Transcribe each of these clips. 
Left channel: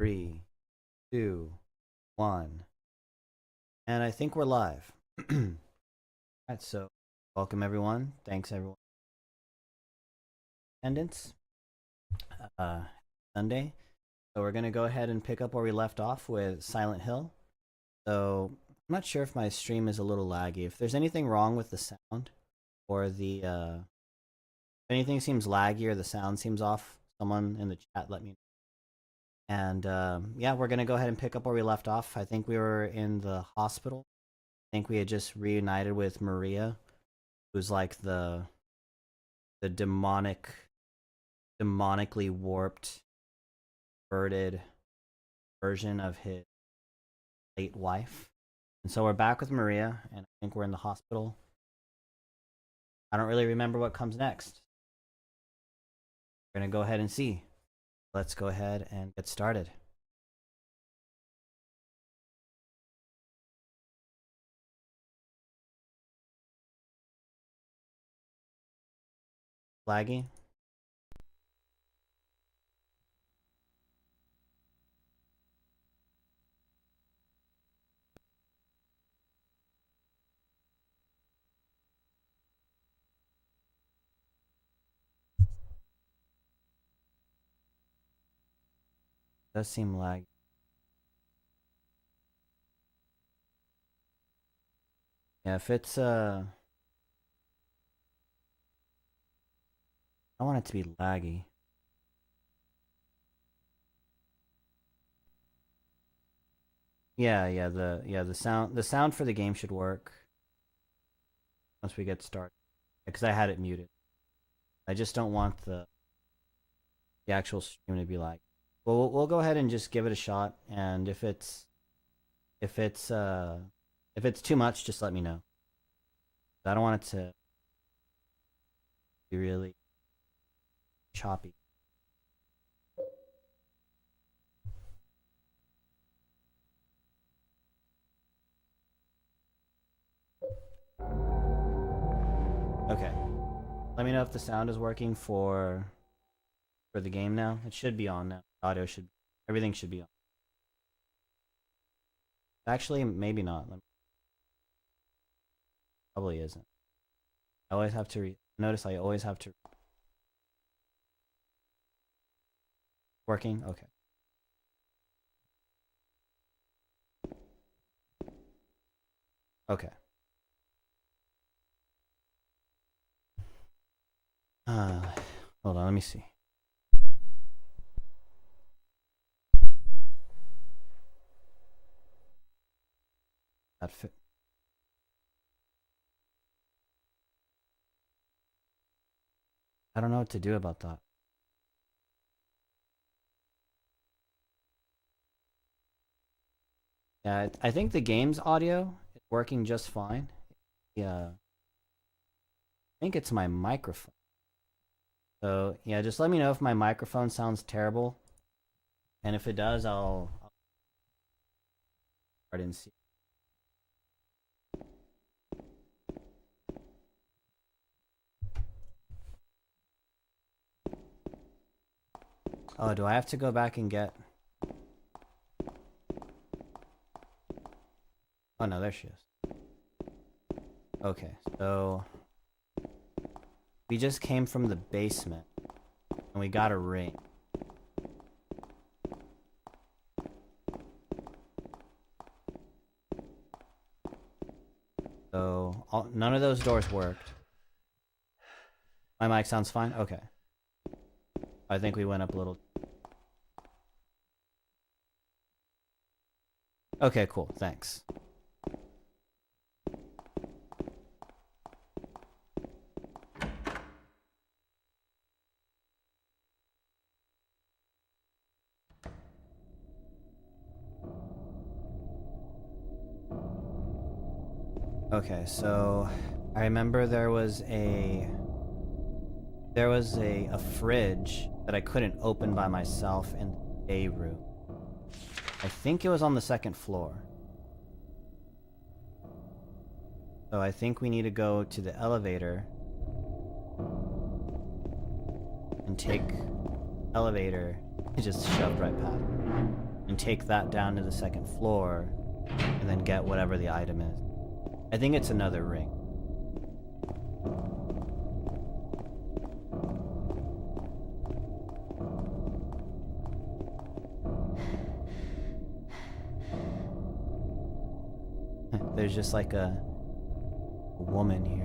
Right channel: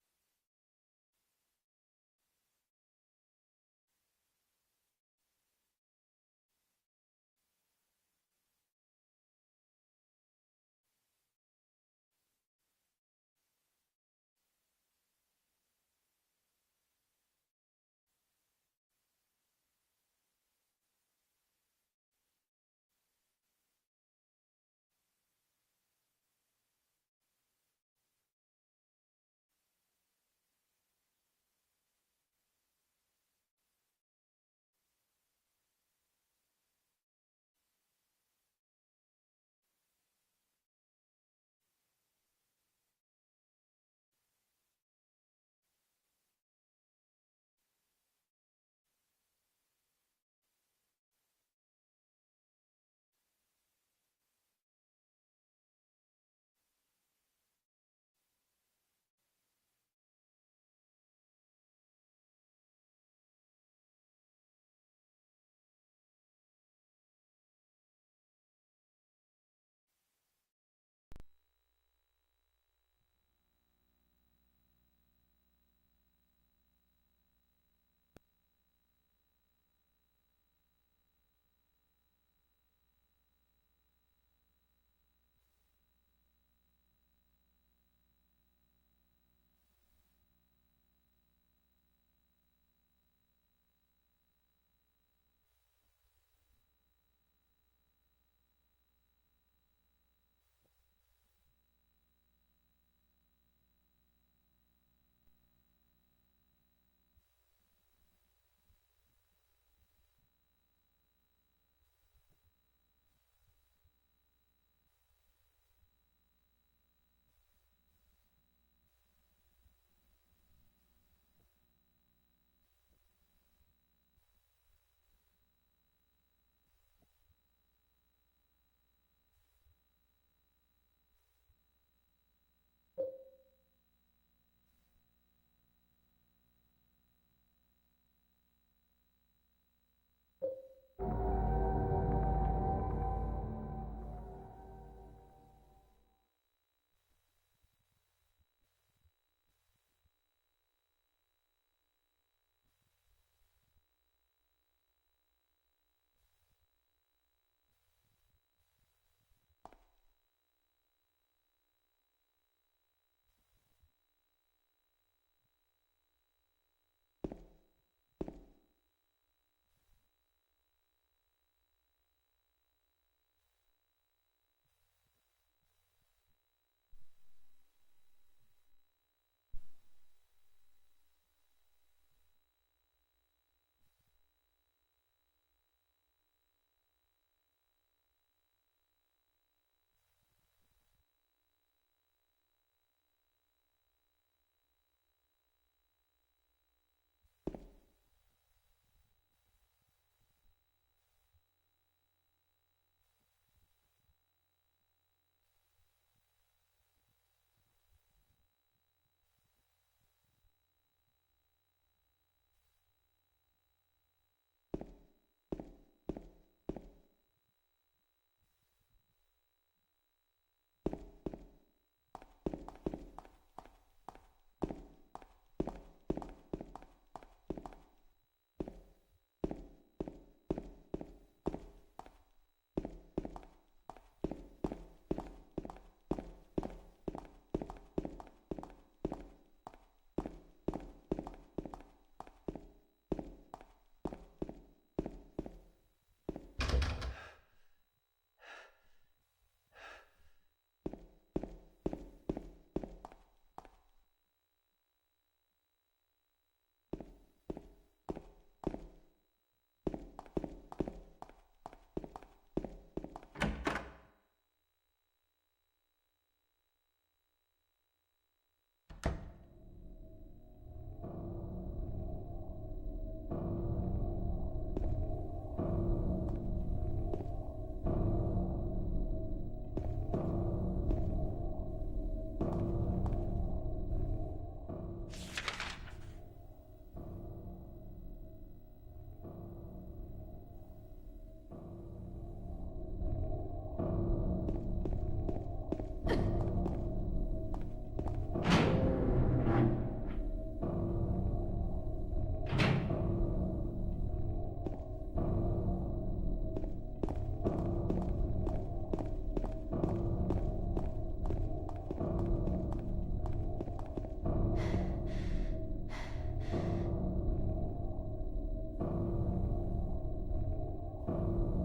Three, two, one. And I think we're live. Alright, so welcome everyone. Thanks everyone. Attendance. Sunday. So we're gonna go ahead and pick up where we left off with Silent Hill. So I'm not sure if my stream is a little laggy. If there's anything wrong with the sound or the if anything seems laggy or the sound seems off, someone in the chat let me know. And yeah, we're gonna go ahead and pick up where we left off. I think we were in the hospital. I think we had just reunited with Maria, who's like the demonically warped, perverted version of his late wife. And so we're back with Maria, and I think we're in the hospital. I don't really remember what comes next. We're gonna go ahead and see. Let's go ahead and get started. Laggy? Does seem laggy. Yeah, if it's I don't want it to be laggy. Yeah, the sound for the game should work once we get started. Because I had it muted. I just don't want the actual stream to be like. Well, we'll go ahead and just give it a shot, and if it's too much, just let me know. I don't want it to be really choppy. Okay. Let me know if the sound is working for the game now. It should be on now. Audio should, everything should be on. Actually, maybe not. Probably isn't. I always have to notice I always have to working? Okay. Okay. Hold on, let me see. That fit. I don't know what to do about that. Yeah, I think the game's audio is working just fine. Yeah. I think it's my microphone. So, yeah, just let me know if my microphone sounds terrible. And if it does, I'll start and see. Oh, do I have to go back and get... Oh, no, there she is. Okay, so... We just came from the basement. And we got a ring. So, none of those doors worked. My mic sounds fine? Okay. I think we went up a little... Okay, cool. Thanks. Okay, so I remember there was a fridge that I couldn't open by myself in the day room. I think it was on the second floor. So I think we need to go to the elevator and take elevator and just shove right back. and take that down to the second floor, and then get whatever the item is. I think it's another ring. There's just like a woman here.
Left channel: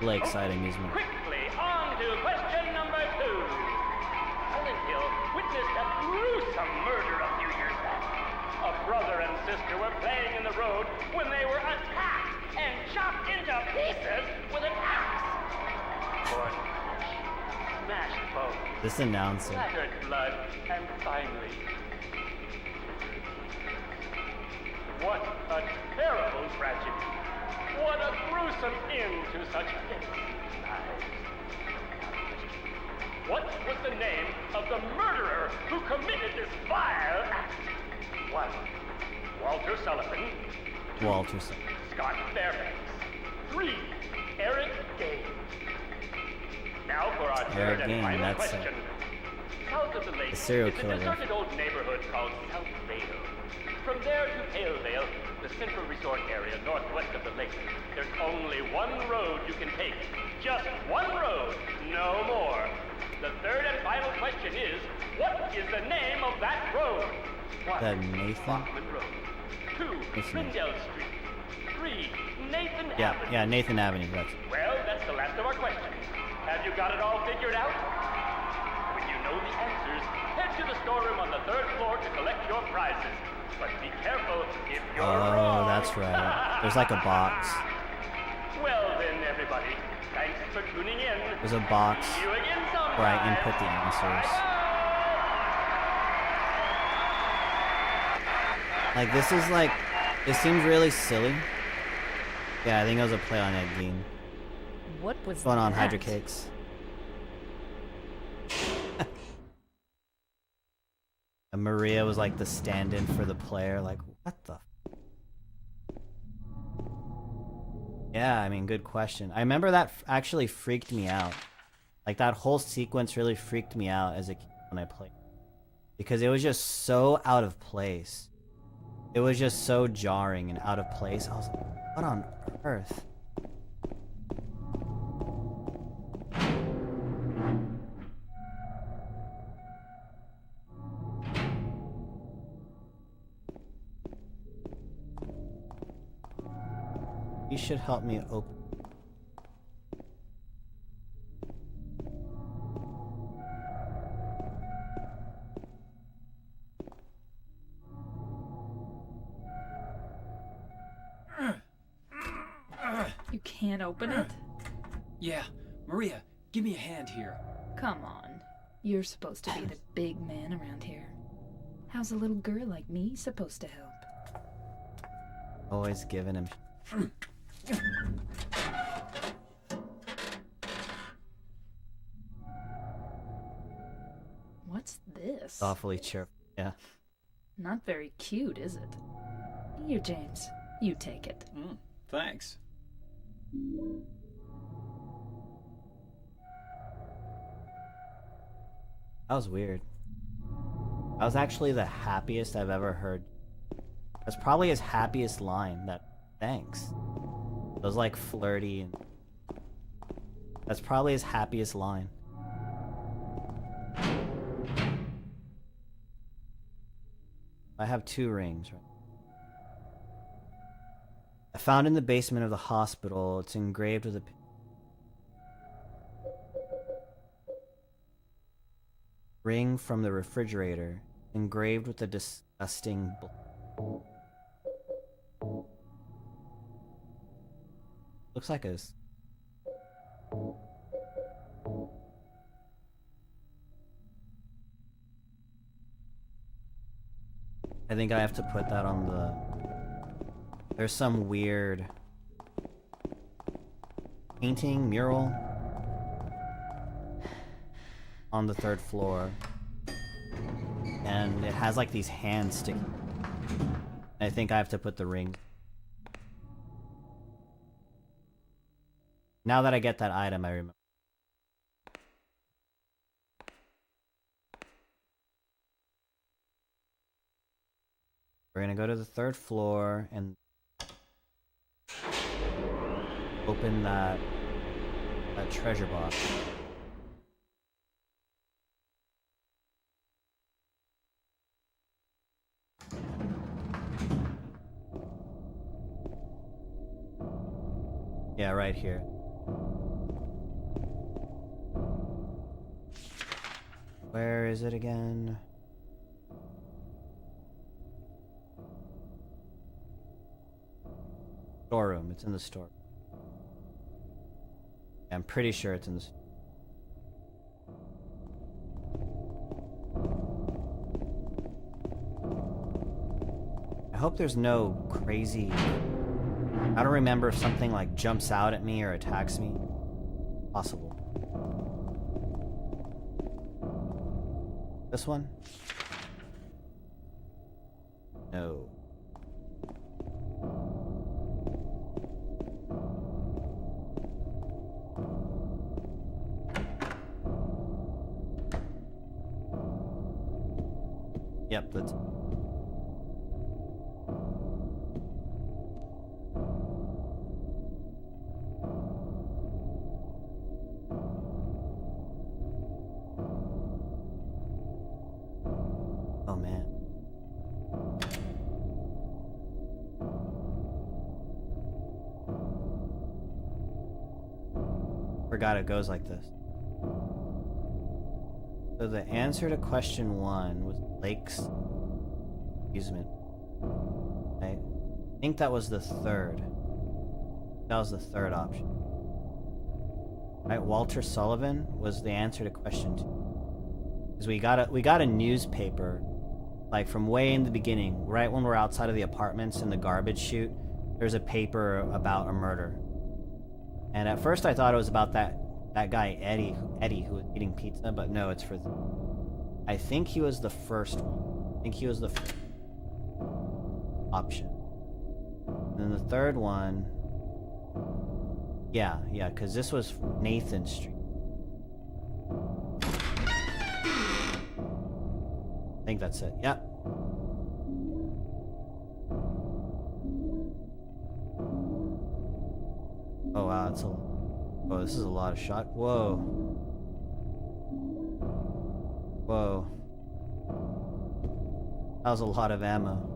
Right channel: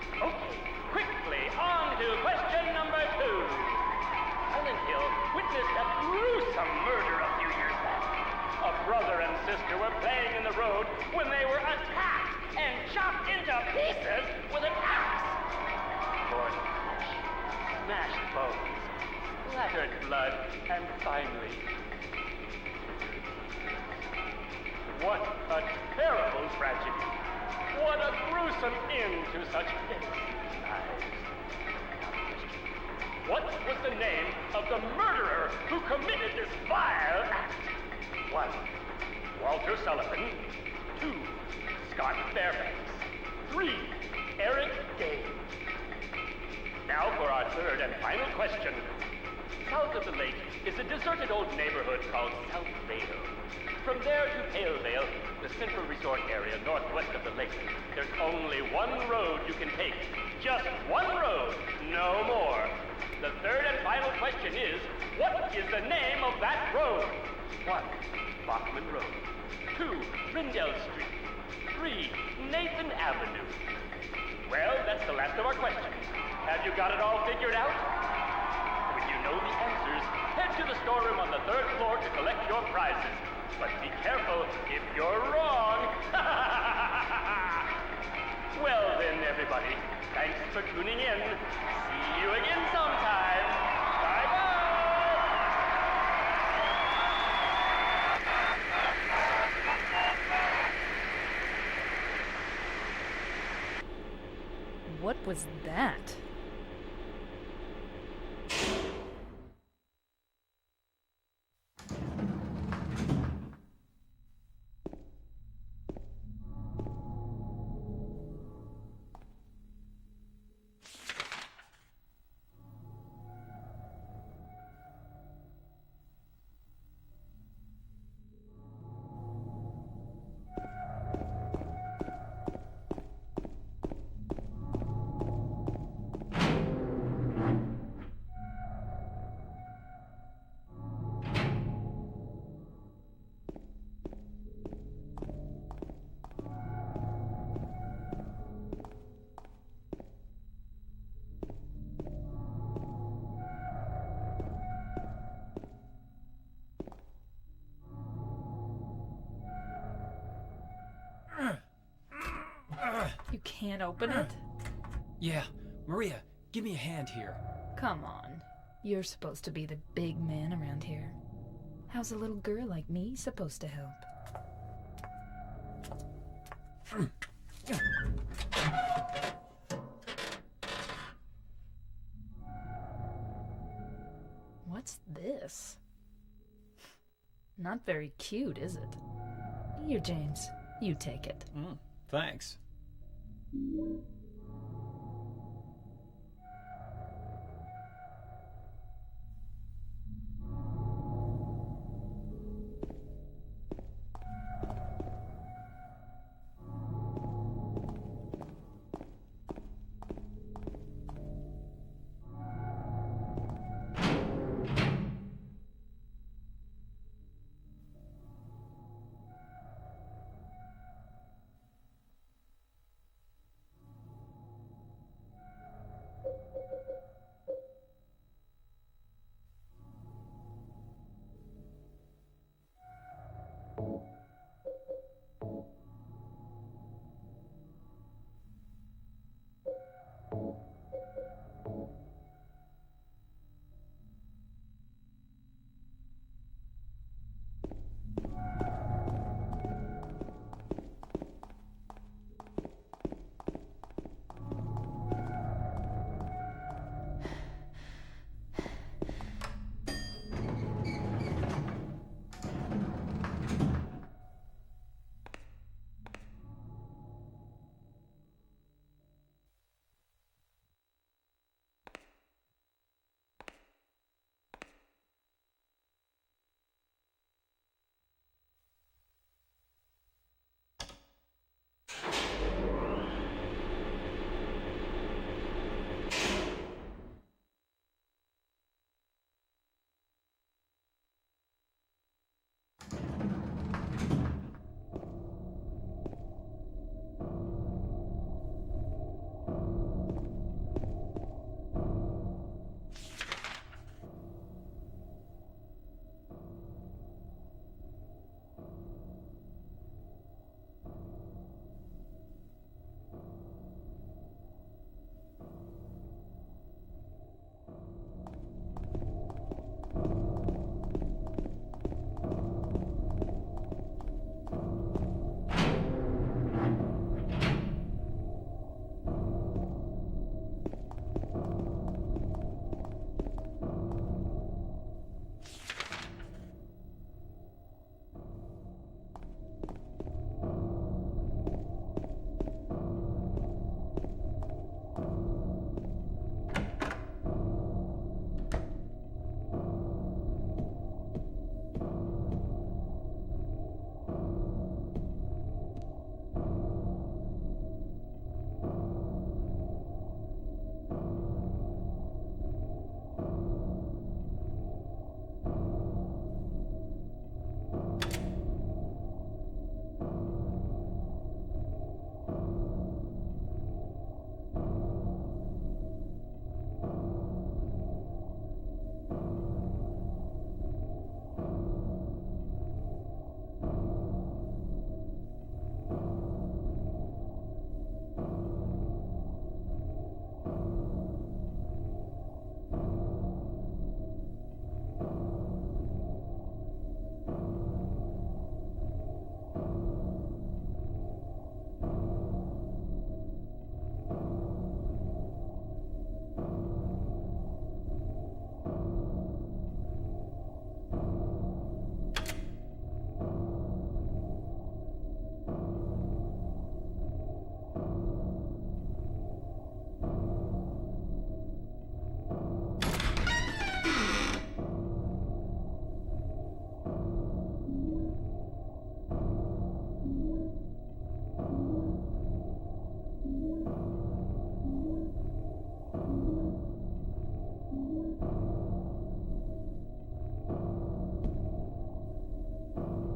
Lakeside Amusement. Quickly, on to question number 2. Silent Hill witnessed a gruesome murder a few years back. A brother and sister were playing in the road when they were attacked and chopped into pieces with an axe. Torn flesh, smashed bones, This announcer. splattered blood, and finally... What a terrible tragedy. What a gruesome end to such innocent lives. What was the name of the murderer who committed this vile act? 1. Walter Sullivan. 2. Walter. Scott Fairbanks. 3. Eric Gaines. Now for our third and final question. South of the lake is a deserted old neighborhood called South Vale. From there to Pale Vale, the central resort area northwest of the lake, there's only one road you can take. Just one road, no more. The third and final question is, what is the name of that road? 1. Bachman Road. 2. Rindell Street. 3. Nathan Avenue. Yeah, Nathan Avenue. That's it. Well, that's the last of our questions. Have you got it all figured out? When you know the answers, head to the storeroom on the 3rd floor to collect your prizes. But be careful if you're wrong. That's right. There's like a box. Well then, everybody, thanks for tuning in. There's a box. See you again sometime. Where I input the answers. Bye-bye. Like, this is like, this seems really silly. Yeah, I think it was a play on Ed Gein. What was Fun on that? Hydra Cakes. And Maria was like the stand-in for the player. Like, what the? Yeah, I mean, good question. I remember that actually freaked me out. Like, that whole sequence really freaked me out as a kid when I played. Because it was just so out of place. It was just so jarring and out of place. I was like, what on earth? You should help me open. You can't open it? Yeah, Maria, give me a hand here. Come on. You're supposed to be the big man around here. How's a little girl like me supposed to help? Always giving him. this? Awfully cheerful. Yeah. Not very cute, is it? Here, James. You take it. Thanks. That was weird. That was actually the happiest I've ever heard. That's probably his happiest line. That thanks. It was like flirty and that's probably his happiest line. I have 2 rings. I found in the basement of the hospital. It's engraved with a ring from the refrigerator, engraved with a disgusting looks like a I think I have to put that on the... There's some weird painting, mural on the 3rd floor. And it has like these hands sticking. I think I have to put the ring. Now that I get that item, I remember. We're gonna go to the 3rd floor and open that treasure box. Yeah, right here. Where is it again? Storeroom. It's in the store. Yeah, I'm pretty sure it's in the store. I hope there's no crazy... I don't remember if something like jumps out at me or attacks me. Possible. This one? No. Yep, that's... Oh man. Forgot it goes like this. So the answer to question 1 was Lake's amusement. I think that was the 3rd. That was the 3rd option. Right, Walter Sullivan was the answer to question 2. Because we got a newspaper, like from way in the beginning, right when we're outside of the apartments in the garbage chute. There's a paper about a murder, and at first I thought it was about that guy Eddie who was eating pizza, but no, it's for. I think he was the first one. I think he was the first option. And then the 3rd one. Yeah, because this was Nathan Street. I think that's it. Yep. Oh wow, that's a... Oh, this is a lot of shot. Whoa. Whoa. That was a lot of ammo.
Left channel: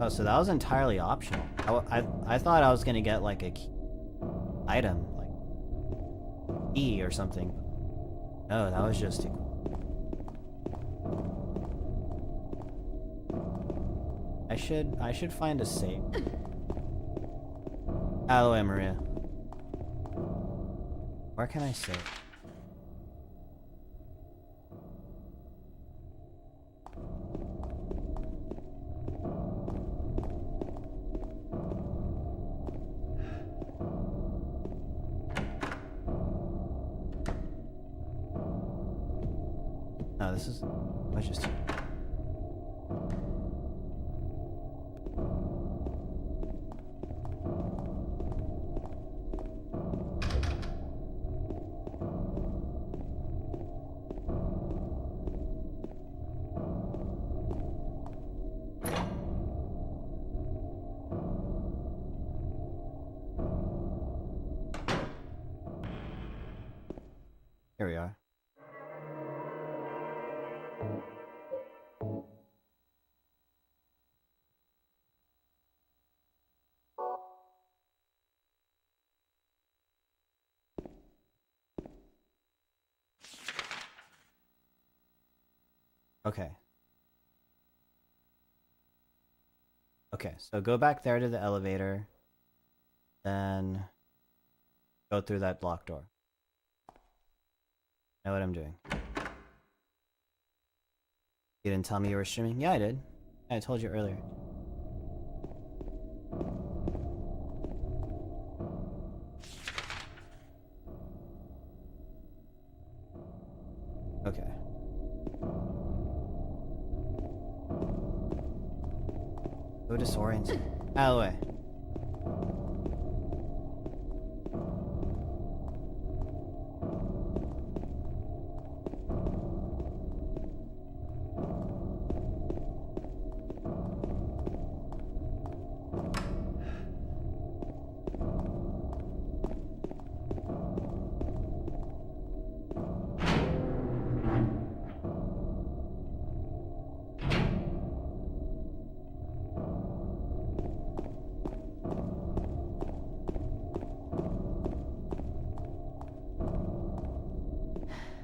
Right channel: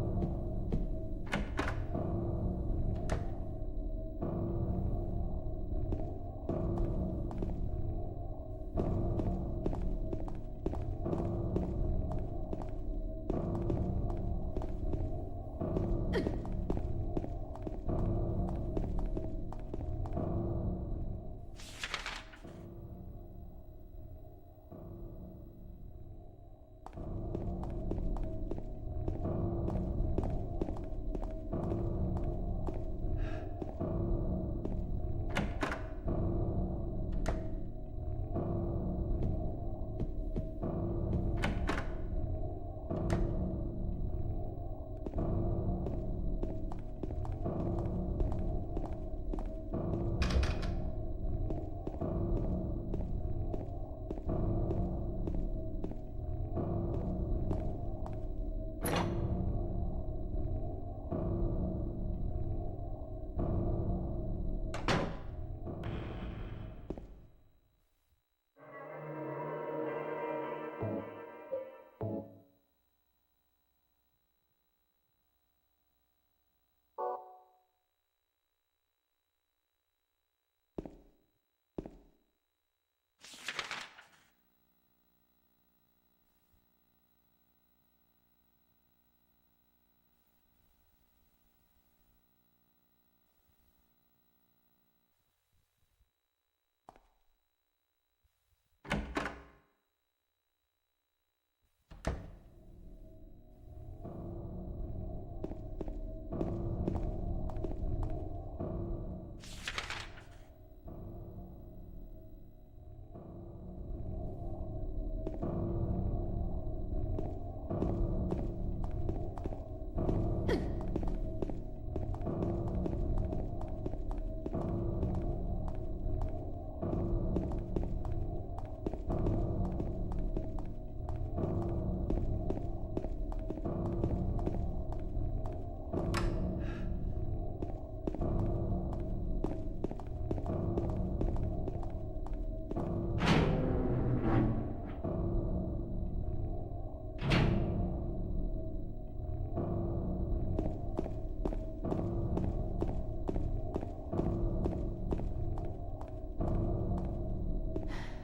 Oh, so that was entirely optional. I thought I was gonna get like a key item, like key or something. No, that was just... I should find a safe. Out of the way, Maria. Where can I save? it's just... Here we are. Okay. Okay, so go back there to the elevator, then go through that locked door. Know what I'm doing. You didn't tell me you were streaming? Yeah, I did. I told you earlier. Okay. So disoriented. Out of the way.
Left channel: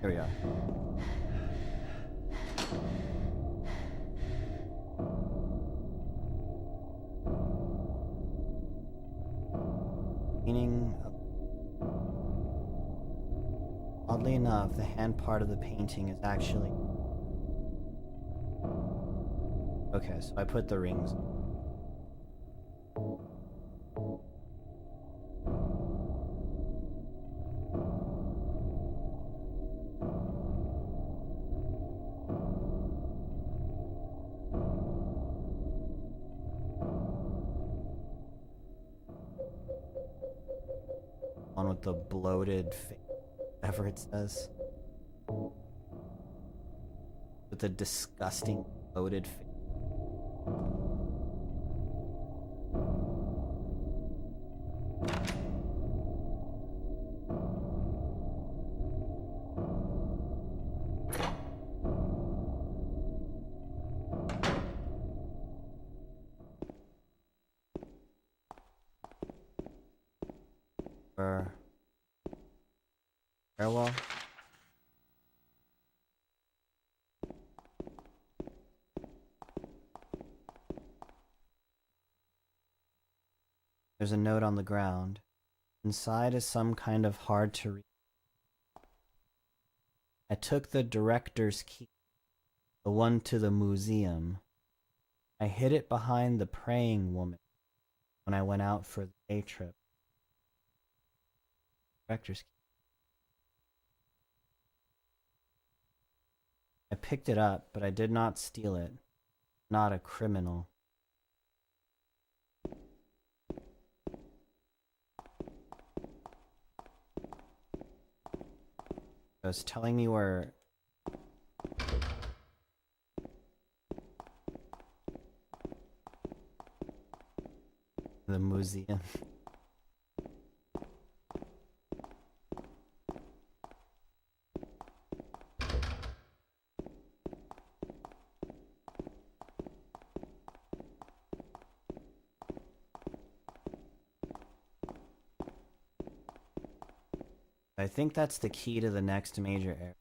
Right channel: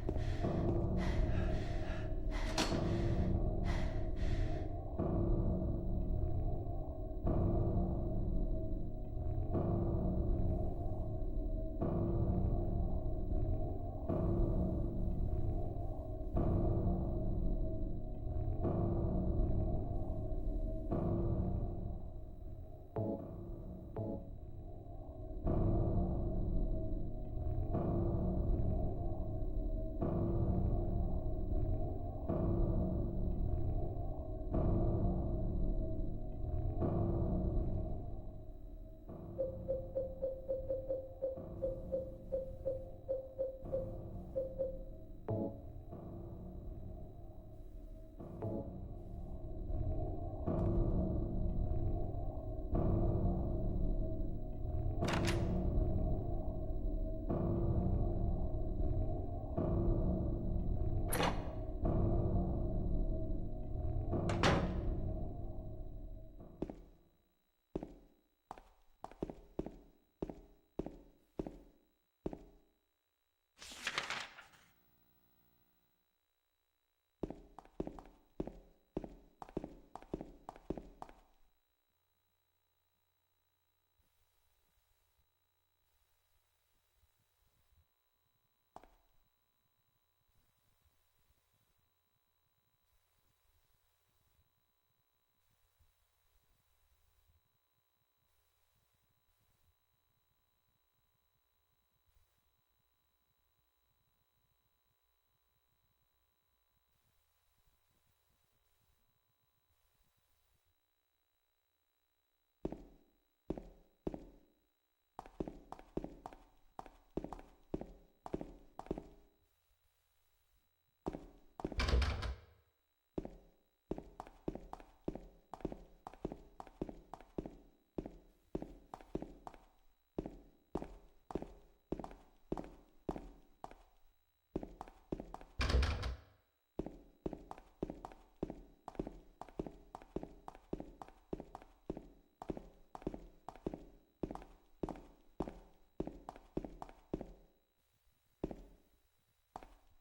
Here we are. Painting. Oddly enough, the hand part of the painting is actually... Okay, so I put the rings. On with the bloated face, whatever it says. With the disgusting bloated face. Farewell. There's a note on the ground. Inside is some kind of hard to read. I took the director's key, the one to the museum. I hid it behind the praying woman when I went out for the day trip. Director's key. I picked it up, but I did not steal it. Not a criminal. It was telling me where... the museum. I think that's the key to the next major area.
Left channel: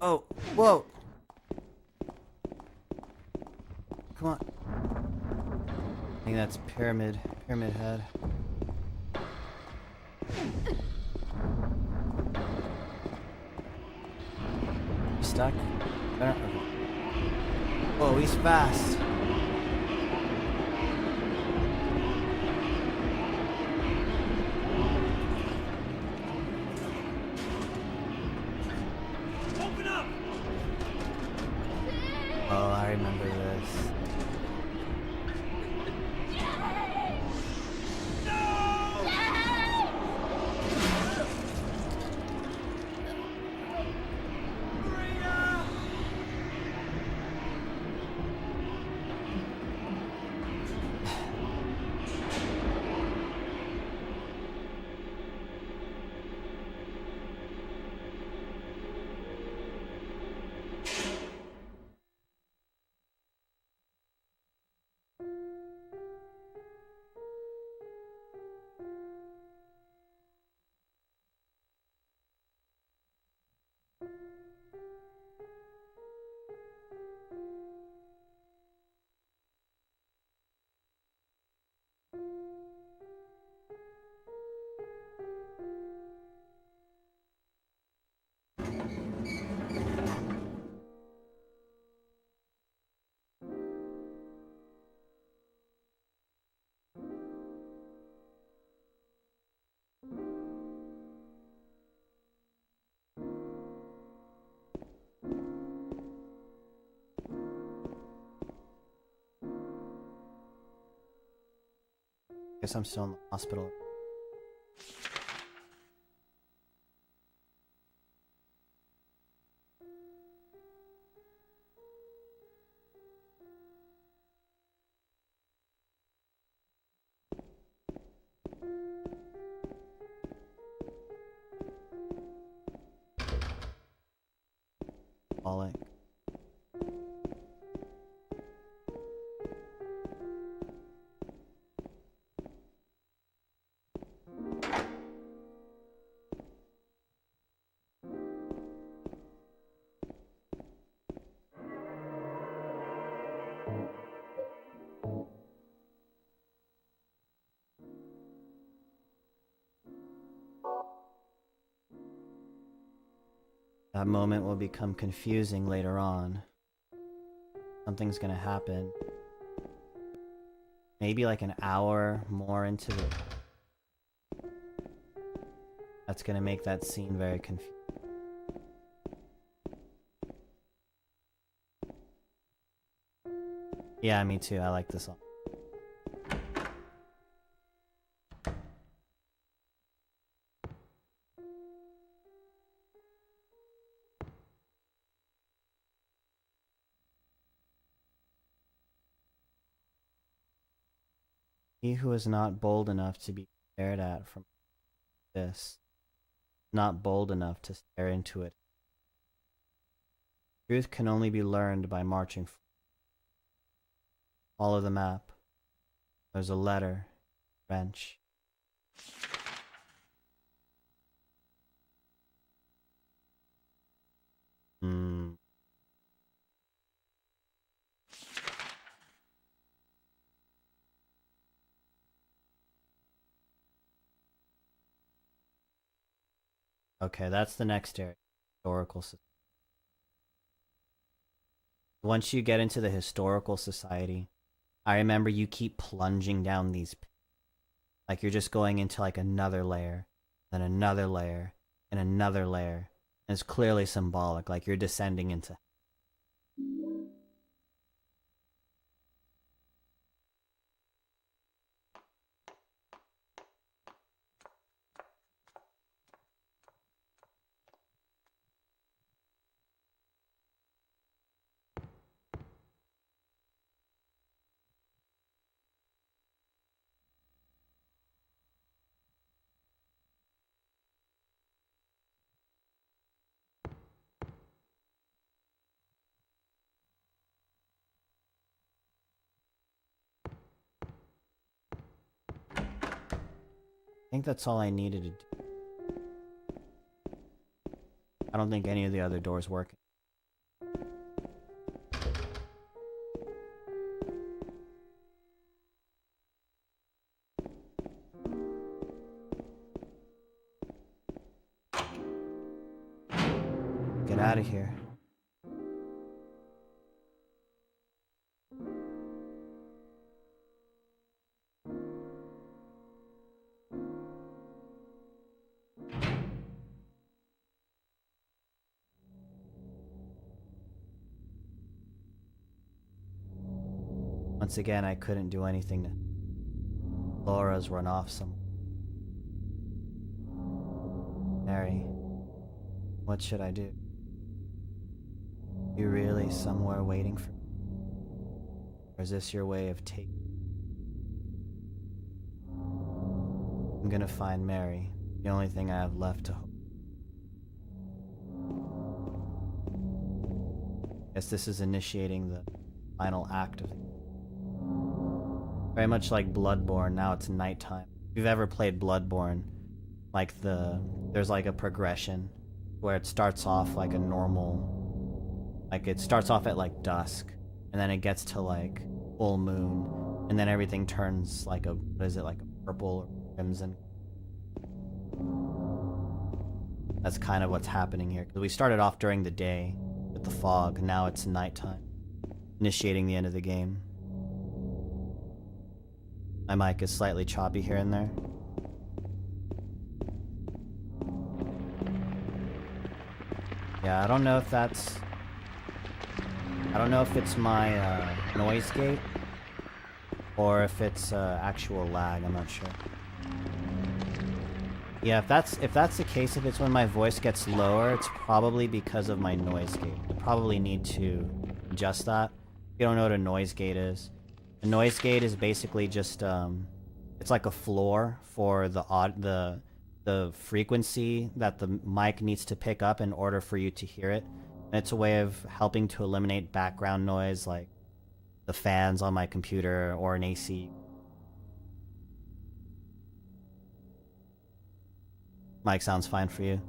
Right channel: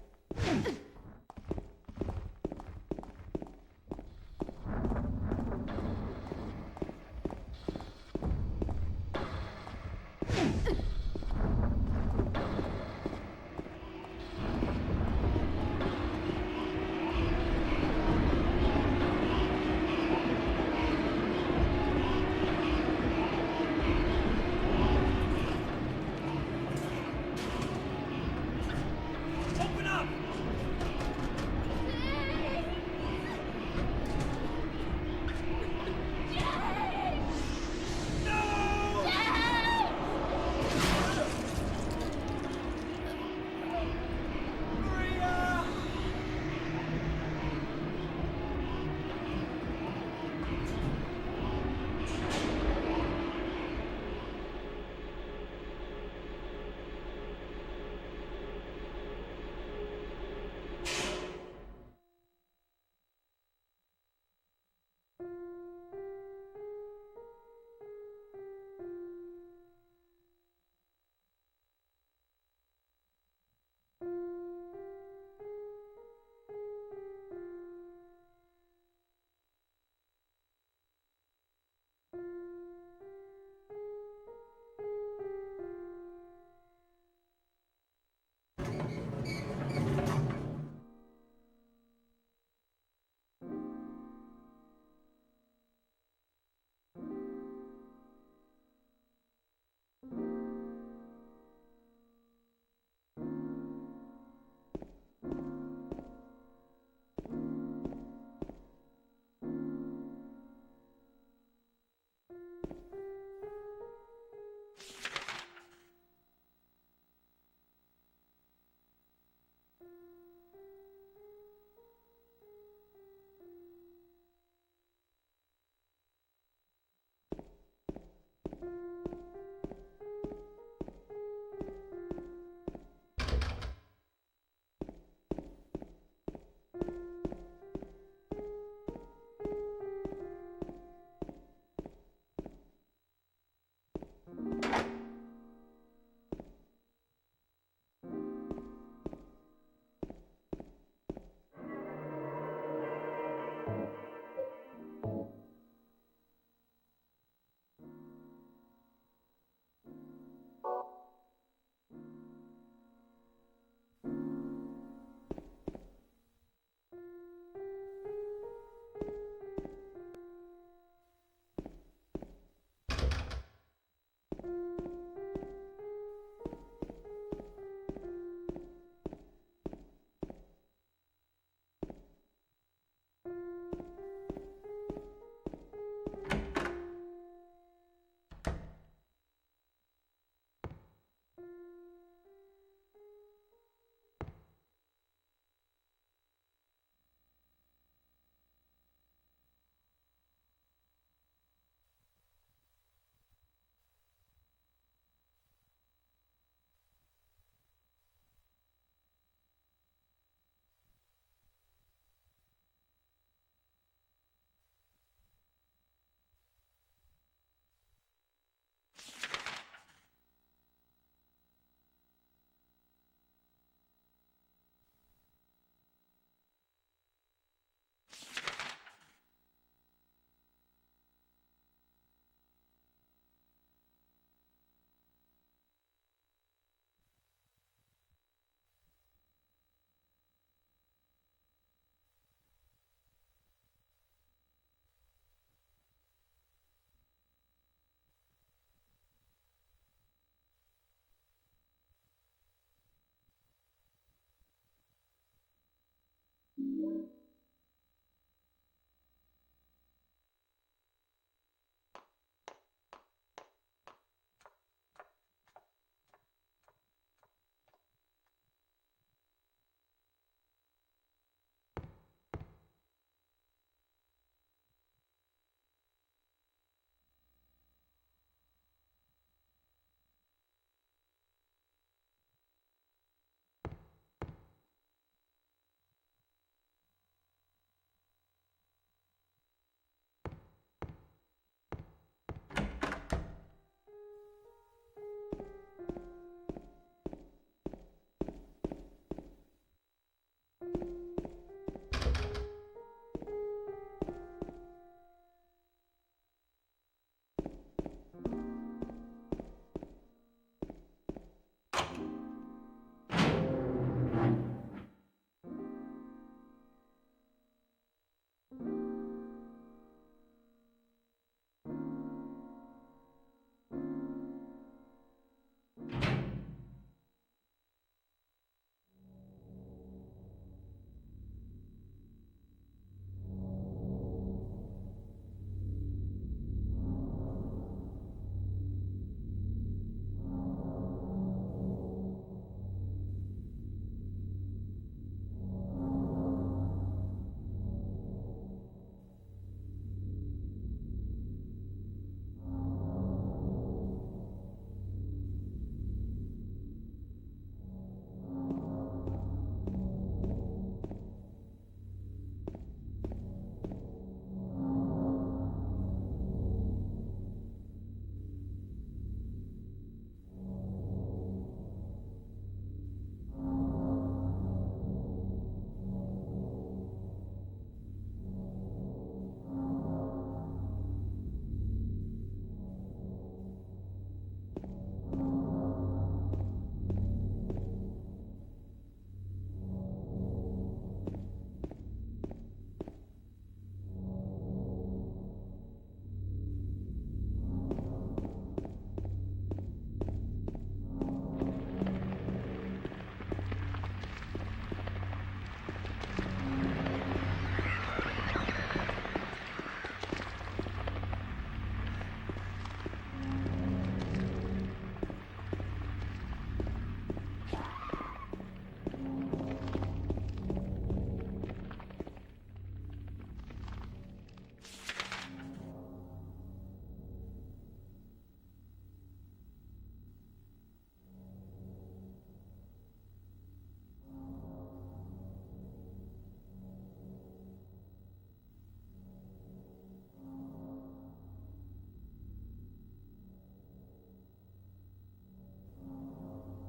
Oh, whoa! Come on. think that's Pyramid Head. Stuck? Oh, he's fast. Open up! Oh, I remember this. Guess I'm still in the hospital. Falling. That moment will become confusing later on. Something's gonna happen. Maybe like an hour more into the... That's gonna make that scene very confusing. Yeah, me too. I like this song. He who is not bold enough to be stared at from this, not bold enough to stare into it. Truth can only be learned by marching forward. Follow the map. There's a letter. Wrench. Okay, that's the next area. Historical Society. Once you get into the Historical Society, I remember you keep plunging down these, like you're just going into like another layer, then another layer, and another layer. And it's clearly symbolic, like you're descending into. I think that's all I needed to do. I don't think any of the other doors work. get out of here. Once again, I couldn't do anything to Laura's run off some. Mary, what should I do? You really somewhere waiting for me? Or is this your way of taking? I'm gonna find Mary, the only thing I have left to hope. Guess this is initiating the final act of it. Very much like Bloodborne, now it's nighttime. If you've ever played Bloodborne, like there's like a progression where it starts off like a normal, like it starts off at like dusk, and then it gets to like full moon, and then everything turns like a, what is it, like a purple or crimson. That's kind of what's happening here, because we started off during the day with the fog, and now it's nighttime, initiating the end of the game. My mic is slightly choppy here and there. Yeah, I don't know if that's... I don't know if it's my noise gate or if it's actual lag, I'm not sure. Yeah, if that's the case, if it's when my voice gets lower, it's probably because of my noise gate. I probably need to adjust that. If you don't know what a noise gate is, a noise gate is basically just it's like a floor for the frequency that the mic needs to pick up in order for you to hear it. And it's a way of helping to eliminate background noise like the fans on my computer or an AC. Mic sounds fine for you.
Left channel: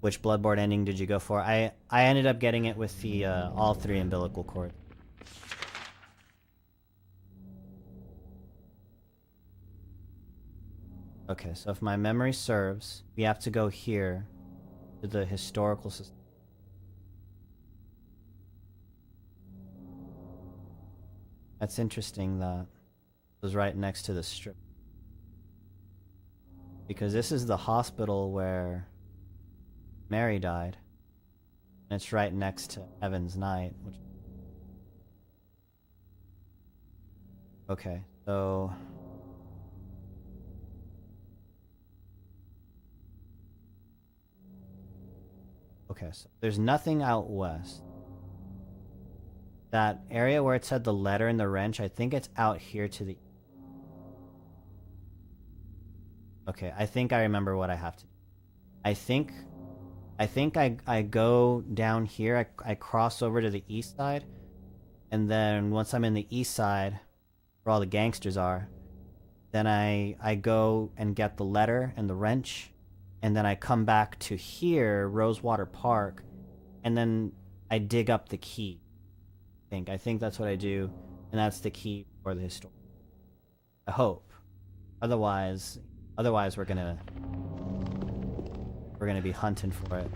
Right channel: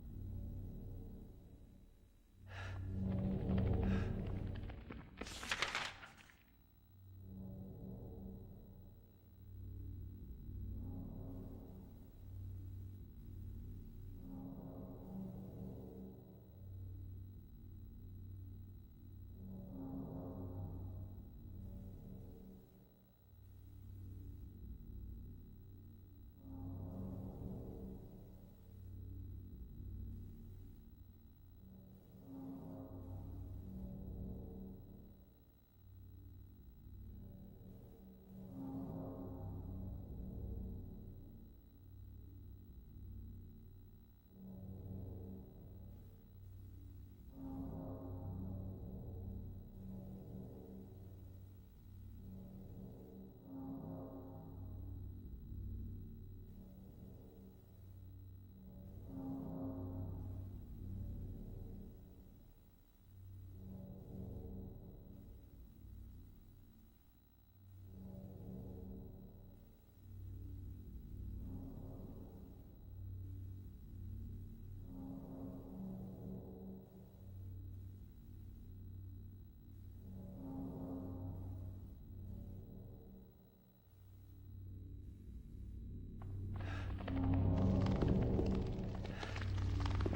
Which Bloodborne ending did you go for? I ended up getting it with the all 3 umbilical cord. Okay, so if my memory serves, we have to go here to the historical system. That's interesting that it was right next to the strip. Because this is the hospital where Mary died. And it's right next to Heaven's Night. Okay, so... Okay, so there's nothing out west. That area where it said the letter and the wrench, I think it's out here to the... Okay, I think I remember what I have to do. I think I go down here, I cross over to the east side, and then once I'm in the east side, where all the gangsters are, then I go and get the letter and the wrench, and then I come back to here, Rosewater Park, and then I dig up the key. I think that's what I do, and that's the key for the historical. I hope. Otherwise we're gonna be hunting for it.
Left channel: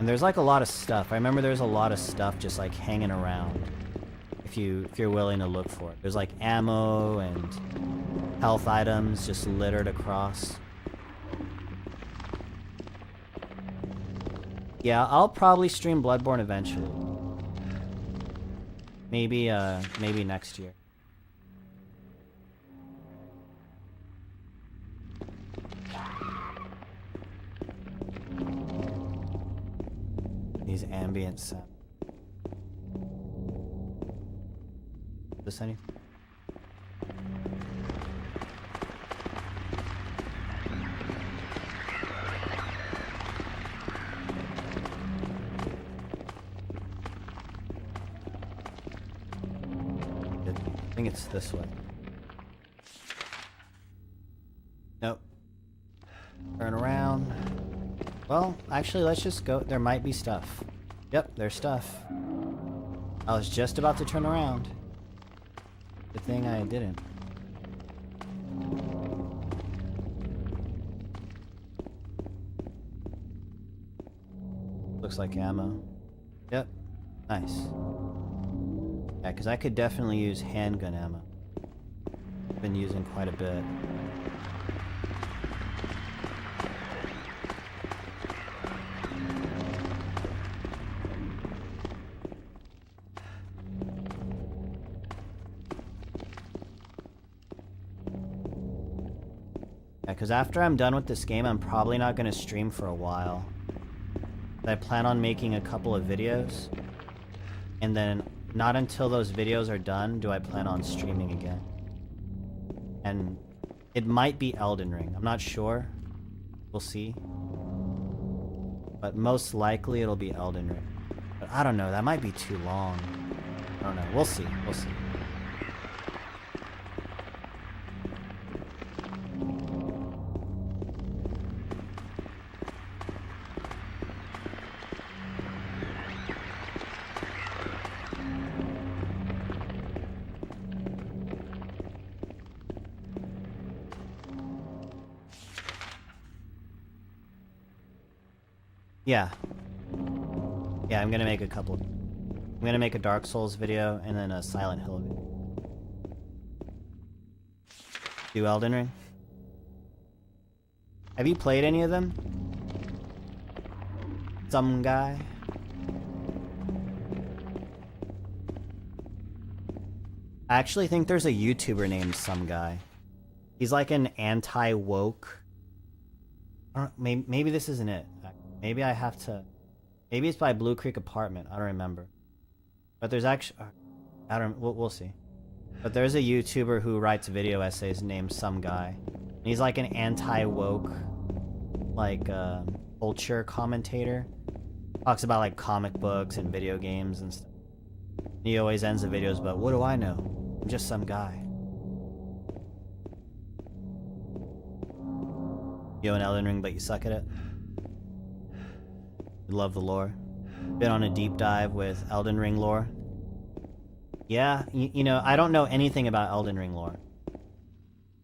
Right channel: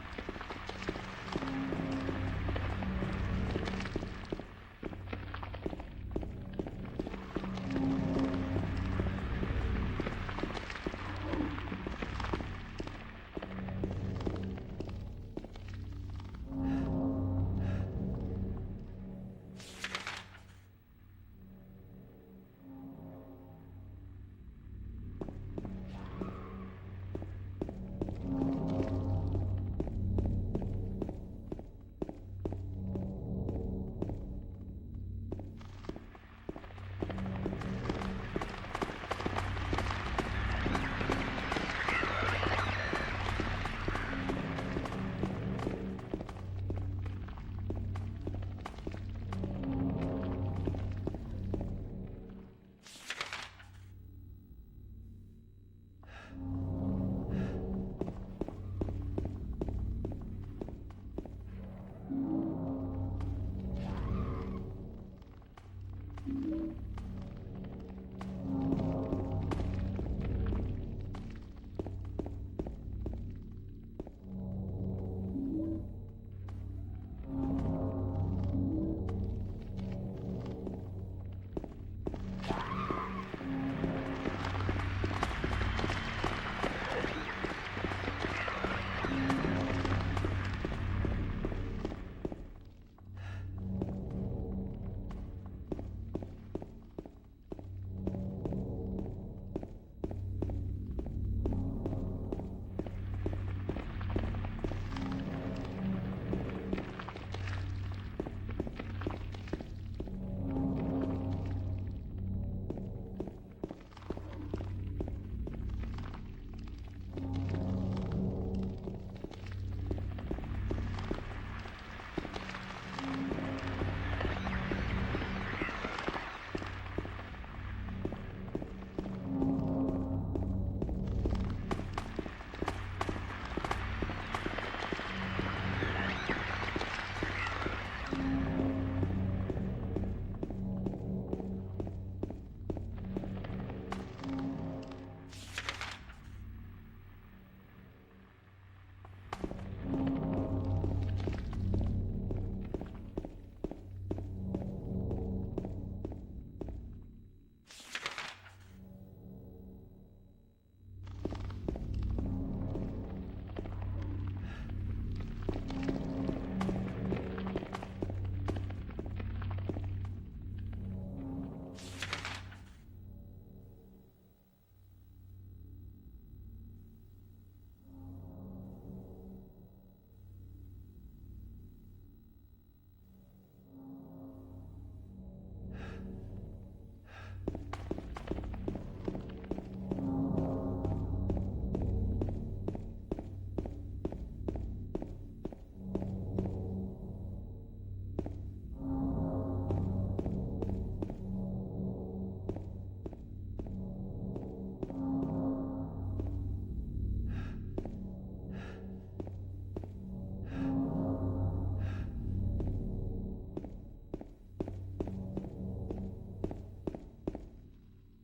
And there's like a lot of stuff. I remember there's a lot of stuff just like hanging around. If you're willing to look for it. There's like ammo and health items just littered across. Yeah, I'll probably stream Bloodborne eventually. Maybe next year. These ambient sounds. This any? I think it's this way. Nope. Turn around. Well, actually, let's just go. There might be stuff. Yep, there's stuff. I was just about to turn around. Good thing I didn't. Looks like ammo. Yep. Nice. Yeah, because I could definitely use handgun ammo. I've been using quite a bit. Because after I'm done with this game, I'm probably not going to stream for a while. I plan on making a couple of videos, and then not until those videos are done do I plan on streaming again. And it might be Elden Ring. I'm not sure. We'll see. But most likely it'll be Elden Ring. But I don't know. That might be too long. I don't know. We'll see. We'll see. Yeah. Yeah, I'm gonna make a couple. I'm gonna make a Dark Souls video and then a Silent Hill video. Do Elden Ring? Have you played any of them? Some guy? I actually think there's a YouTuber named Some Guy. He's like an anti-woke. Maybe this isn't it. Maybe I have to... Maybe it's by Blue Creek Apartment. I don't remember. But there's actually... I don't... We'll see. But there's a YouTuber who writes video essays named Some Guy. And he's like an anti-woke, like, culture commentator. Talks about, like, comic books and video games and stuff. He always ends the videos, but what do I know? I'm just some guy. You know an Elden Ring, but you suck at it? You love the lore. Been on a deep dive with Elden Ring lore. Yeah, you know, I don't know anything about Elden Ring lore.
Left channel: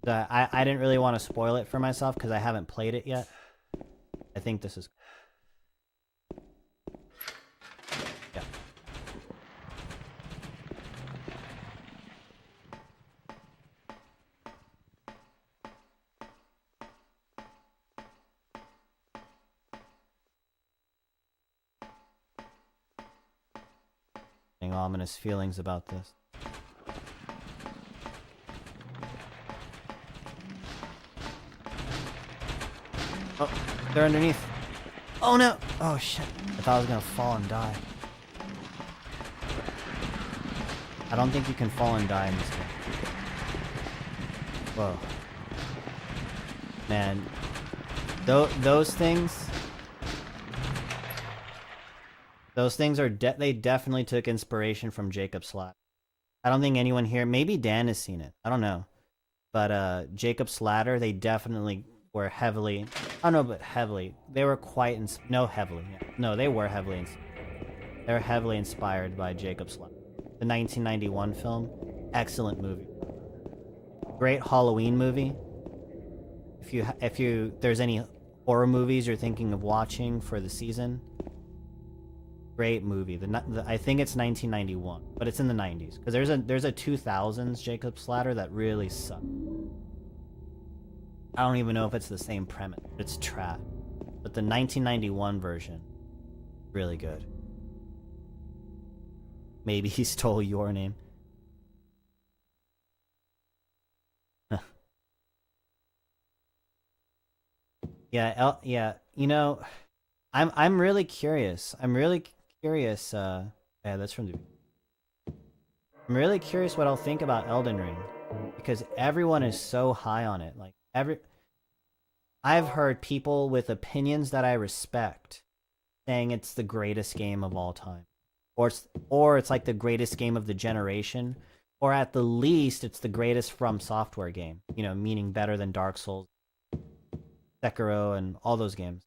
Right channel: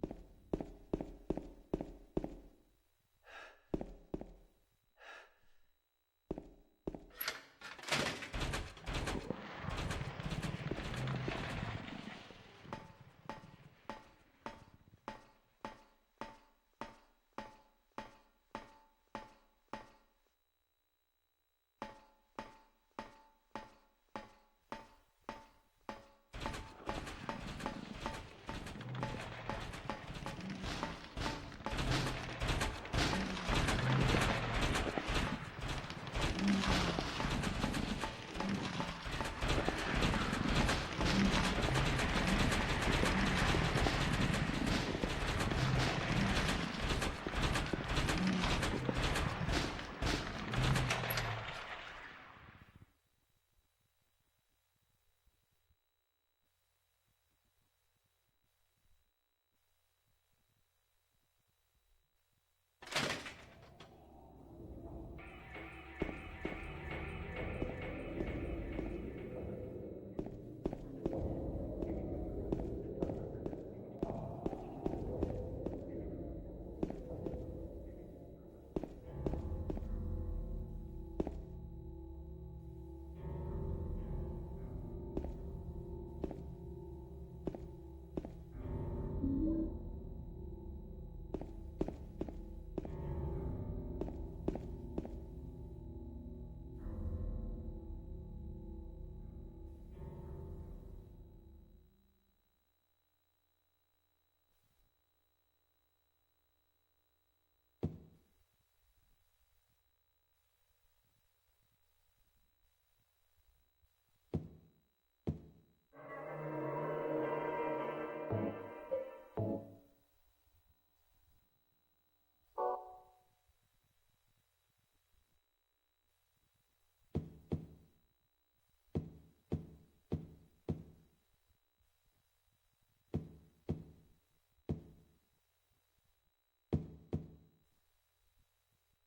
I didn't really want to spoil it for myself because I haven't played it yet. I think this is... Ominous feelings about this. Oh, they're underneath. Oh no! Oh shit. I thought I was gonna fall and die. I don't think you can fall and die. Whoa. Man. Those things... Those things are they definitely took inspiration from Jacob Slatter. I don't think anyone here, maybe Dan has seen it. I don't know. But Jacob Slatter, they definitely were heavily, I don't know, but heavily. They were quite, no, heavily. No, they were heavily inspired. They were heavily inspired by Jacob Slatter. The 1991 film, excellent movie. Great Halloween movie. If there's any horror movies you're thinking of watching for the season, great movie. I think it's 1991, but it's in the 90s. Because there's a 2000s Jacob Slatter that really sucked. I don't even know if it's the same premise. It's trash. But the 1991 version, really good. Maybe he stole your name. Yeah. You know, I'm really curious. Yeah, that's from the... I'm really curious what I'll think about Elden Ring, because everyone is so high on it. Like I've heard people with opinions that I respect saying it's the greatest game of all time, or it's like the greatest game of the generation, or at the least it's the greatest From Software game. You know, meaning better than Dark Souls, Sekiro, and all those games.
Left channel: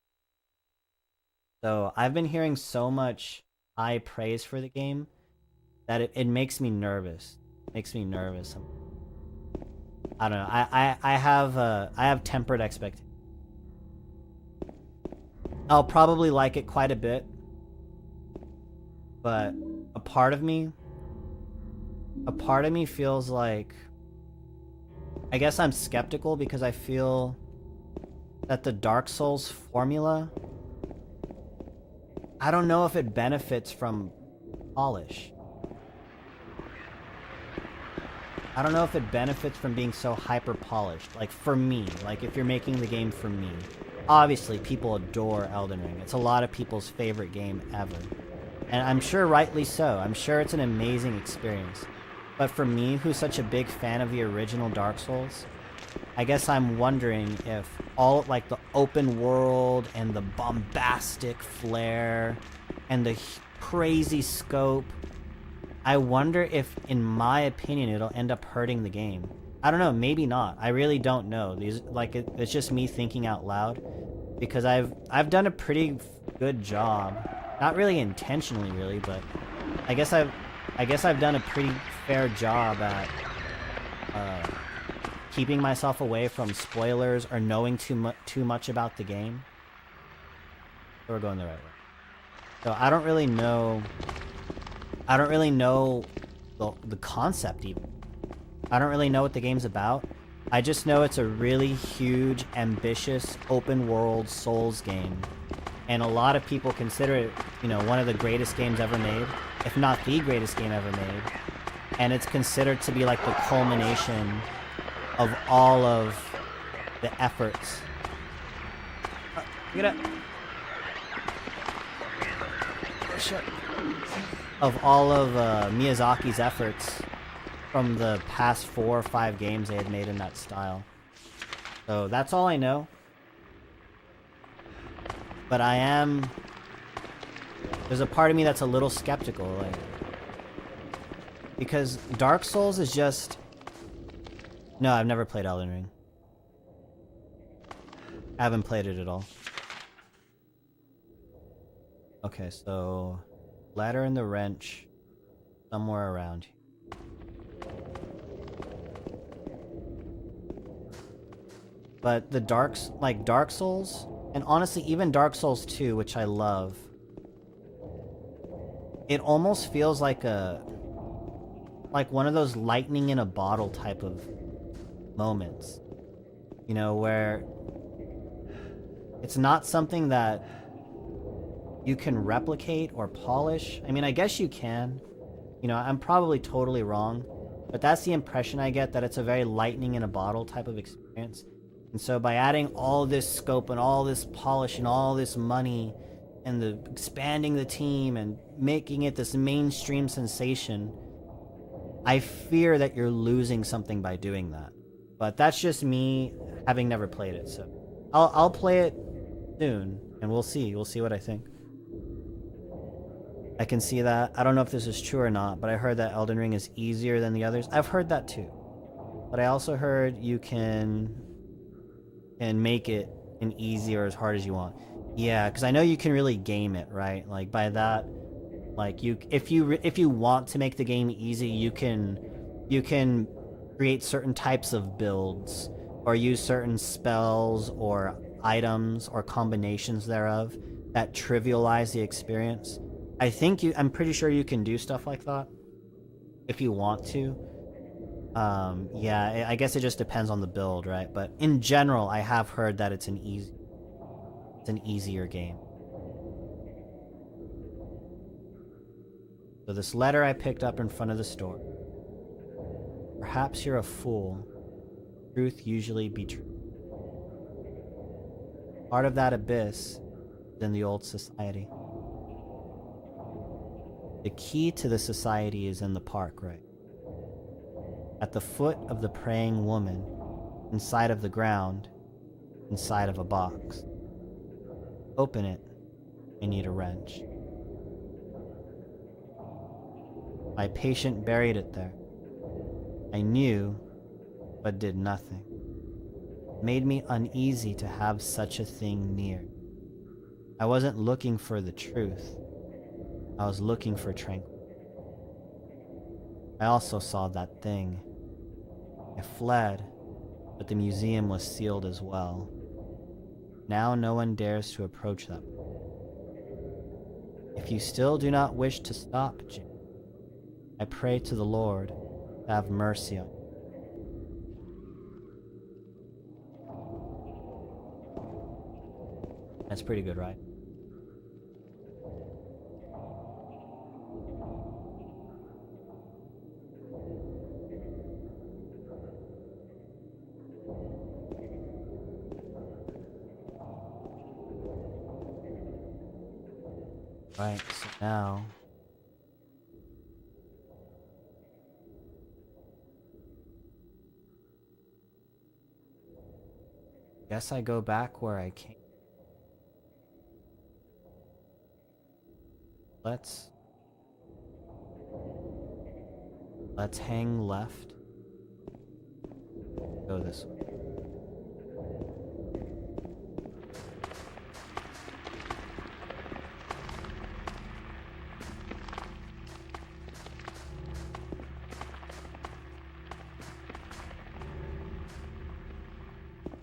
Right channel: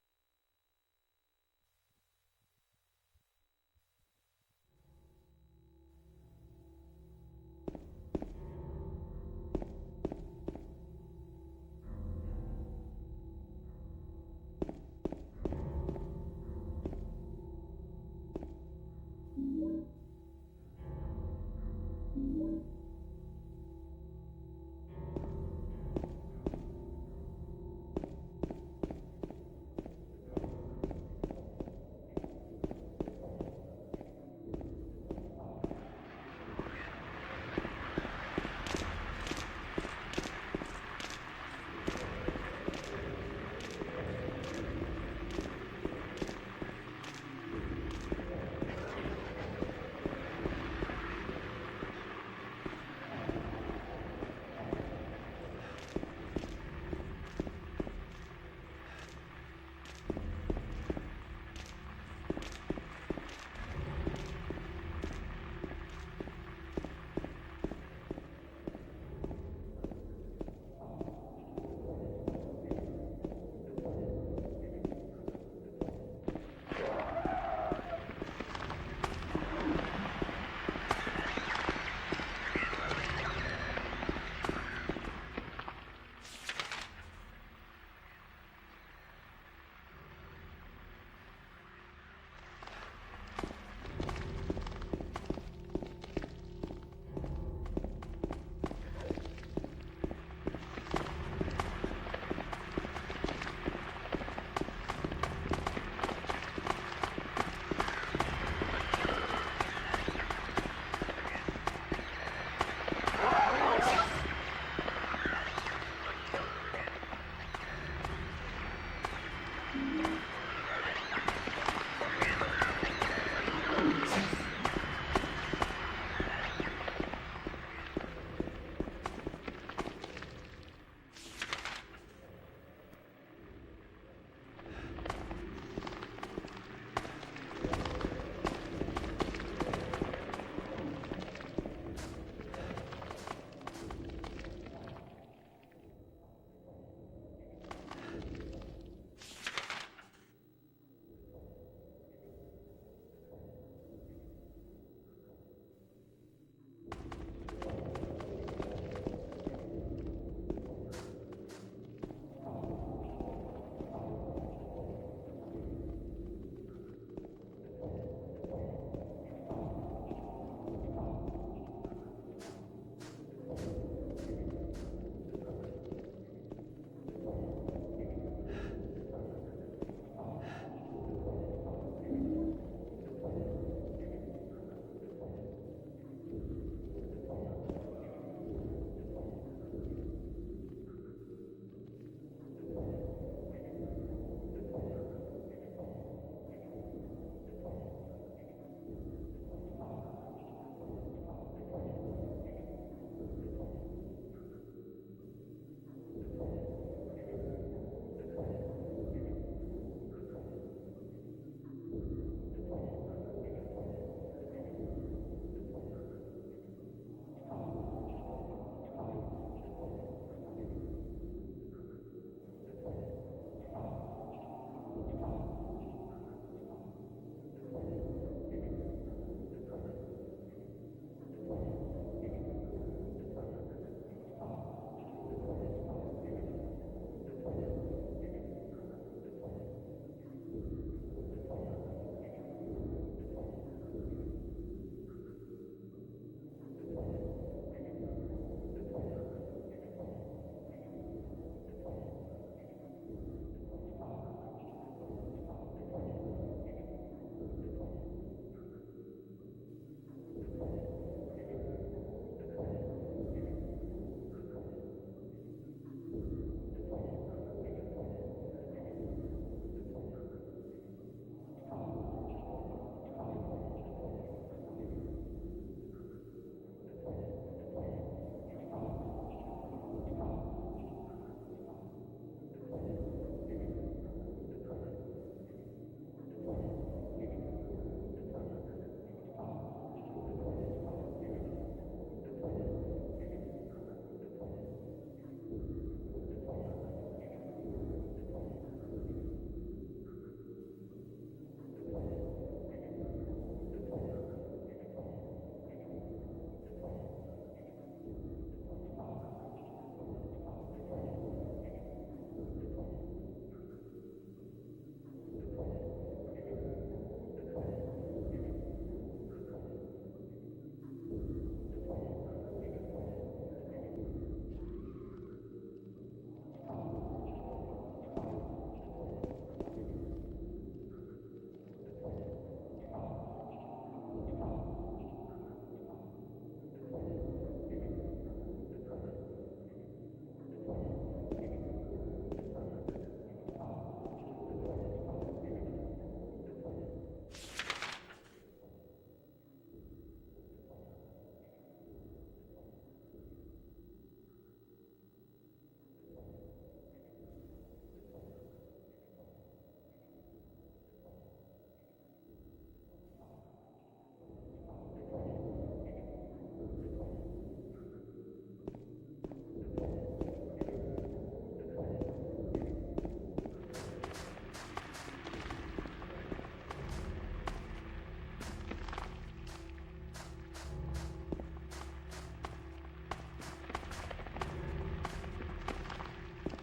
So I've been hearing so much high praise for the game that it makes me nervous. It makes me nervous. I don't know. I have tempered expectations. I'll probably like it quite a bit, but a part of me feels like, I guess I'm skeptical because I feel that the Dark Souls formula, I don't know if it benefits from polish. I don't know if it benefits from being so hyper polished. Like for me, like if you're making the game for me. Obviously, people adore Elden Ring. It's a lot of people's favorite game ever. And I'm sure rightly so. I'm sure it's an amazing experience. But for me, who's such a big fan of the original Dark Souls, I guess I'm wondering if all, like, the open world and the bombastic flair and the crazy scope, I wonder if, in my opinion, it'll end up hurting the game. I don't know, maybe not. I really don't know. It's just me thinking out loud, because I've done a pretty good job. Not really intentionally, really, but I guess I've done a pretty fair job at keeping myself away from spoilers or knowing too much about the game. So we're going the right way. So I don't really know the concept even. I don't really know what the game's about. I just know it's a really huge, ambitious, open world Souls game. And a lot of people consider it, you know, one of the greatest games ever made, if not the greatest game ever made. And it's considered to be like the culmination of all of the efforts. Get up. Of all of Miyazaki's efforts from the past 4 or 5 games they had made in that style. So that's all I know. But there's a part of me that's a little skeptical, like, because Dark Souls is just... No, I've never played Elden Ring. I haven't played it at all. Okay, so... Ladder and the wrench, somewhere around here. But the Dark Souls, and honestly even Dark Souls 2, which I love, it almost feels like one of those lightning in a bottle type of moments. You know, where it's not something that you can replicate or polish. I mean, I guess you can. You know, I'm probably totally wrong, but that's the impression I get, that it's a very lightning in a bottle type of experience. And so by adding all this scope and all this polish and all this money and expanding the team and making it this mainstream sensation, I fear that you're losing something by doing that. But that's just me having never played it, so I'll play it soon and we'll see what I think. I can see that. I don't know if this is true or not, but I heard that Elden Ring is easier than the others. I've heard that too. But I also heard you can make it an easy or as hard as you want. Yeah, because I know you can really game it, right? Like by that, like if you want to make the game easy, you can create certain types of builds or use certain spells or items or combinations thereof that trivialize the experience. I'm pretty sure you can do stuff like that if you want to. Yeah, I guess it just depends on the build, right? But in general, I have heard that it's an easier game. So this letter I picked up in front of the store. Perhaps you're a fool. Truth usually be true. Part of that abyss is in the old society. The key to the society is in the park, right? At the foot of the praying woman, inside of the ground, inside of a box. Open it, you need a wrench. My patient buried it there. I knew, but did nothing. It made me uneasy to have such a thing near. I wasn't looking for the truth. I was looking for tranquility. I also saw that thing. I fled, but the museum was sealed as well. Now no one dares to approach them. If If you still do not wish to stop, Jim, I pray to the Lord to have mercy on you. That's pretty good, right? Right, so now... guess I go back where I came. Let's hang left. Go this way.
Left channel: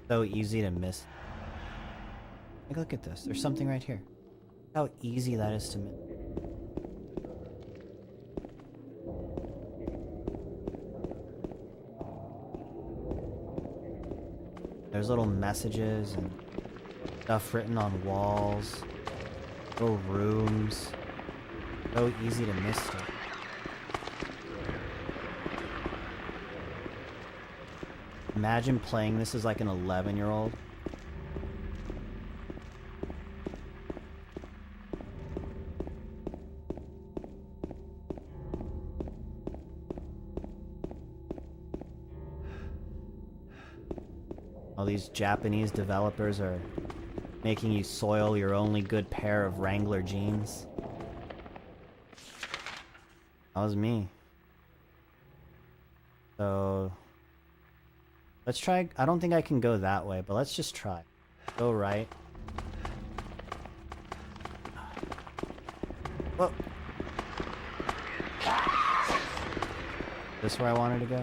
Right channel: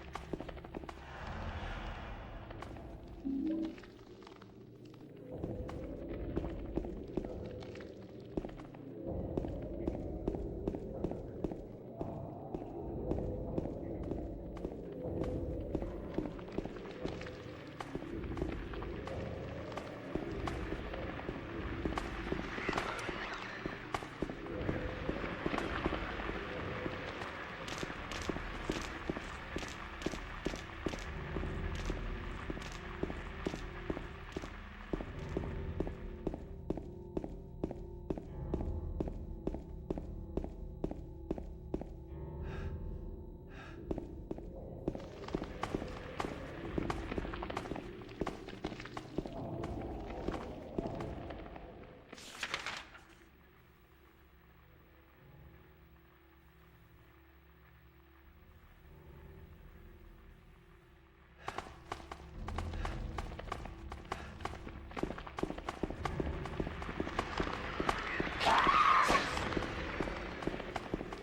So easy to miss. Like, look at this. There's something right here. How easy that is to miss. There's little messages and stuff written on walls, little rooms. So easy to miss it. Imagine playing this as like an 11-year-old. All these Japanese developers are making you soil your only good pair of Wrangler jeans. That was me. So... let's try. I don't think I can go that way, but let's just try. Go right. Whoa. This where I wanted to go?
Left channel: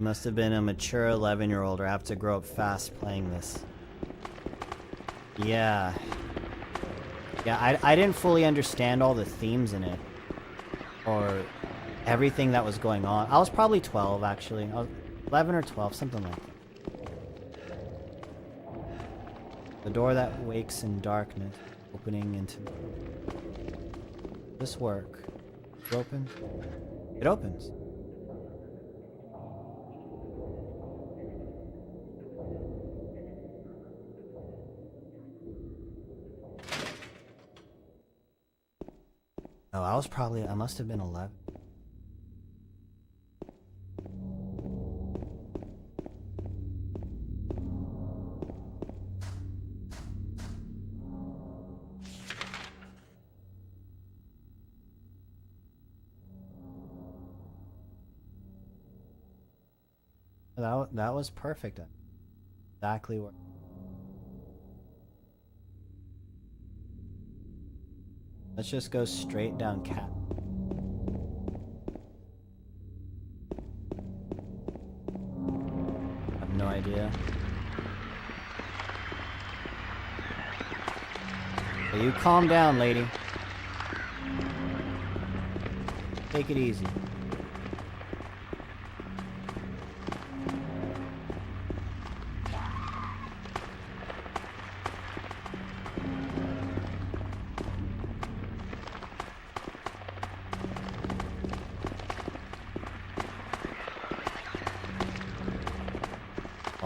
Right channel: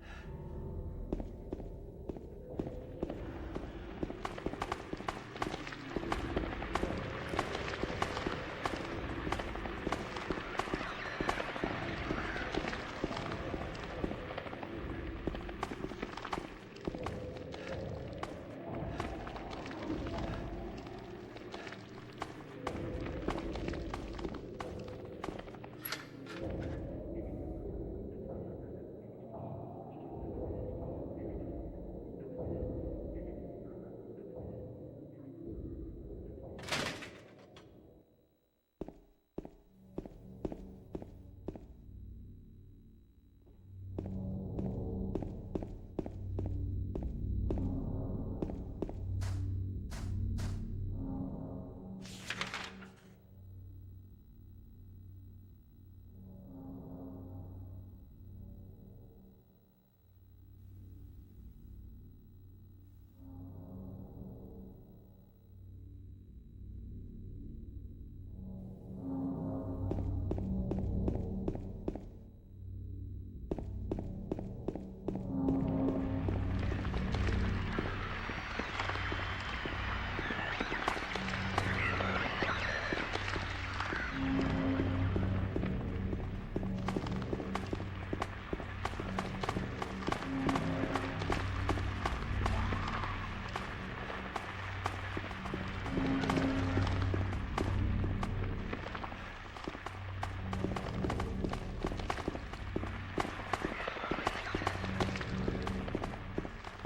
Must have been a mature 11-year-old or have to grow up fast playing this. Yeah. Yeah, I didn't fully understand all the themes in it. Or everything that was going on. I was probably 12, actually. 11 or 12, something like that. The door that wakes in darkness, opening into... this work. It opens? It opens. Oh, I must have been 11. That was perfect. Exactly where. Let's just go straight down Cat. I have no idea. So you calm down, lady. Take it easy.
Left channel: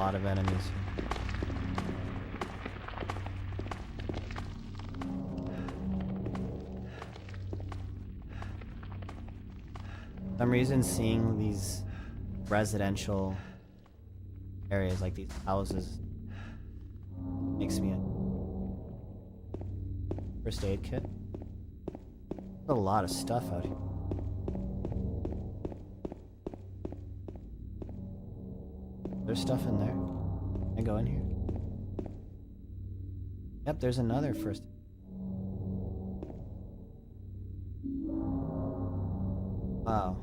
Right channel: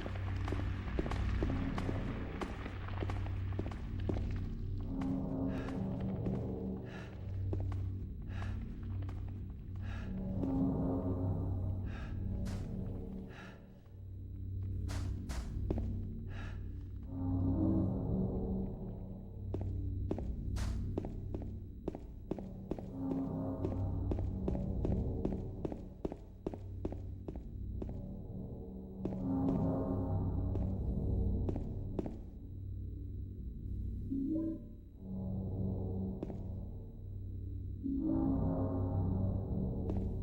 Of enemies. For some reason, seeing these residential areas like these houses makes me a first aid kit. There's a lot of stuff out here. There's stuff in there. Can I go in here? Yep, there's another first. Wow.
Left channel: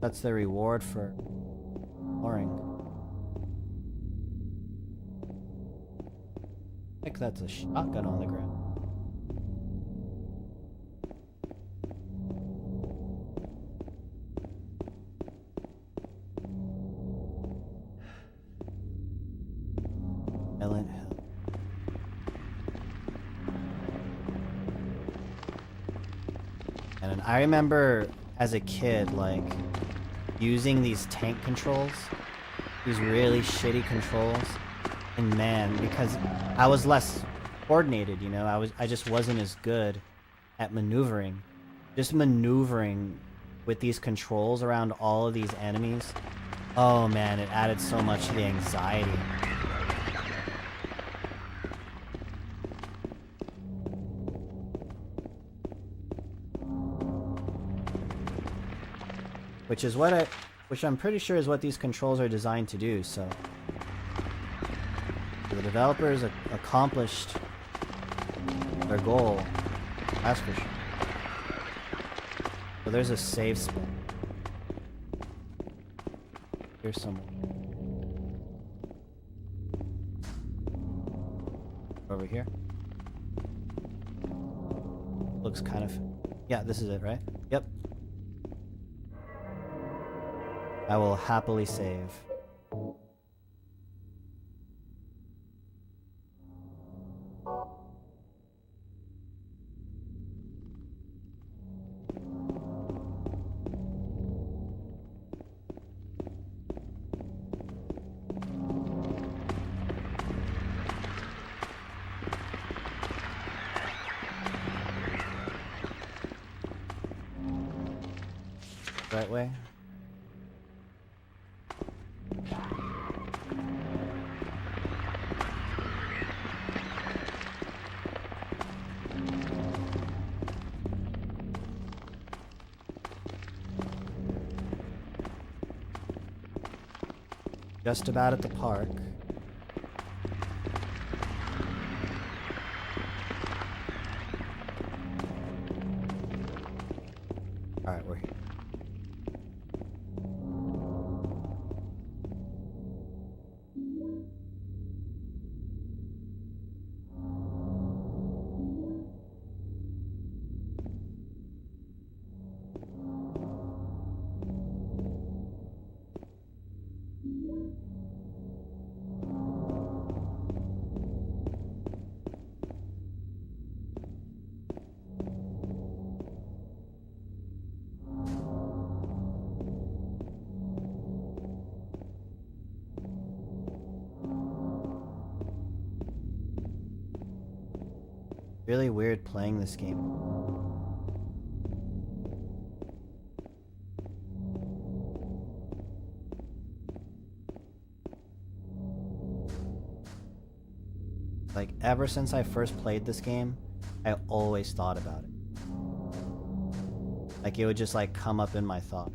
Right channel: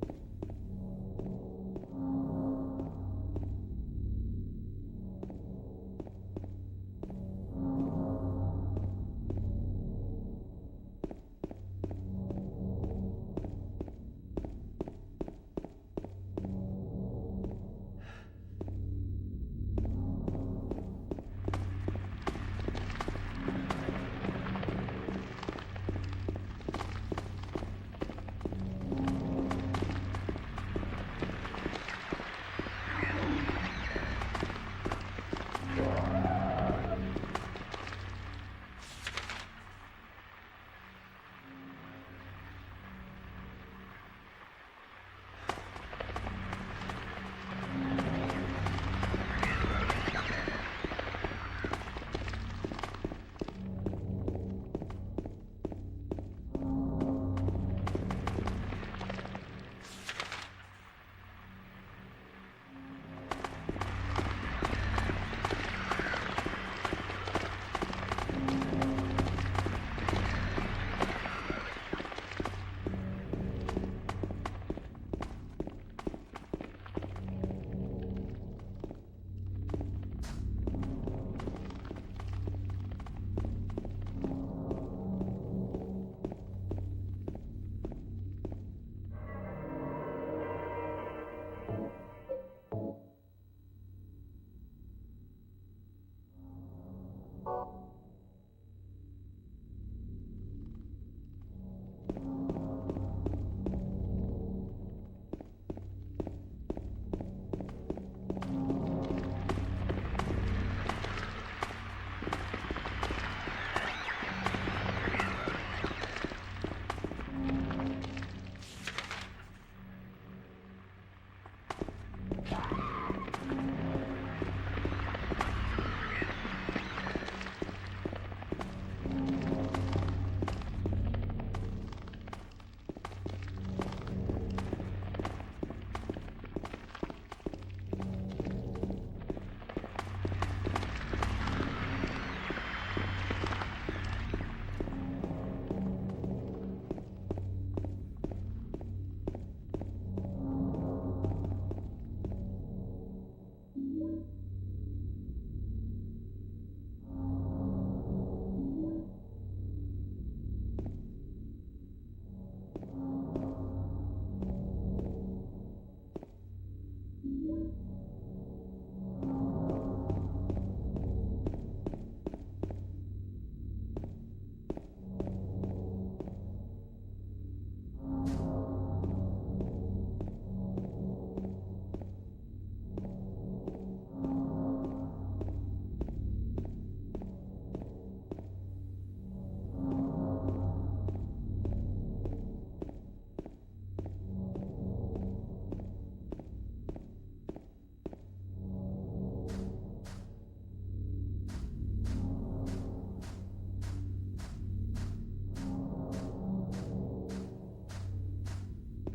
That's the reward for exploring. I think that's a shotgun on the ground. Silent Hill. And I remember as a kid, like, using these tank controls, these really shitty controls, and man, because I was less coordinated, you know, I just wasn't as good at maneuvering. Just maneuvering with these controls around all of these enemies, oh man, it added so much to the anxiety. Which I'm pretty sure is what these controls are designed to do, so the developers accomplished their goal, that's for sure. So there's a save spot. Here's some over here. Looks kind of, yeah, this is it, right? Yep. I will happily save. That way. Just about at the park. Alright, we're here. Really weird playing this game. Like, ever since I first played this game, I always thought about it. Like, it would just, like, come up in my thought.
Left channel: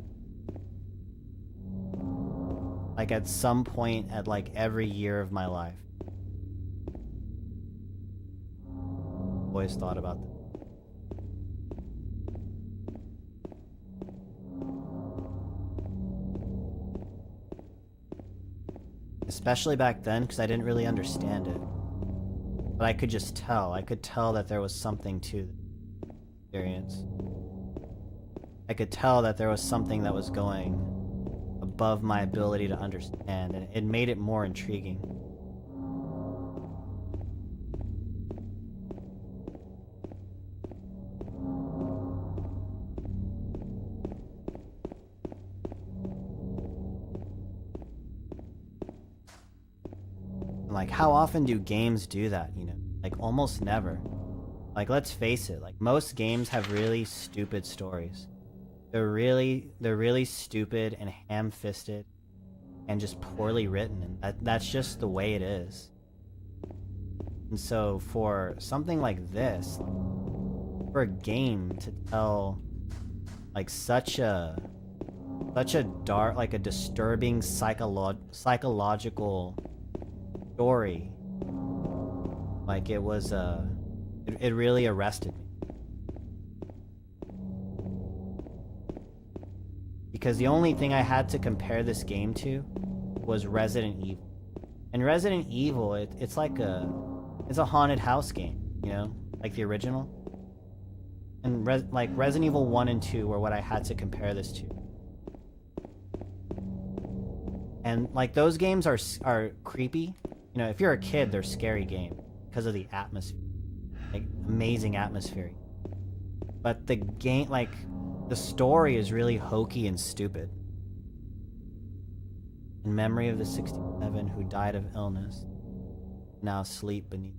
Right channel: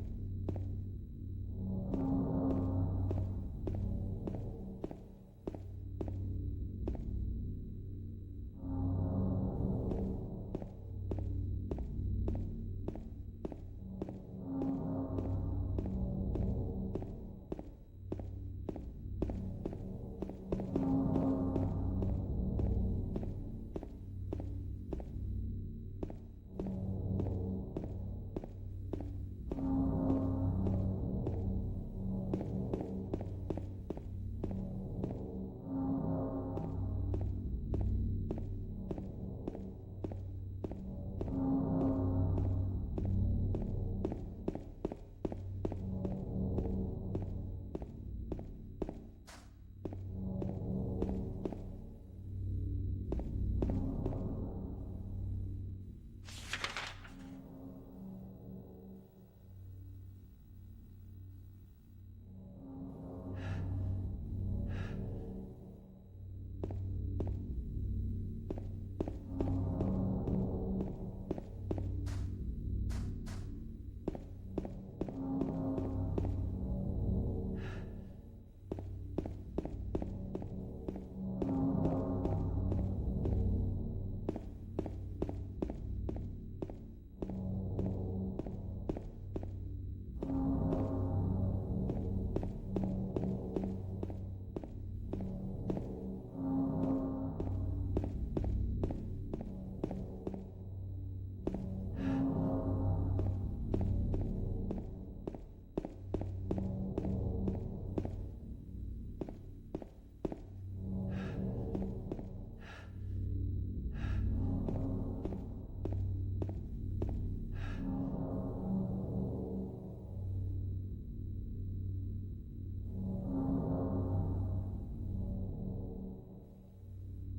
Like, at some point at, like, every year of my life. Always thought about that. Especially back then, because I didn't really understand it. But I could just tell. I could tell that there was something to the experience. I could tell that there was something that was going above my ability to understand, and it made it more intriguing. Like, how often do games do that, you know? Like, almost never. Like, let's face it, like, most games have really stupid stories. They're really stupid and ham-fisted and just poorly written, and that's just the way it is. And so, for something like this, for a game to tell, like, such a dark, like, a disturbing psychological story Like it was it really arrested me. Because the only thing I had to compare this game to was Resident Evil. And Resident Evil, it's like it's a haunted house game, you know, like the original. And like Resident Evil 1 and 2 were what I had to compare this to. And like those games are creepy. You know, if you're a kid, they're scary games because of the atmosphere, like amazing atmosphere. But the game, like the story, is really hokey and stupid. In memory of the 67 who died of illness, now sleep beneath.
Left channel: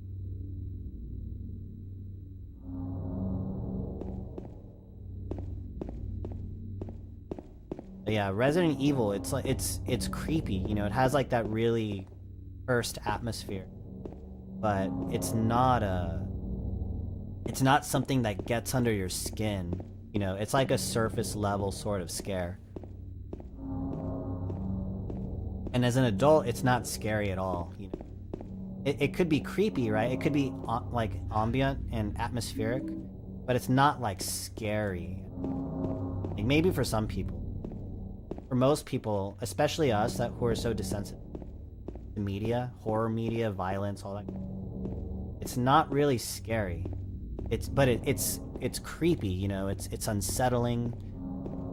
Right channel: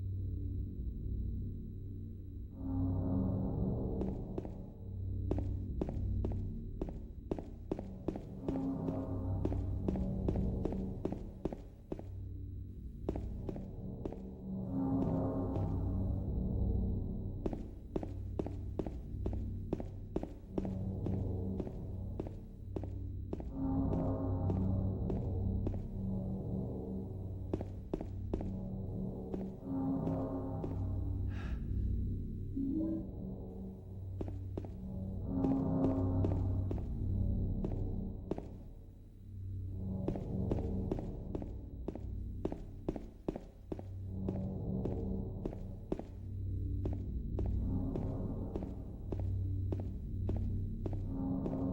But yeah, Resident Evil, it's like it's creepy, you know, it has like that really cursed atmosphere. But it's not something that gets under your skin, you know, it's like a surface level sort of scare. And as an adult, it's not scary at all, you know. It could be creepy, right? It could be like ambient and atmospheric, but it's not like scary. Like maybe for some people. For most people, especially us who are so desensitive to media, horror media, violence, all that, it's not really scary. It's creepy, you know, it's unsettling,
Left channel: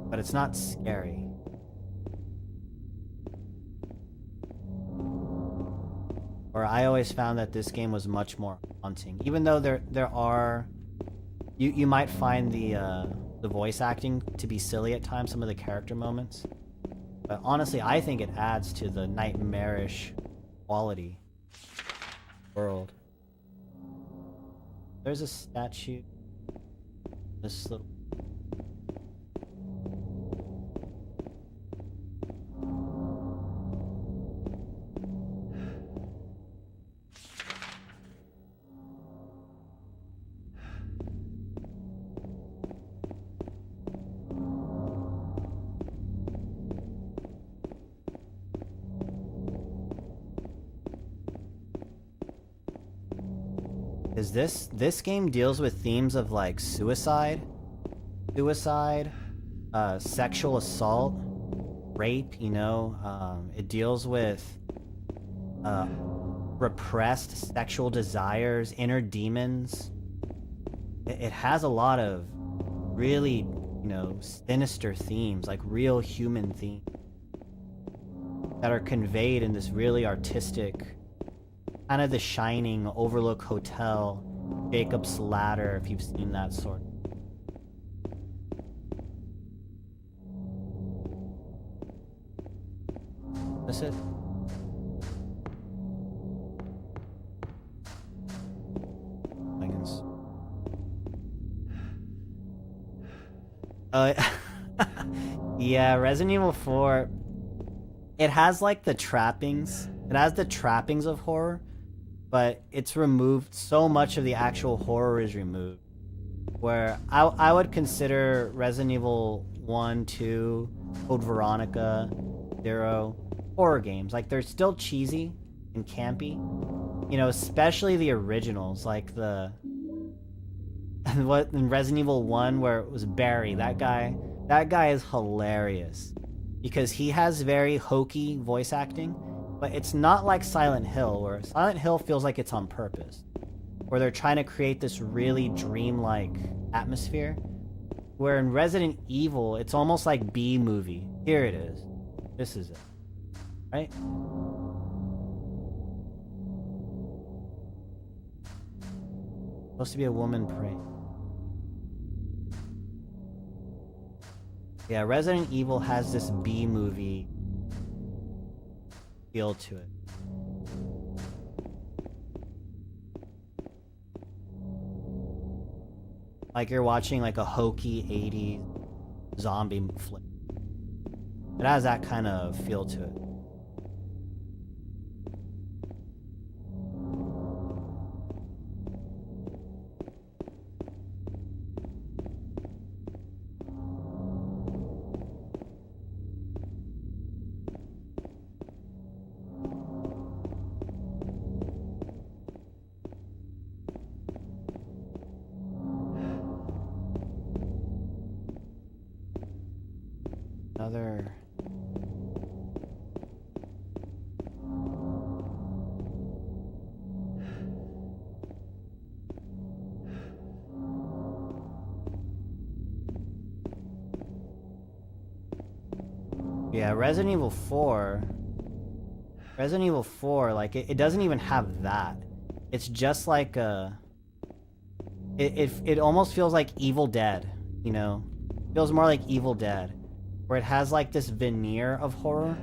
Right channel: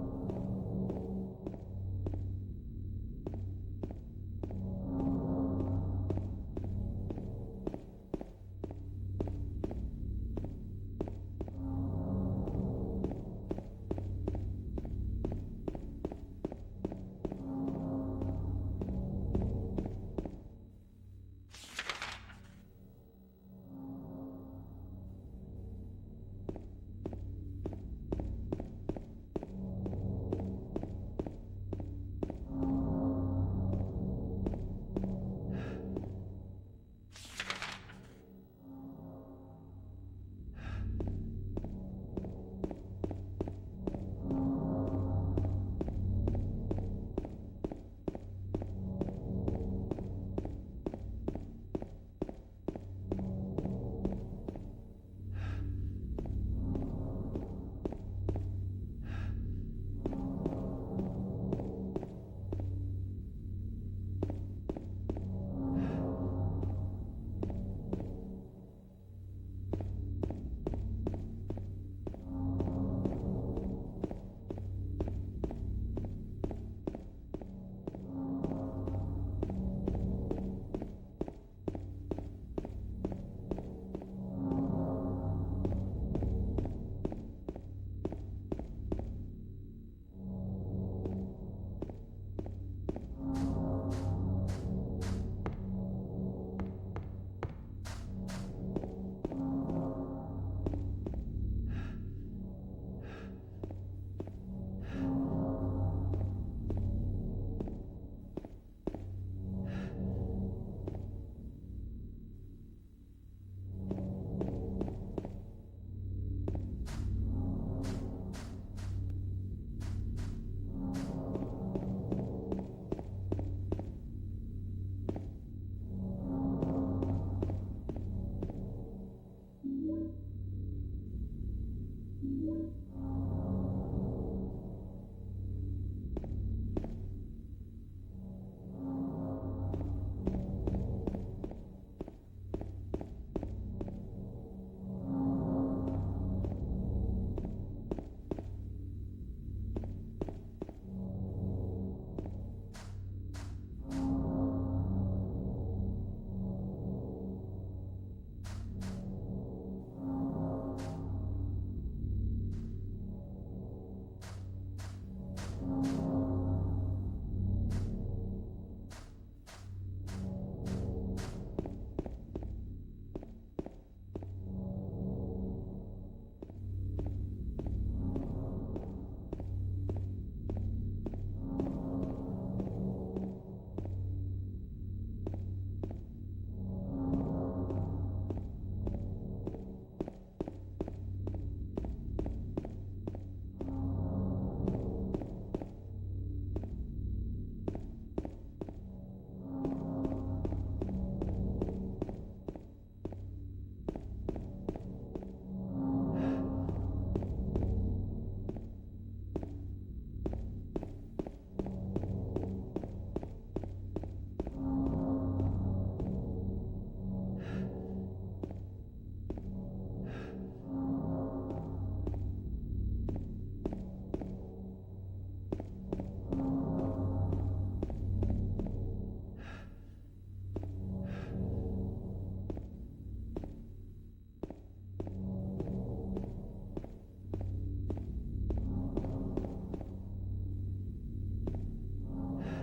but it's not scary. Or I always found that this game was much more haunting. Even though there are, you might find the voice acting to be silly at times, some of the character moments. But honestly, I think it adds to the nightmarish quality world. There's a statue. This little. This game deals with themes of like suicide, sexual assault, rape, you know. It deals with repressed sexual desires, inner demons. It has a lot of really, you know, sinister themes, like real human themes that are conveyed in this really artistic, kind of The Shining, Overlook Hotel, Jacob's Ladder, if you've seen that sort. That's it. Yeah, Resident Evil 4, it has like the trappings. It has the trappings of horror, but it's removed. So much of the actual horror is removed. Where I would consider Resident Evil 1, 2, Code Veronica, 0 horror games. Like, they're still cheesy and campy. You know, especially the originals, like the what in Resident Evil 1 where it was Barry. That guy is hilarious because he has very hokey voice acting, but it's not like Silent Hill, where Silent Hill feels like it's on purpose, where they're trying to create this really dreamlike atmosphere, where in Resident Evil it's almost like B-movie. Here it is. This is it. Right? Supposed to be a woman praying. Yeah, Resident Evil has this B-movie feel to it. Like you're watching like a hokey 80s zombie flick. It has that kind of feel to it. Resident Evil 4... Resident Evil 4, like, it doesn't even have that. It's just like a... It almost feels like Evil Dead, you know? It feels more like Evil Dead. Where it has, like, this veneer of horror,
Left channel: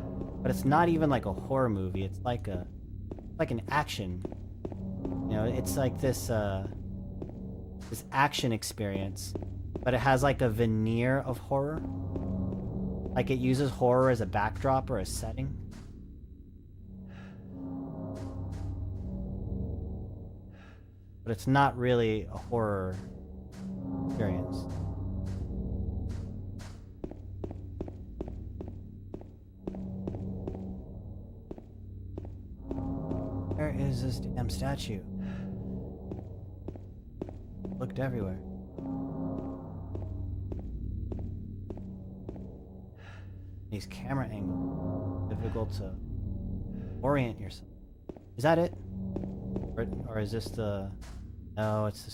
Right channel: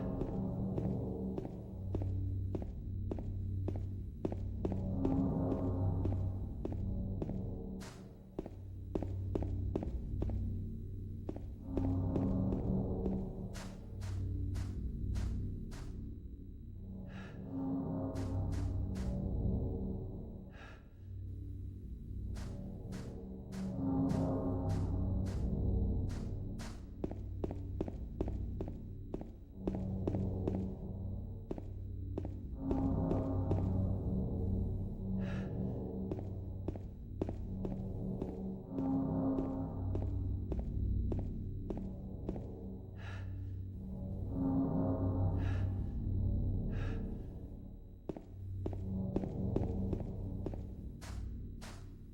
but it's not even like a horror movie. It's like an action. You know, it's like this action experience, but it has like a veneer of horror. Like it uses horror as a backdrop or a setting. But it's not really a horror experience. Where is this damn statue? Looked everywhere. These camera angles, difficult to orient yourself. Is that it? Or is this the... No, it's the...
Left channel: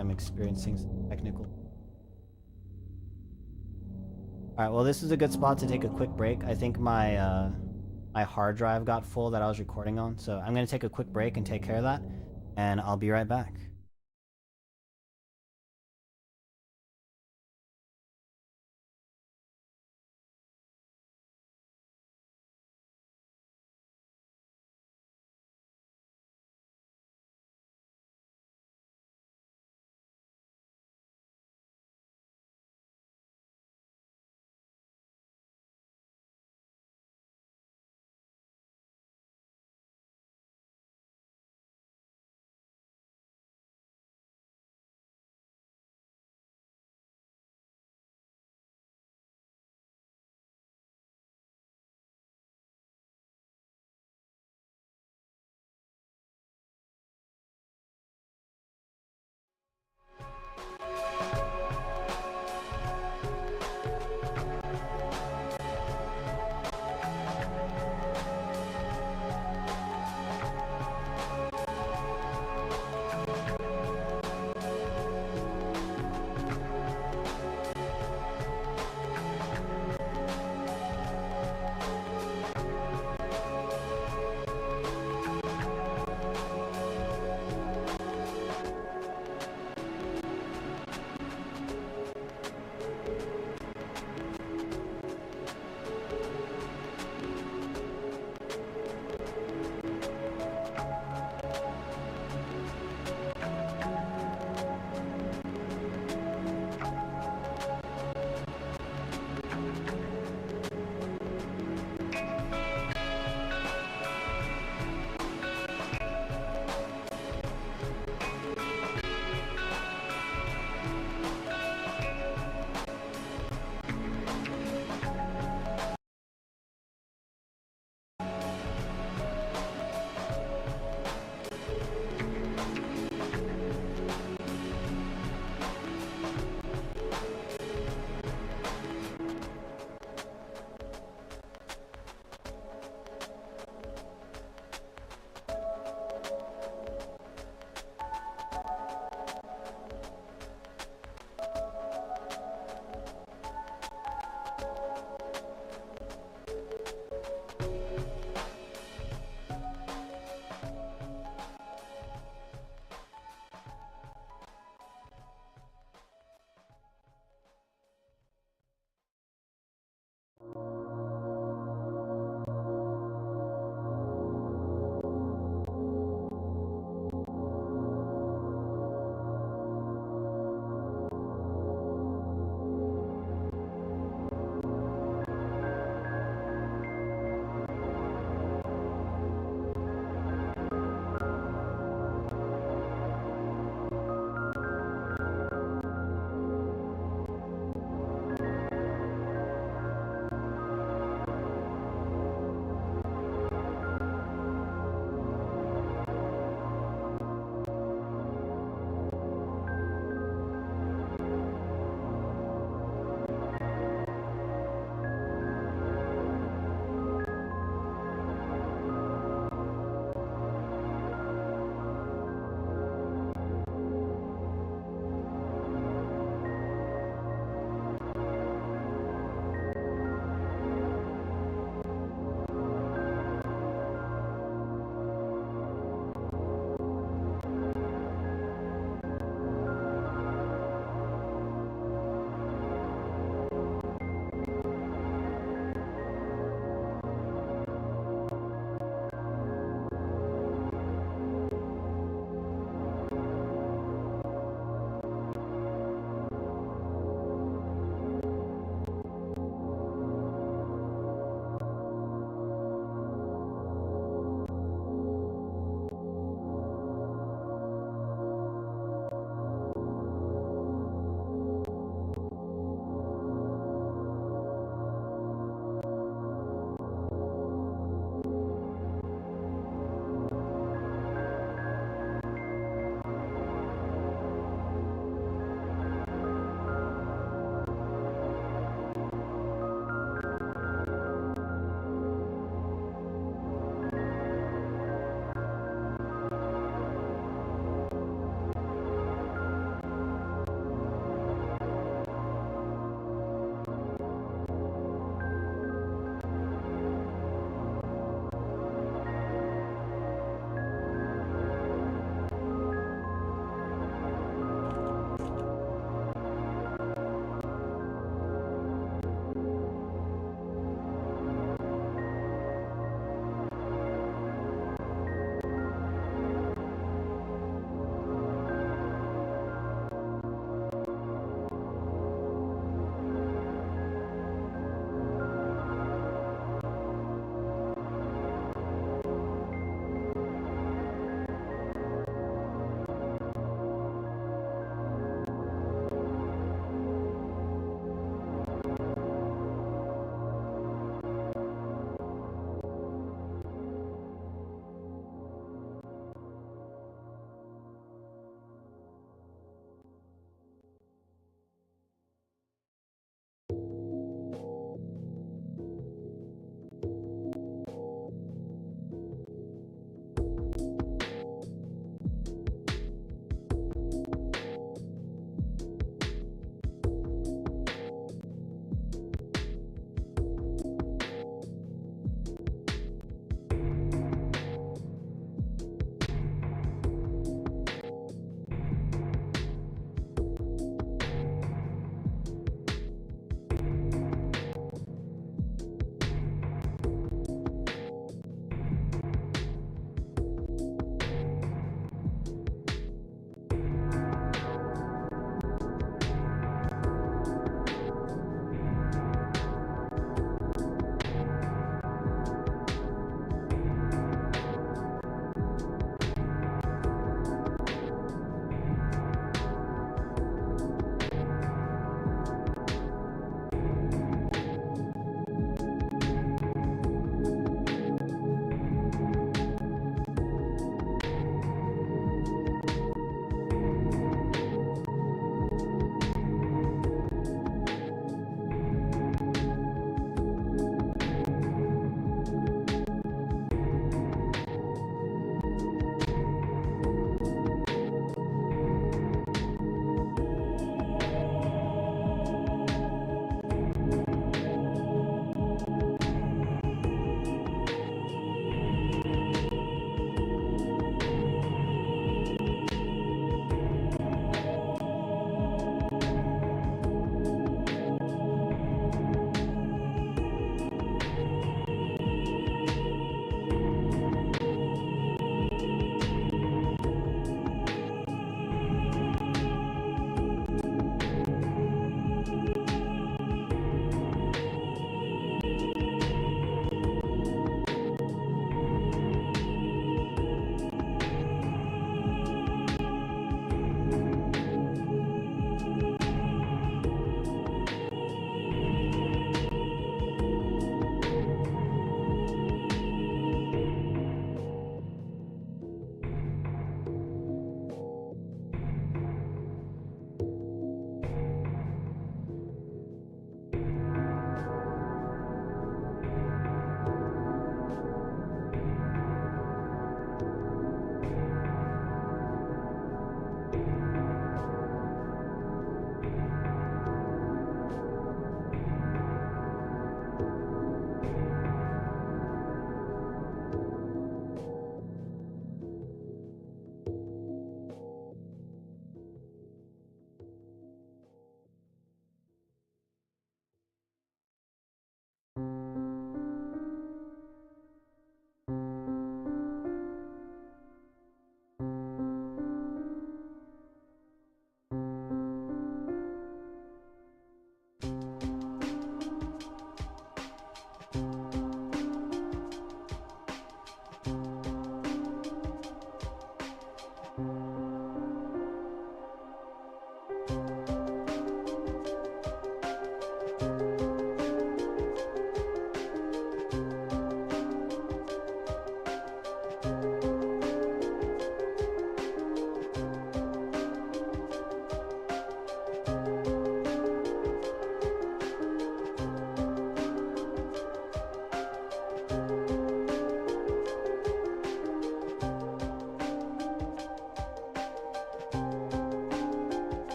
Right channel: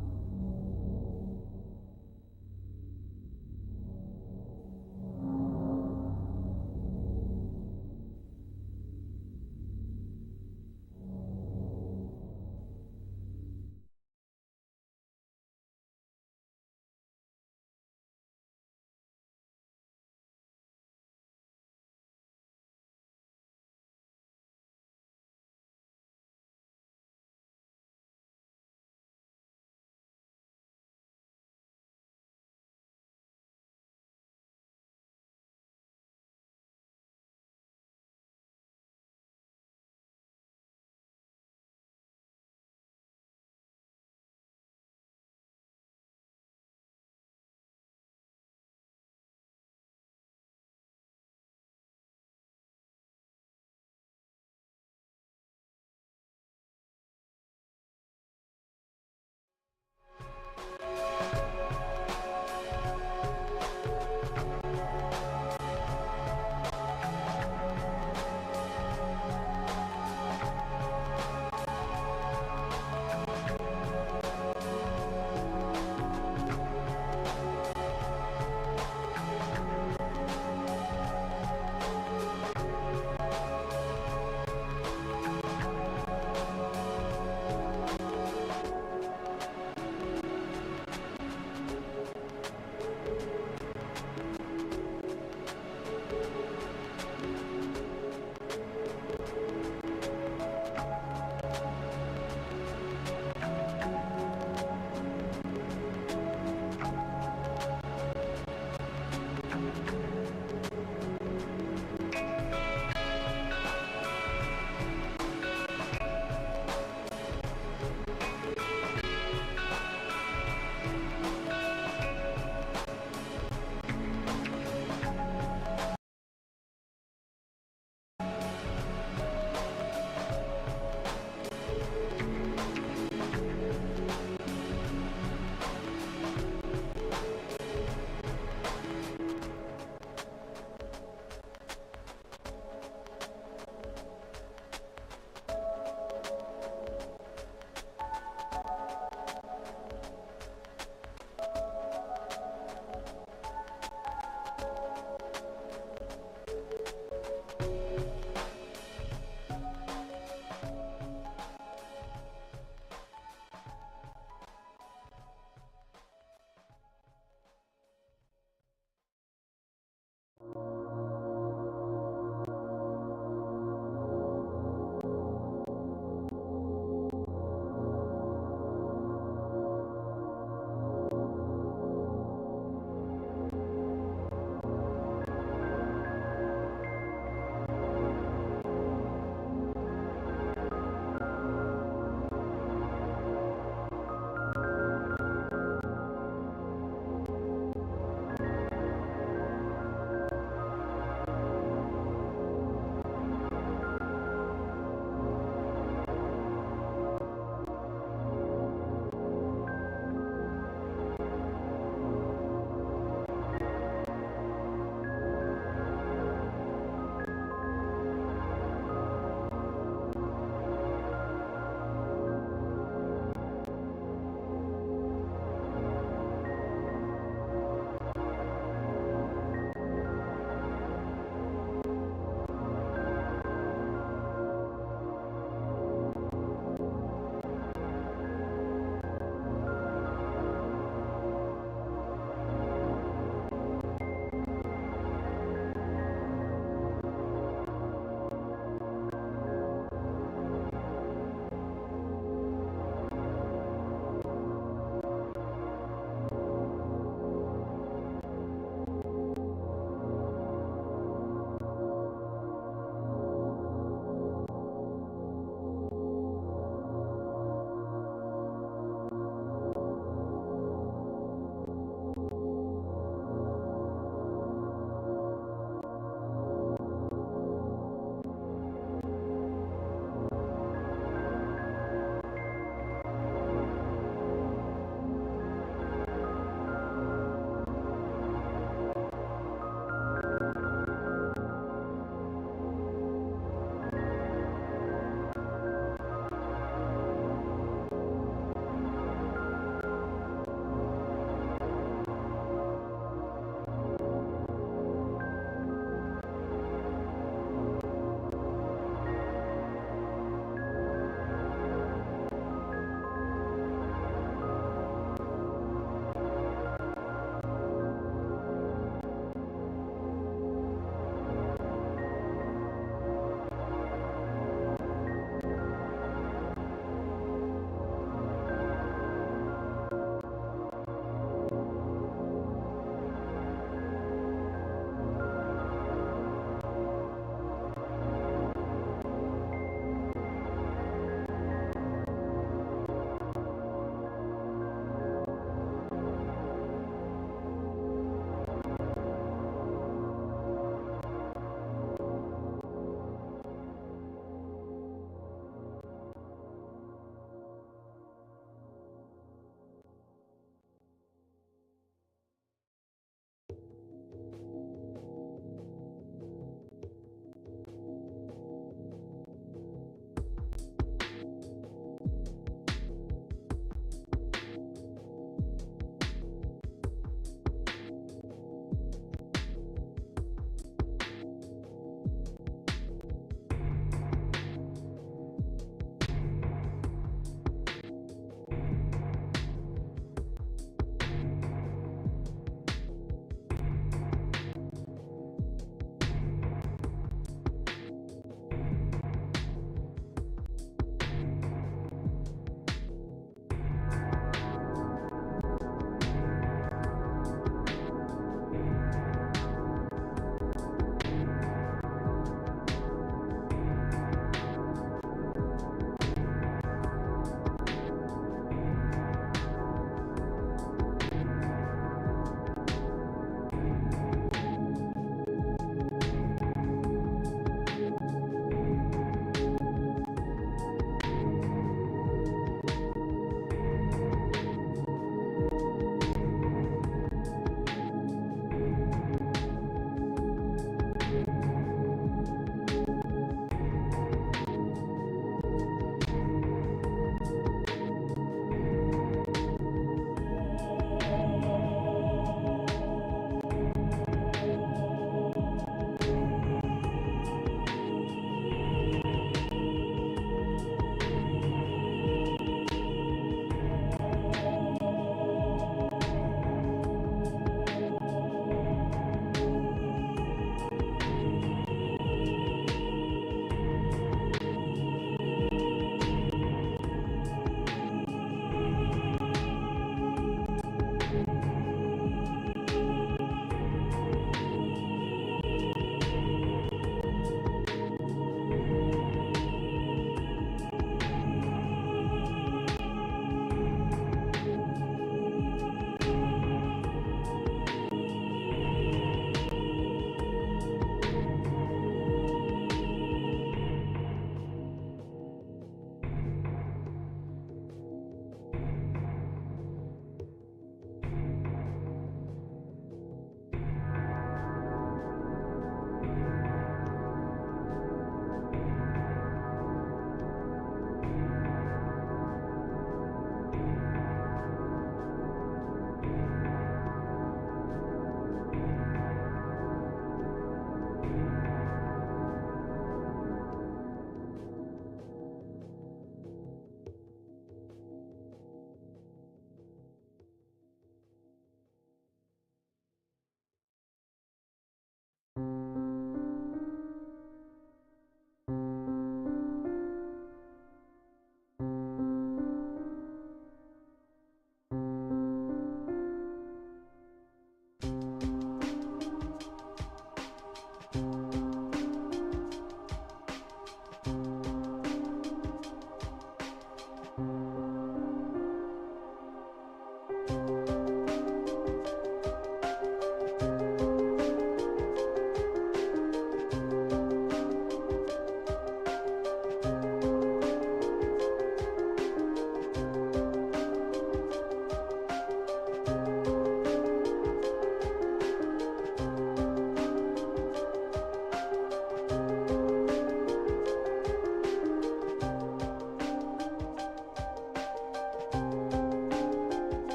I'm experiencing some technical... Alright, well this is a good spot to take a quick break. I think my my hard drive got full that I was recording on, so I'm gonna take a quick break and take care of that, and I'll be right back.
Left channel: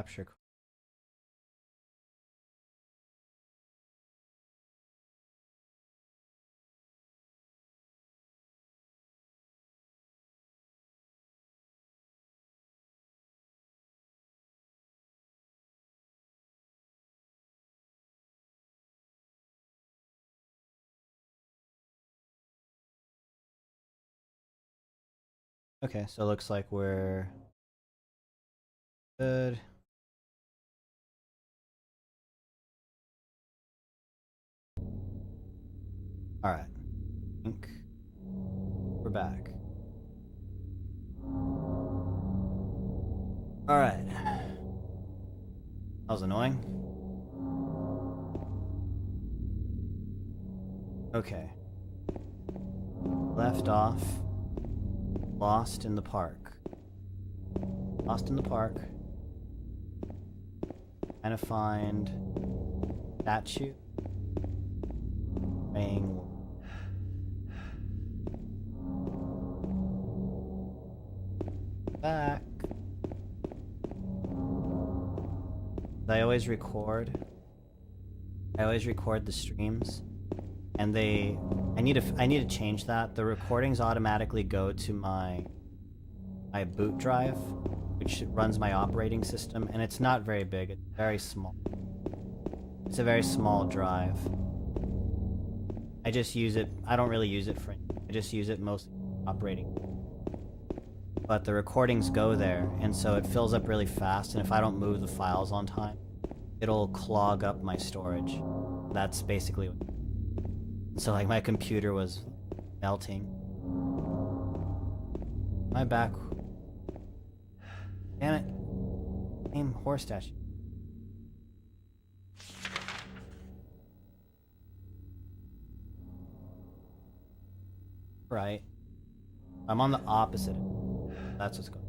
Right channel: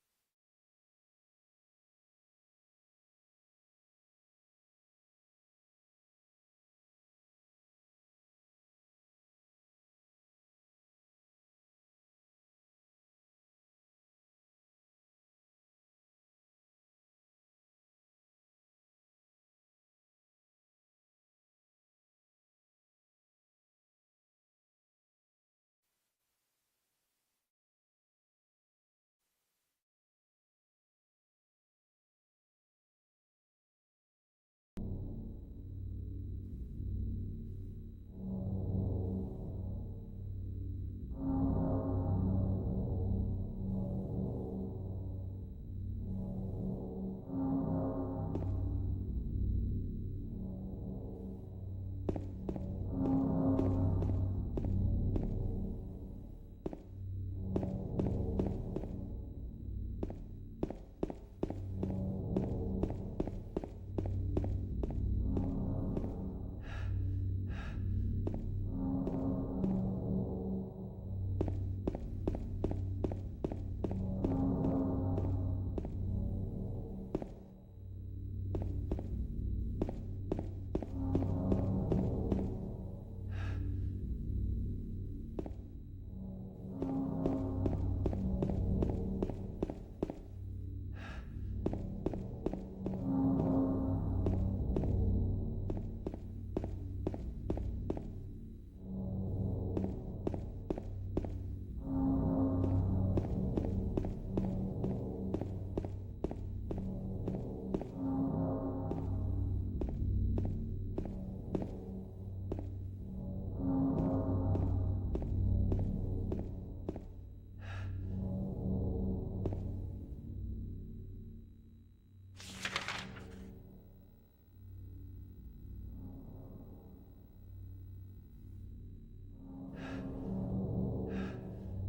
Capture. Okay, so it looks like we're good. All right, I think we're back. All right. That was annoying. Okay. Left off. Lost in the park. Lost in the park. Trying to find statue. Ring. Back. I always record the streams, and I need to change that. The recordings automatically go to my boot drive, which runs my operating system, and it's not very big. It's very small. It's a very small drive. I just use it. I don't really use it for. I just use it mostly for operating. But the recordings go there, and so it fills up really fast, and if I don't move the files on time, it'll clog up my storage. That's basically what. So like my computer was melting. My back. Damn it. Same horse statue. Right. I'm on the opposite. That's what's going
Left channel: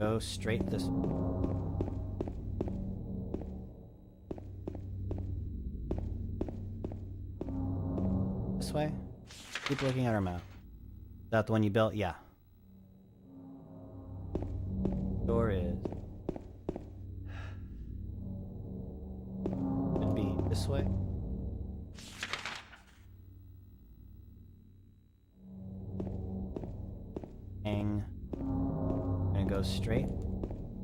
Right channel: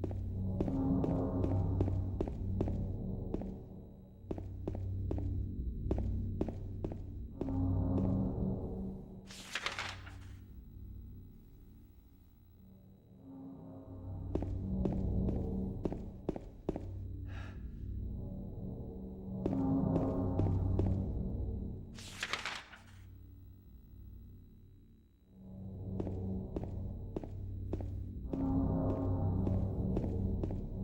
on. Go straight this way. This way? Keep looking at our map. Is that the one you built? Yeah. Door is. Should be this way. Hang. I'm gonna go straight.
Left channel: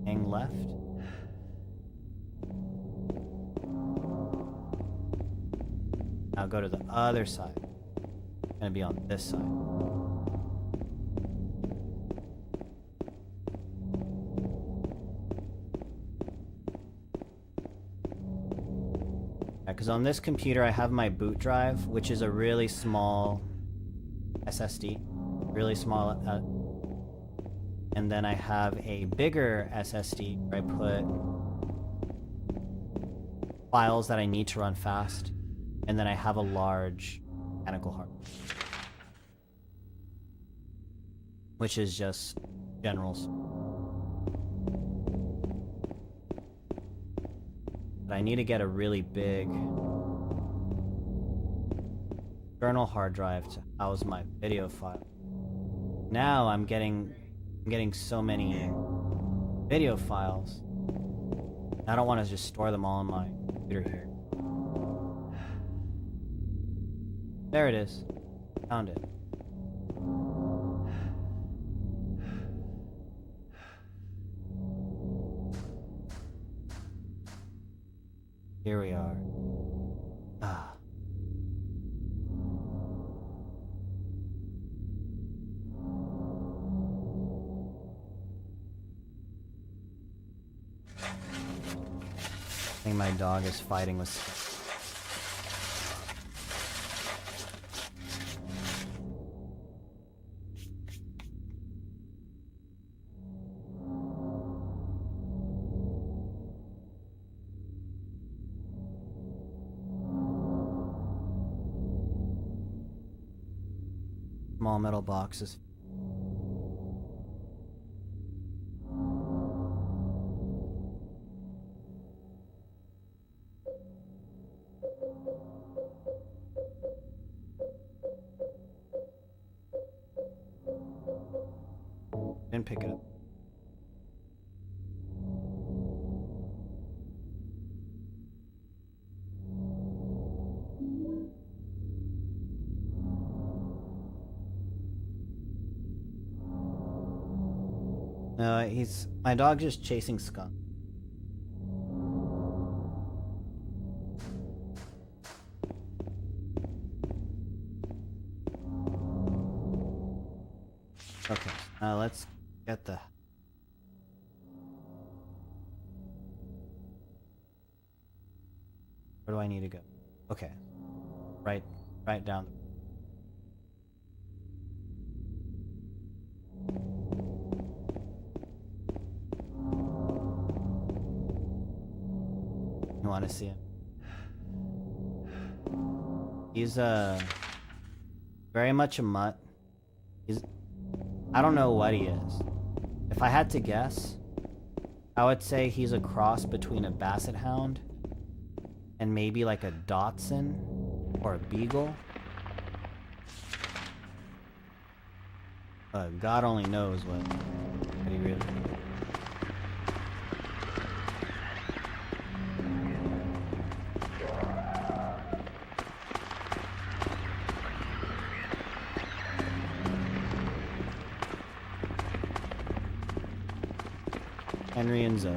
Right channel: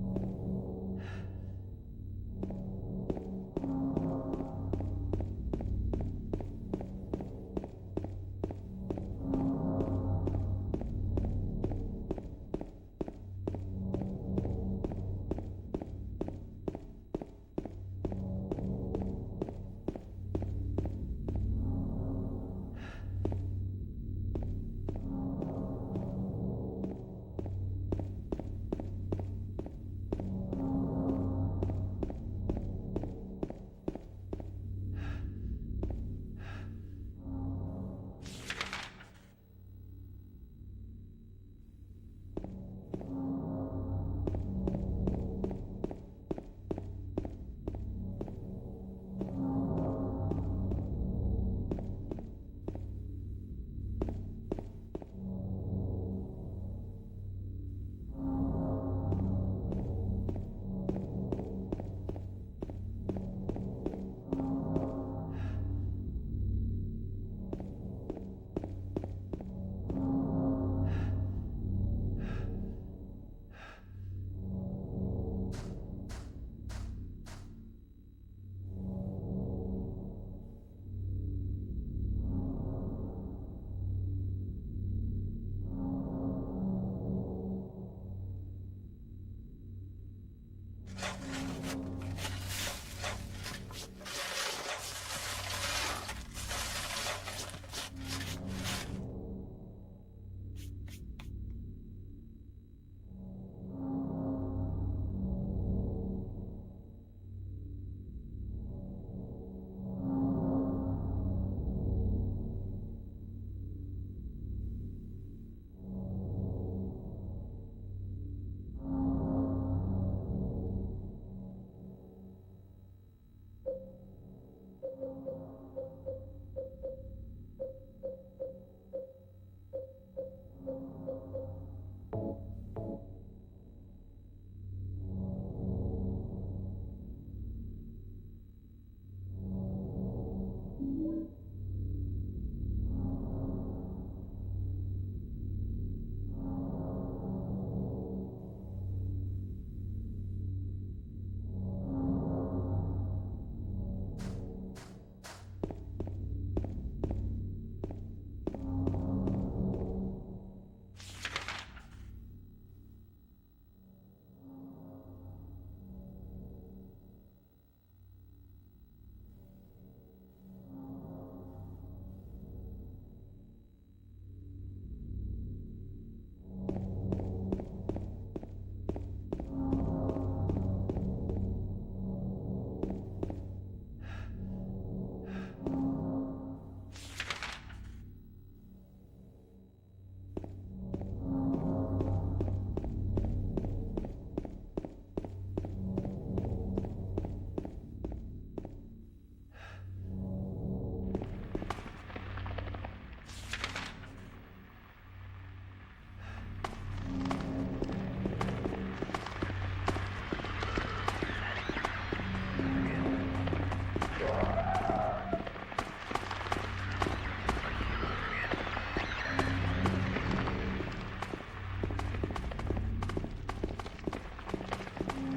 Hang left. Now go to the other side. It's gonna be on this side. Because on this computer I have my boot drive, which is a really small SSD, really small, and then I have a bigger SSD where I put files that I need to run fast, and then I have a large mechanical hard drive, which is just generals. But I need to get a really big external hard drive to house my video file. Now I'm getting so many video files. I don't want to just store them all on my computer here. There it is. Found it. Here we are. Ah. I think my dog is fighting with. Small metal boxes. Didn't pick it up. my dog just chasing skunk. Okay, let's get the... Where do I need to go? Okay. Right down. You want to see him? He's very much a mutt. I don't know what he is. If I had to guess, I would say he's a cross between a basset hound and maybe like a Dachshund or a beagle. God only knows what he really is. Henry and Zoe.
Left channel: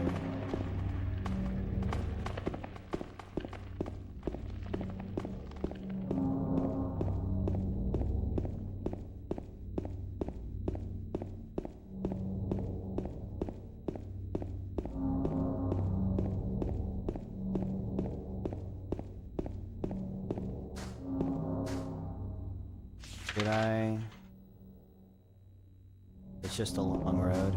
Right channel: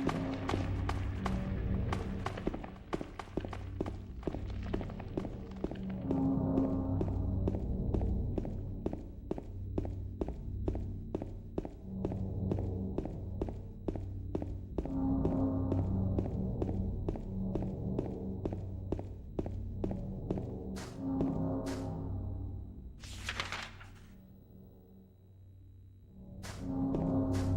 It's just a long road.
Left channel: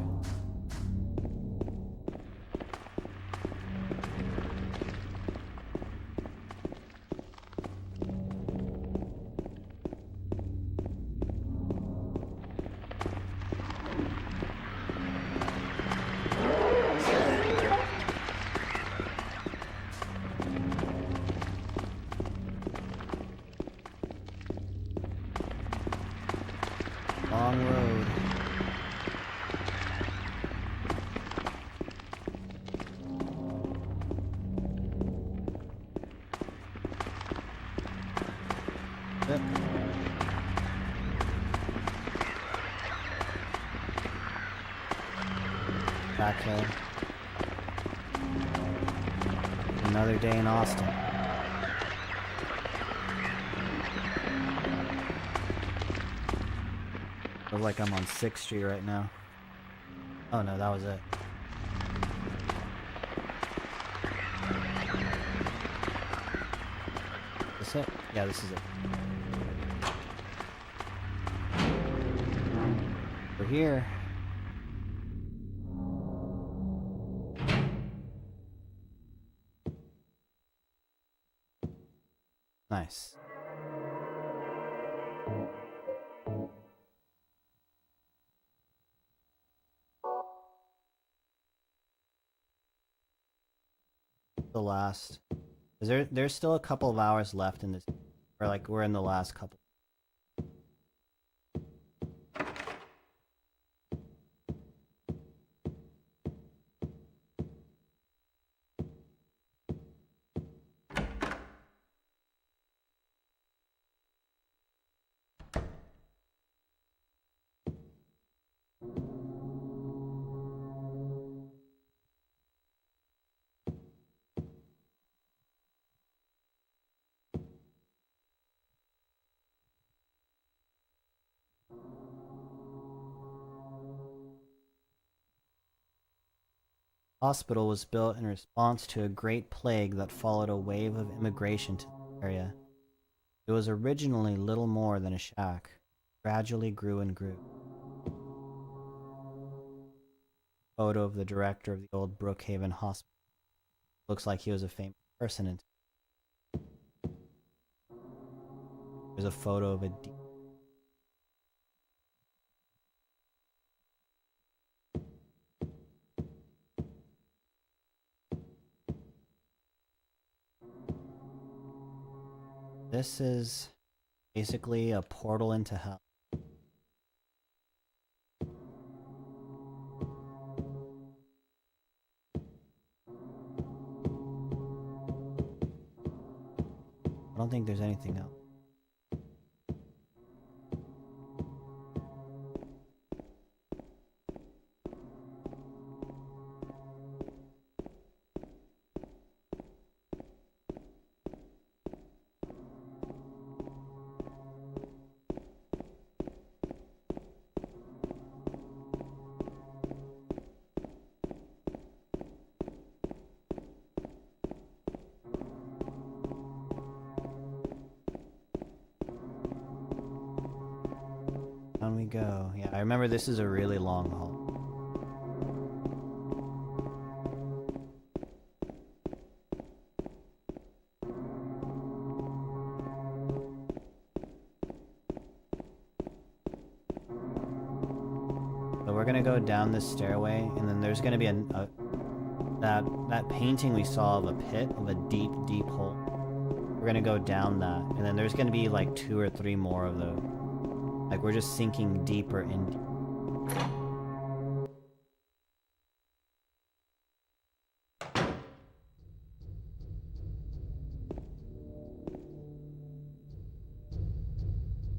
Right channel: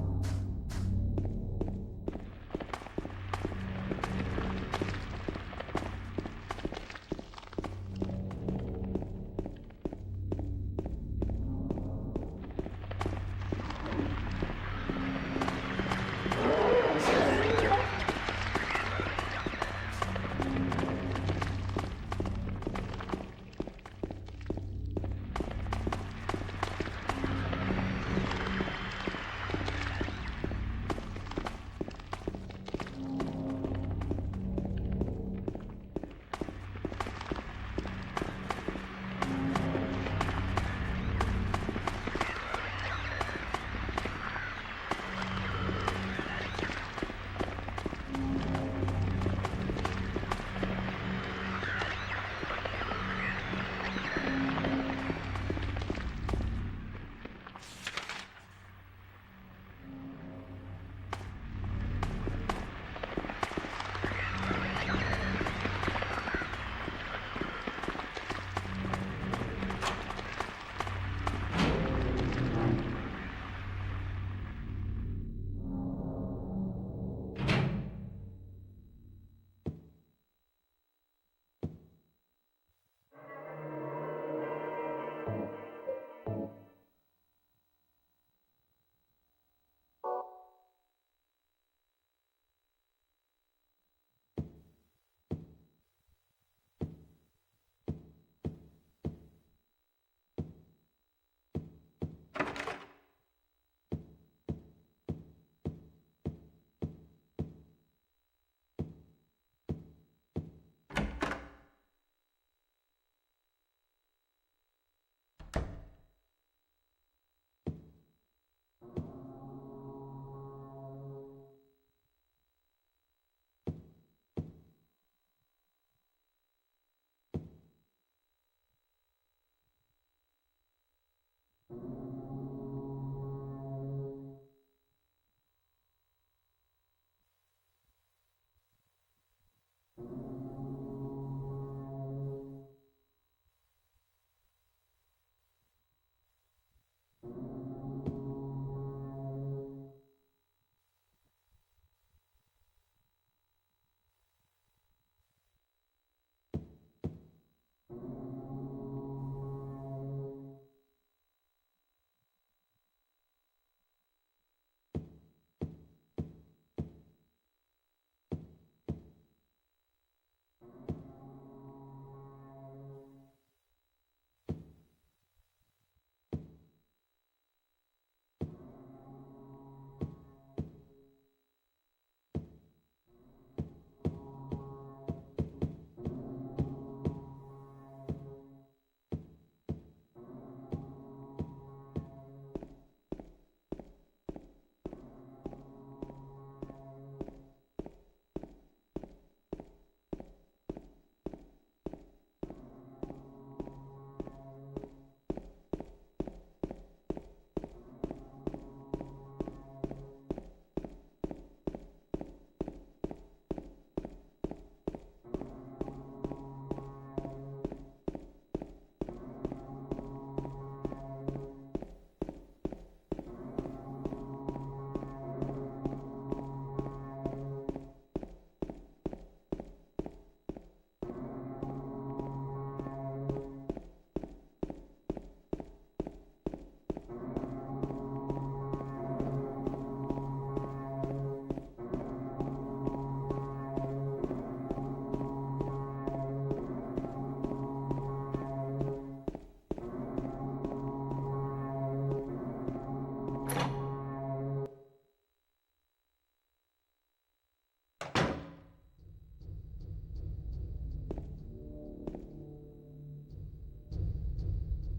Another day in Austin. Feels like I'm on 6th Street right now. Oh no, that was it. Is this it? Yeah, this is it. We're here. Nice. The last. There's still a couple of hours left in this, or like we're in the last couple. Hospital was built in response to a great plague that followed a wave of immigration to the area. It was originally little more than a shack, gradually grew and grew. Photo of the director of the old Brookhaven Hospital. Looks like he was a famous person. There's a photo of a This is basically a portal into hell. I don't think there's anything else. remember this is a really long haul. So we're gonna go down this stairway, and then there's gonna be that painting we saw of a pit, of a deep, deep hole. We're gonna go down that, and then there's gonna be like 2 or 3 more of those. Like we're just sinking deeper into.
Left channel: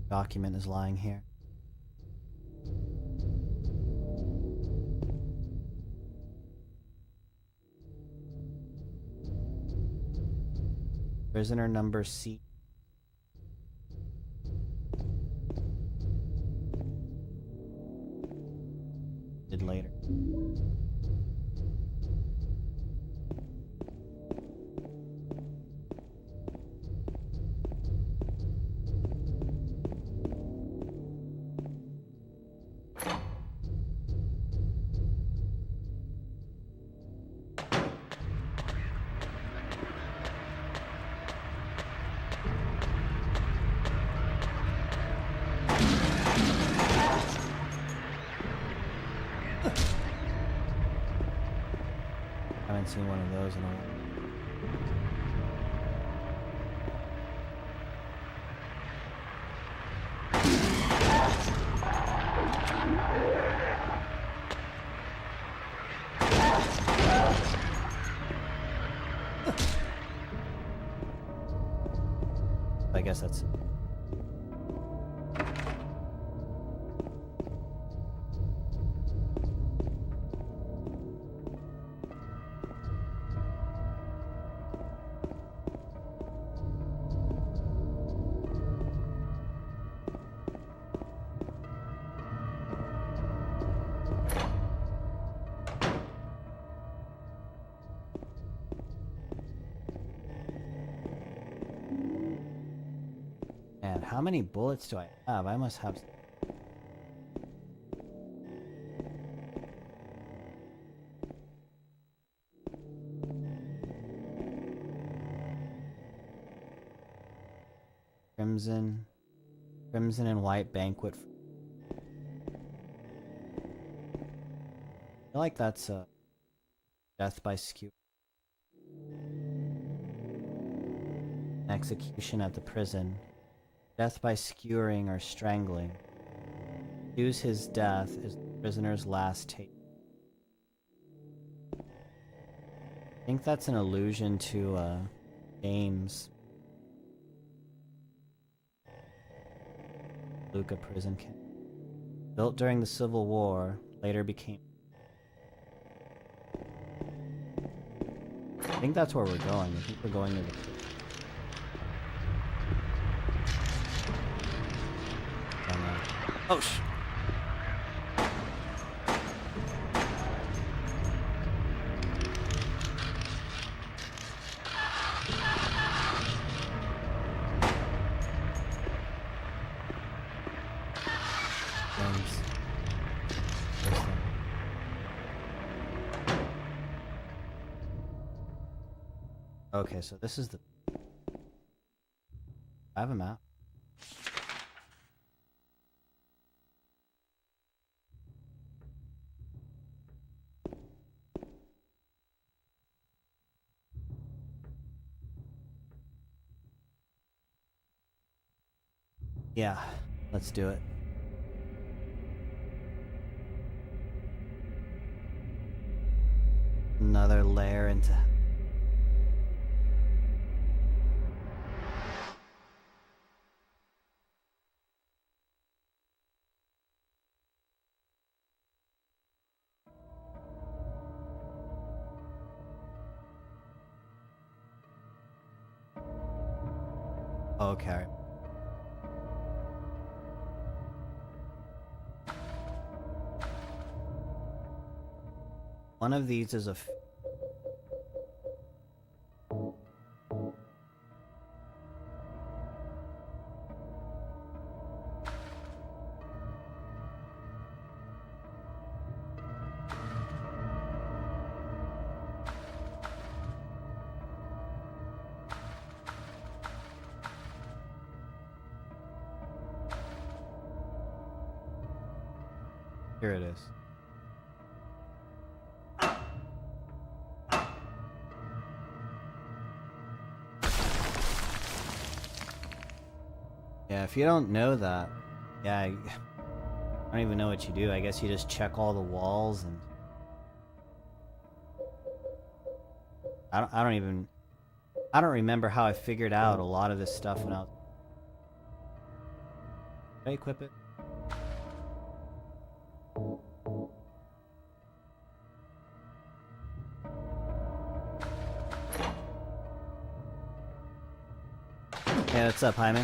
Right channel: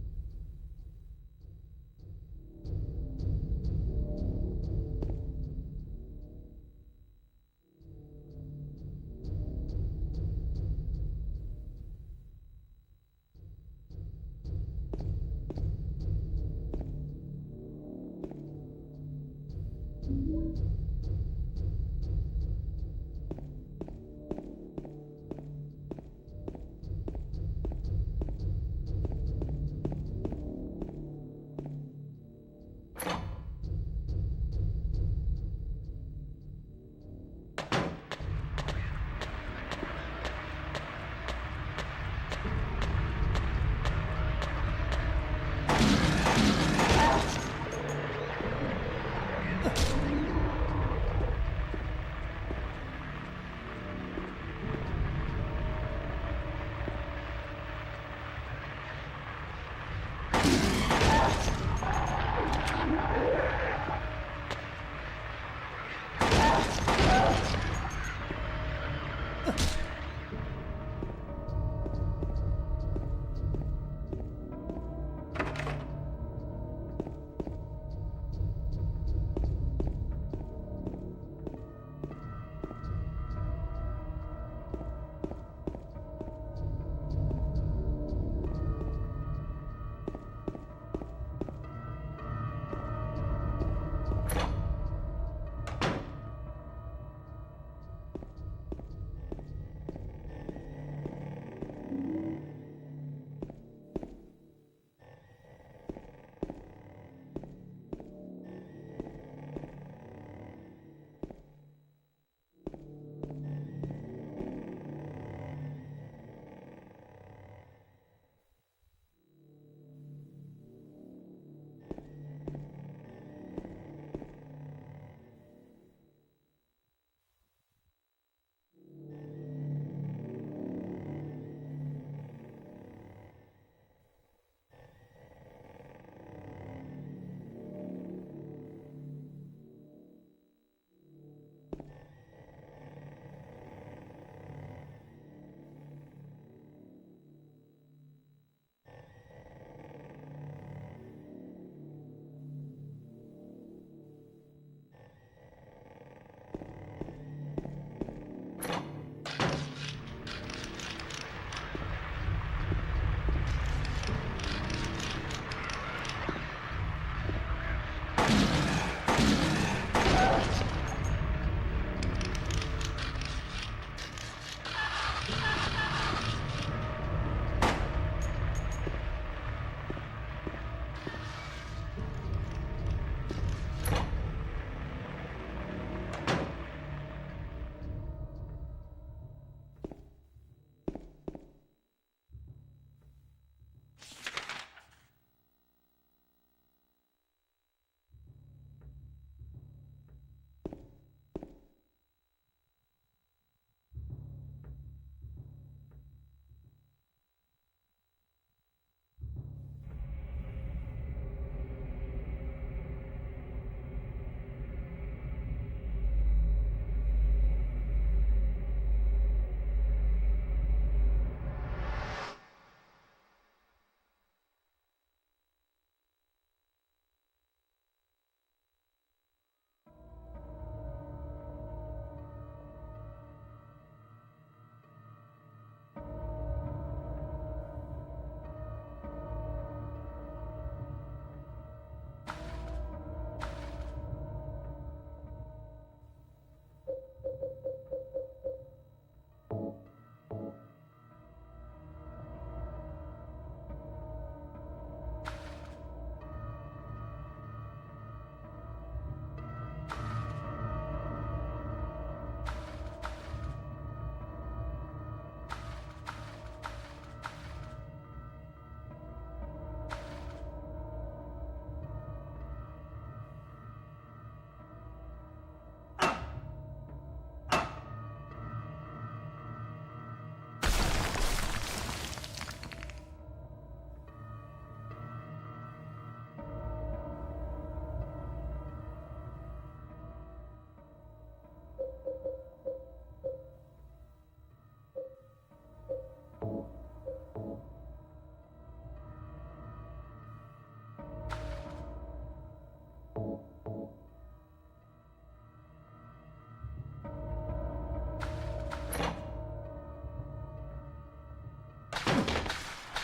Document is lying here. Prisoner number C. Did later. I guess that's. How many bullets do I have? I must have. Crimson and white banquet. I feel like that's a death by skew. Execution at the prison. Death by skewering or strangling. Use his death is the prisoner's last taste. I think that's an allusion to games. Luca prison camp. Built during the Civil War, later became. I think that's where we're going. I think we're going to. Oh, okay, so this is the. I have a map. Yeah, let's do it. Another layer into. Okay. One of these is a. Here it is. Yeah, if you don't know that, yeah, I don't even know what you do. I guess you just check all the walls and I don't remember how I figured out a lot of this stuff when I was... Did I equip it? Yeah, what's up, Hyman?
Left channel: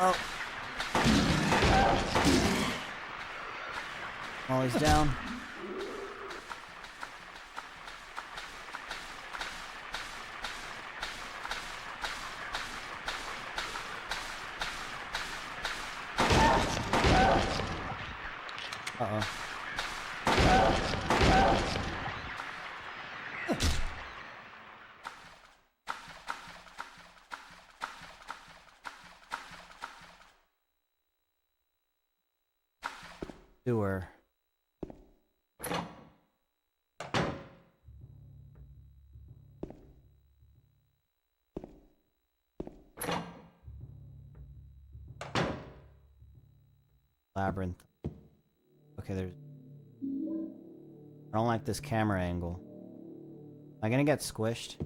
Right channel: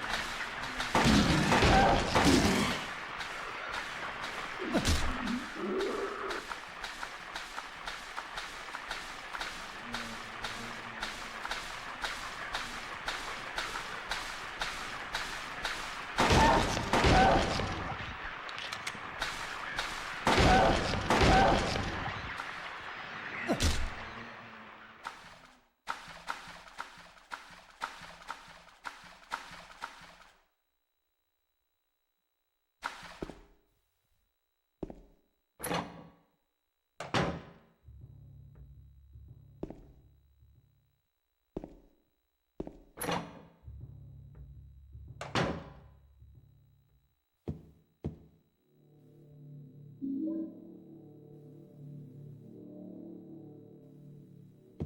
Oh. Oh, he's down. Sewer. Labyrinth. Okay, there's... I don't like this camera angle. Am I gonna get squished?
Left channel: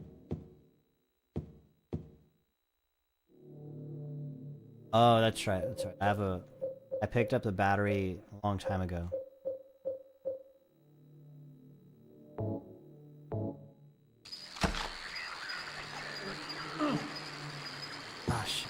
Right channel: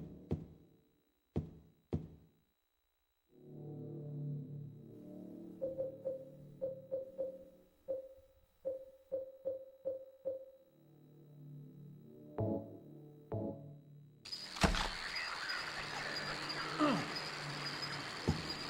Oh, that's right, that's right. I picked up the battery a long time ago. Gosh.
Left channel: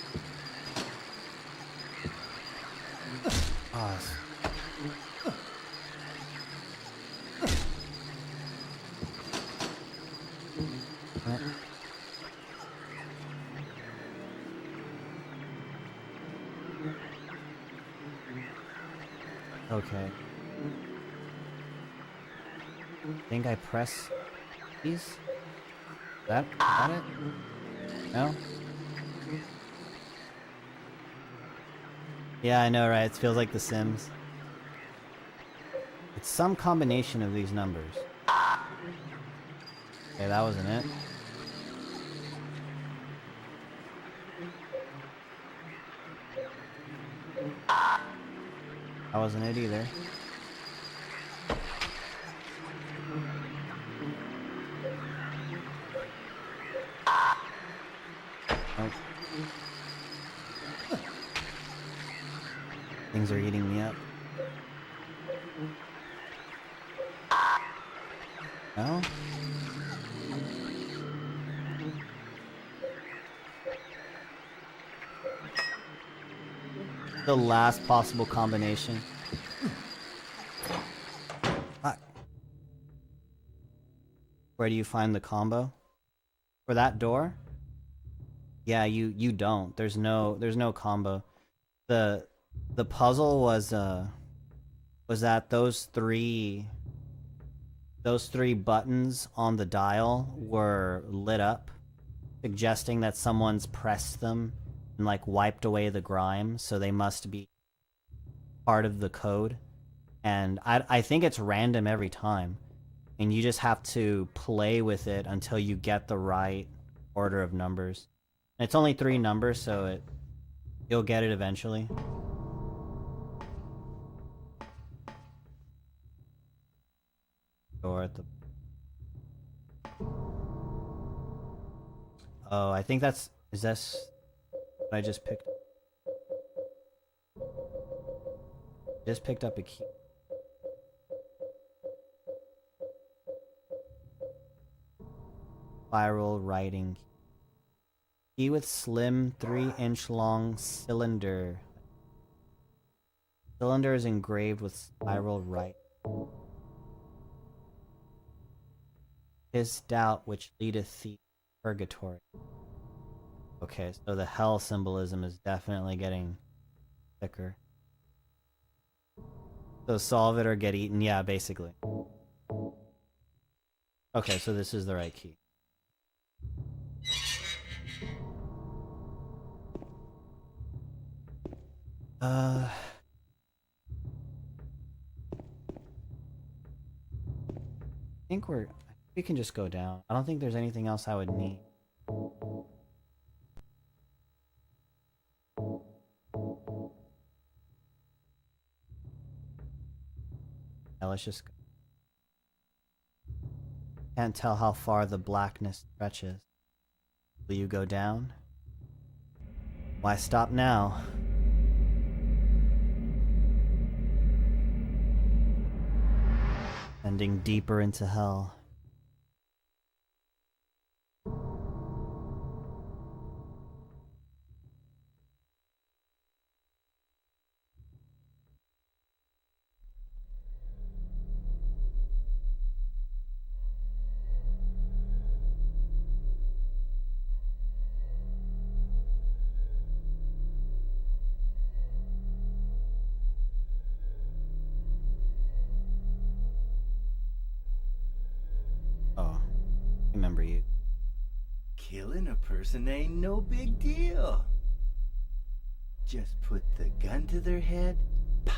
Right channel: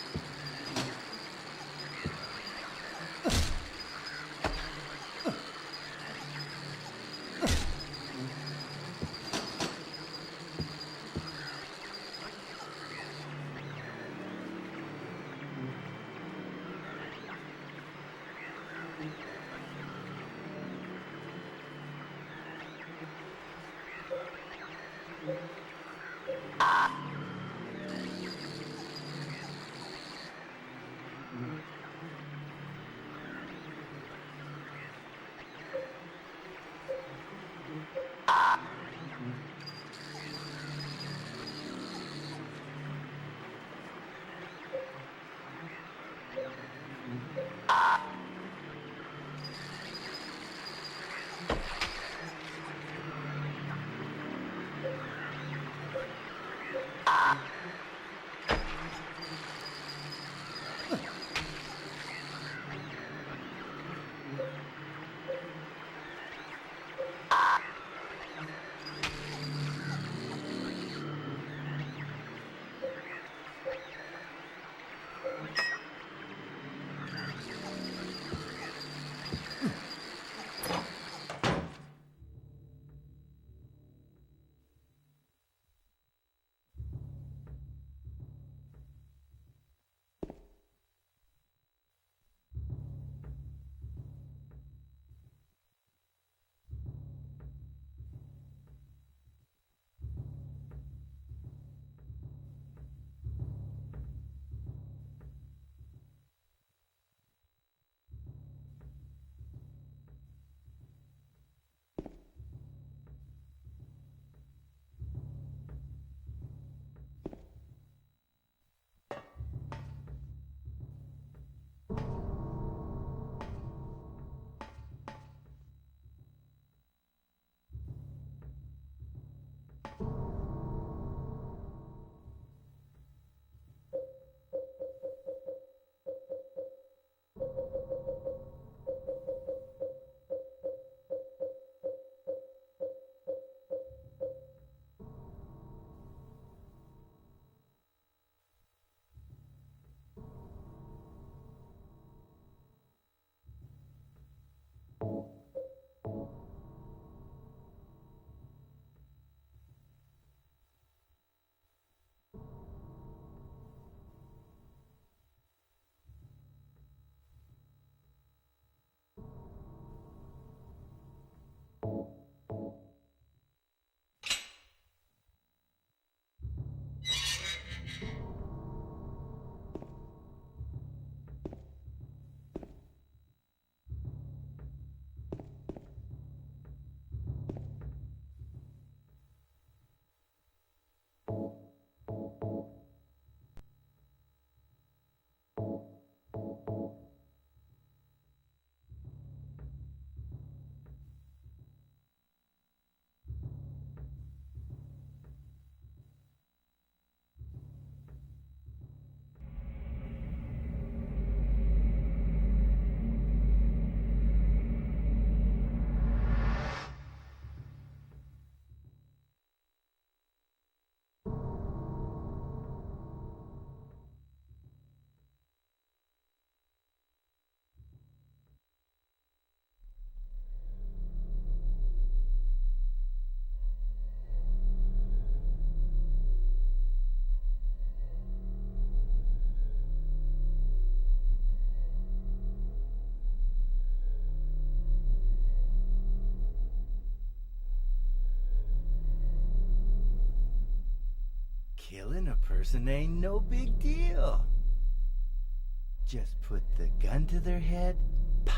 Okay. I think I press these? That it? No? Yeah, I know, right? It feels like The Sims. It's some combination of these numbers. Okay, that wasn't it. That wasn't it either. Things are eating me up. No? The last possible combination. Where do you find the combo? For that door? Yeah, you don't. There's no combo. The puzzle was that those three buttons on the dial were lit up, suggesting that someone's pressed them and like wiped away the grime, so they must be part of the code. And I think it's random every time, and you just have to play with it until you get the right order of numbers. And it's only 3 numbers, so you'll get it eventually. Door at the... Oh, I think that's... Is this what I just picked? Just picked up a key. Spiral writing. Key with slim 3-inch long cylinder. Cylinder is engraved with spiral writing. His doubt which leadeth thee to purgatory. Okay, so the hell symbolism is definitely getting thicker. So solve it or get eaten, yeah, basically. Okay, so this is the right key. I think we can just go down. I don't think there's anything else I would need. Yeah, let's just go. Can't tell how far the blackness stretches. Will you go down? Why stop now? Ending deeper into hell. Remember you. Killing a person ain't no big deal. Just put the gun to their head, pow.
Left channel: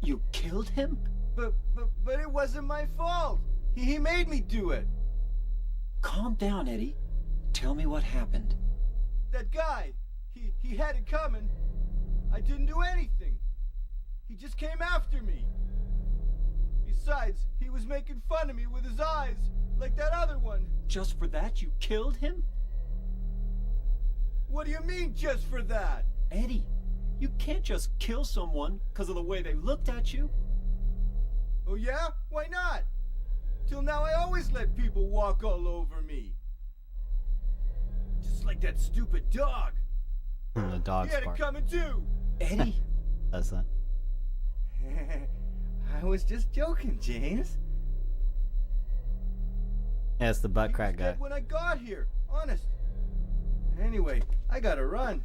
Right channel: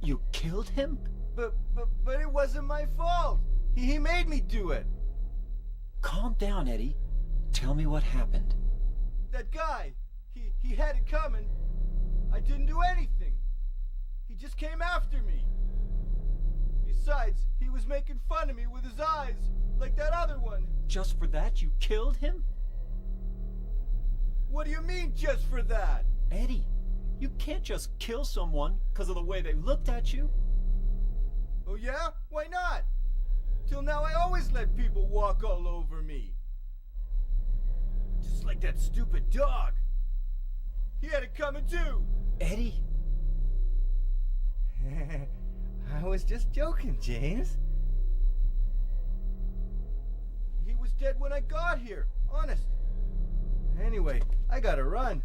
You killed him? But it wasn't my fault. He made me do it. Calm down, Eddie. Tell me what happened. That guy, he had it coming. I didn't do anything. He just came after me. Besides, he was making fun of me with his eyes, like that other one. Just for that, you killed him? What do you mean, just for that? Eddie, you can't just kill someone because of the way they looked at you. Oh yeah? Why not? Till now I always let people walk all over me. Just like that stupid dog. The dog's He had it bark. coming too. Eddie, Does that? I was just joking, James. Yeah, it's the butt He was crack guy. dead when I got here, honest. Anyway, I gotta run.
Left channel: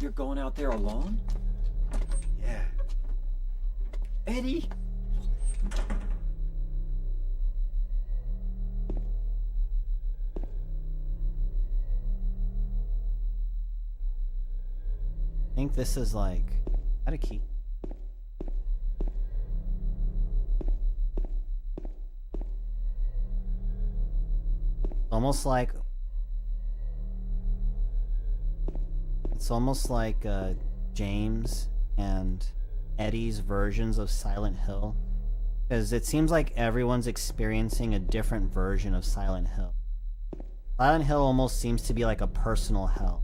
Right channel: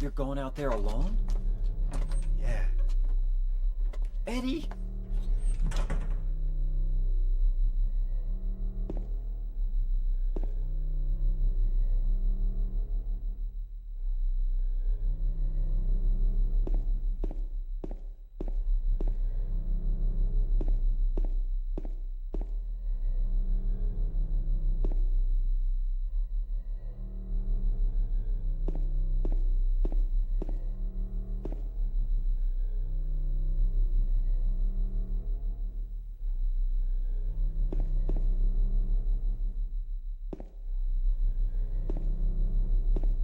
you're going out there alone? Yeah. Eddie! I think this is like... How to keep... Almost like... It's almost like James and Eddie's versions of Silent Hill. Because it seems like everyone's experiencing a different version of Silent Hill. Silent Hill almost seems to be like a personal hell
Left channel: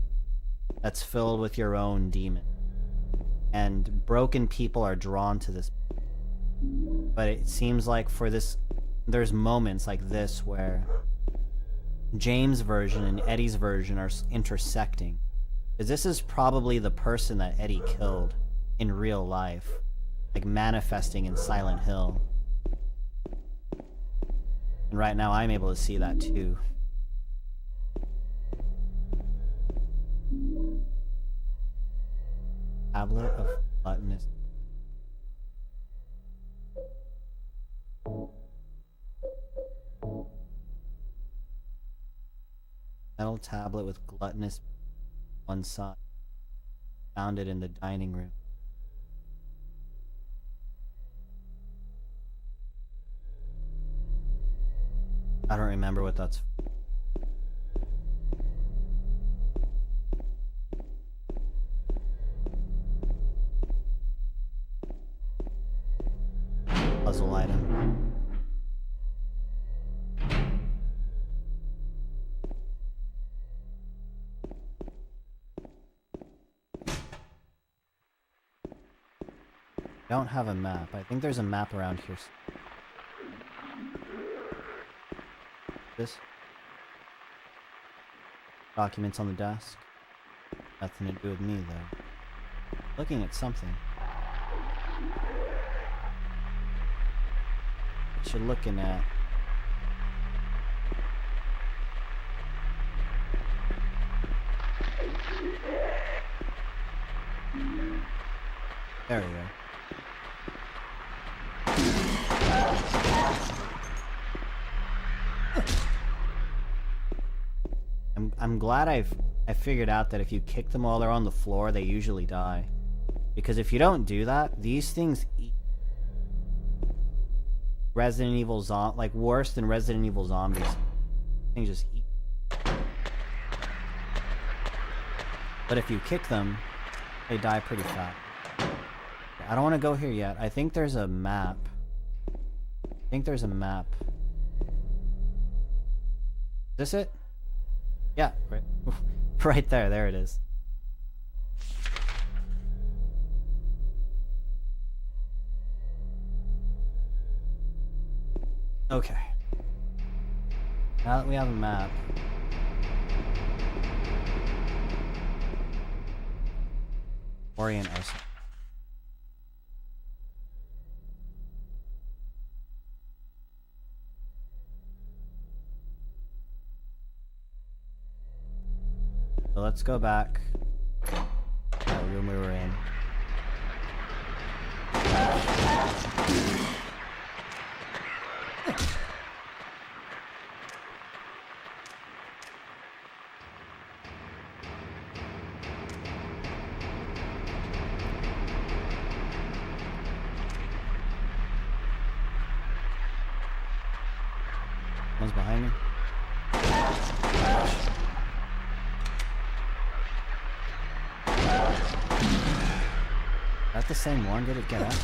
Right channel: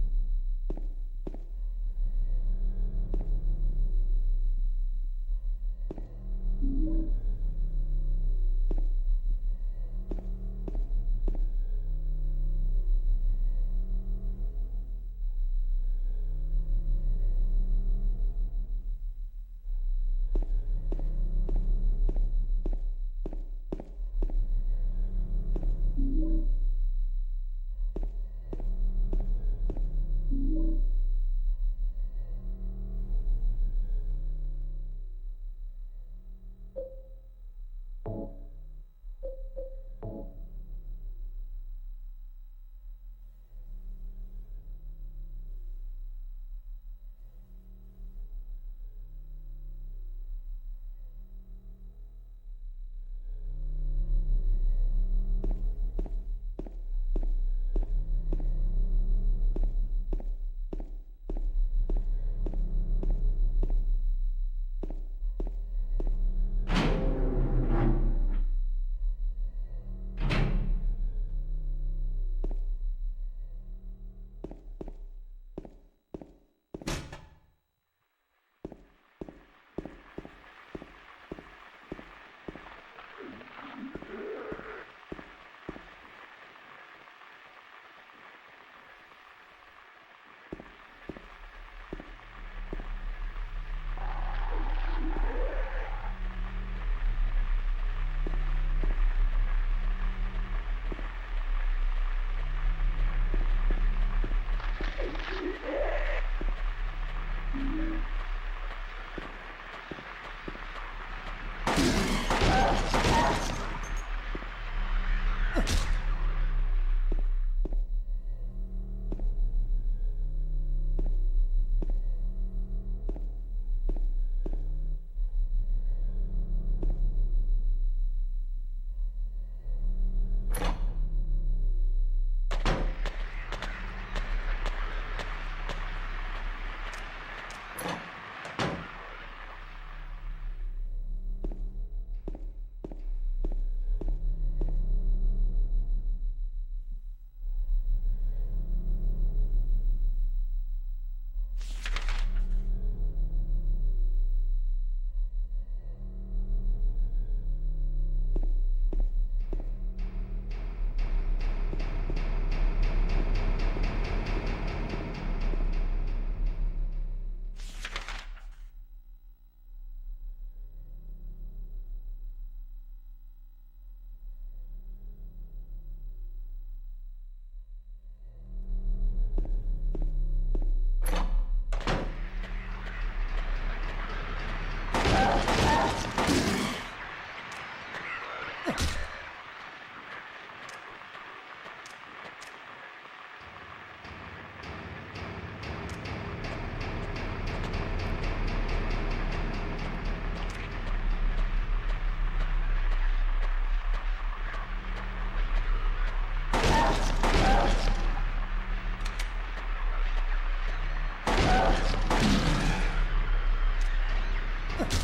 that's filled with your own demon. And broken people are drawn to this. But it seems like for this, there's moments like this where James' version and Eddie's version are intersecting. Because this is probably the person that Eddie killed in real life. Like manifesting in Silent Hill. And right now I'm able to see that too. Tablet of gluttonous. Metal tablet with gluttonous one side. Found it in the dining room. I don't remember what that's for. Puzzle item. I don't have a map. I think there's a map around here. This? Documents on the desk. Nothing to do with me though. Looking at something. What you're looking at. There we go. I'm glad glad I figured out that if you kick them while they're on the floor, they usually die. Because if you don't do that, these things eat. Resident Evil like worse than Resident Evil Zombies. Things just eat. But if you kick them, they die pretty fast. I don't want to go here yet. I think there's a map. Is this it? Yeah, right, right there. There it is. Okay. Now that we have a map. Orient us. So let's go back to the room we were in. One's behind me. That's the same one, did it get out?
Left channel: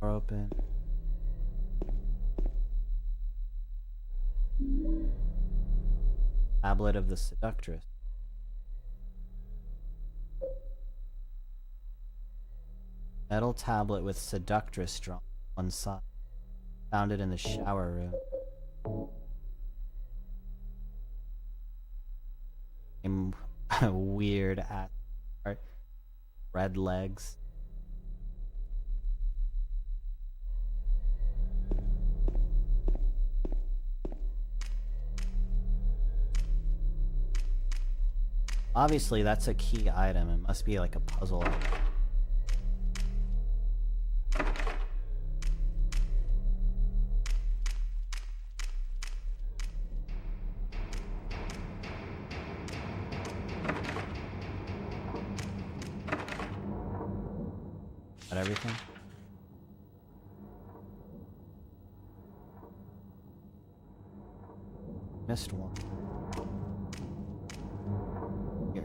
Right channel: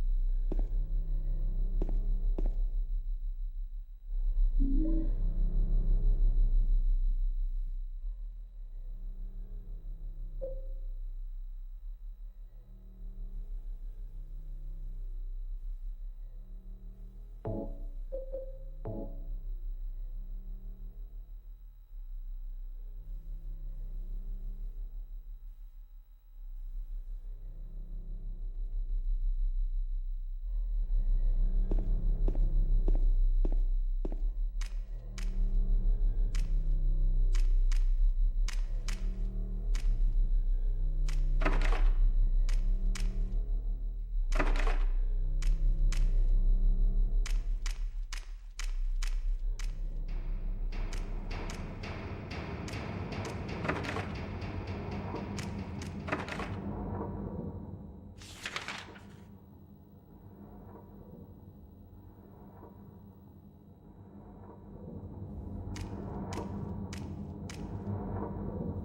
Door open. Tablet of the Seductress. Metal tablet with Seductress drawn on one side. Found it in the shower room. Weird at red legs. Obviously, that's a key item. It must be like a puzzle. Got everything? Missed one. Here.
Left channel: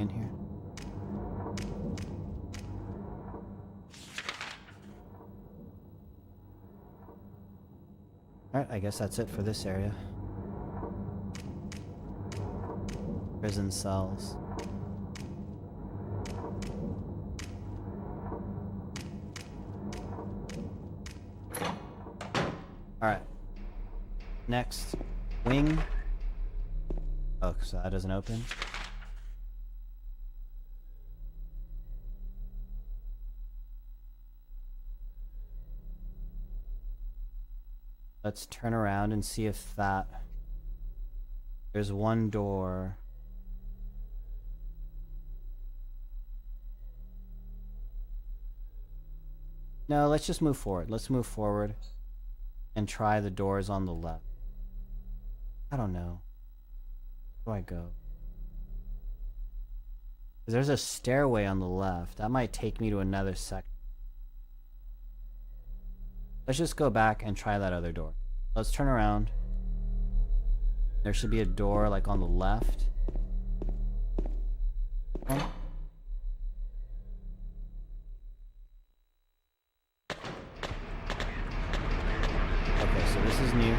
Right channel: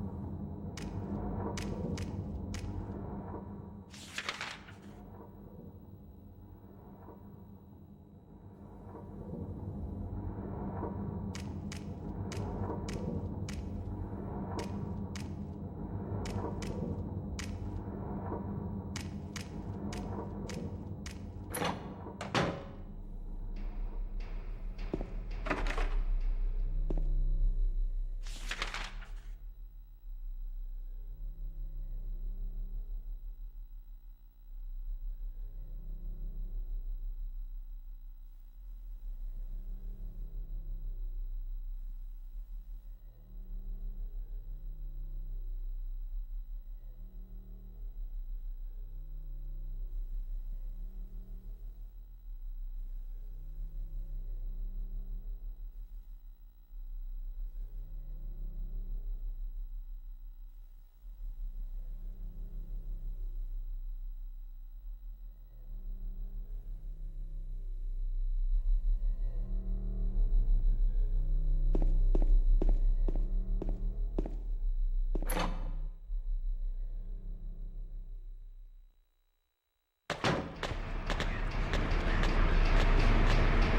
In here. Alright, I guess that's it for this area. Prison cells. Alright. Next. Wing. Oh, so that doesn't open. Let's turn around and see if that... There's one door. No, let's just move forward. Let's move forward and try the doors on the left. I don't know. Where do I go? 'Cause there's a stairway on the left. That might take me to another section. Let's just go back and try that other door. Let's turn around. There should be a door like on the left. Oh. Okay, so this is new.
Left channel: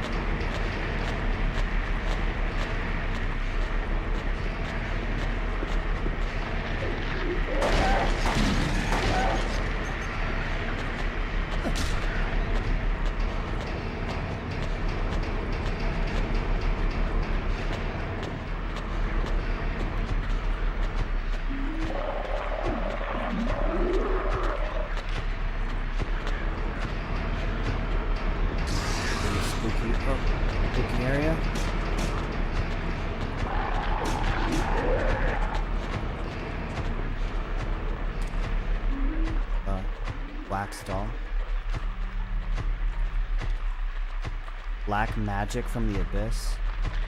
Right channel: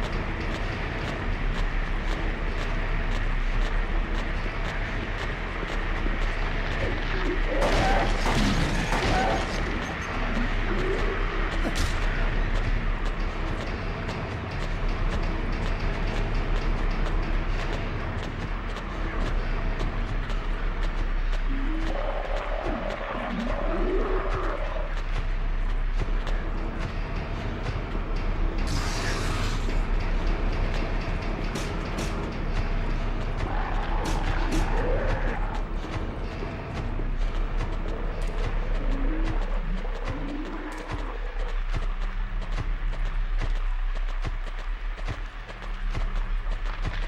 Black Magic from the Abyss,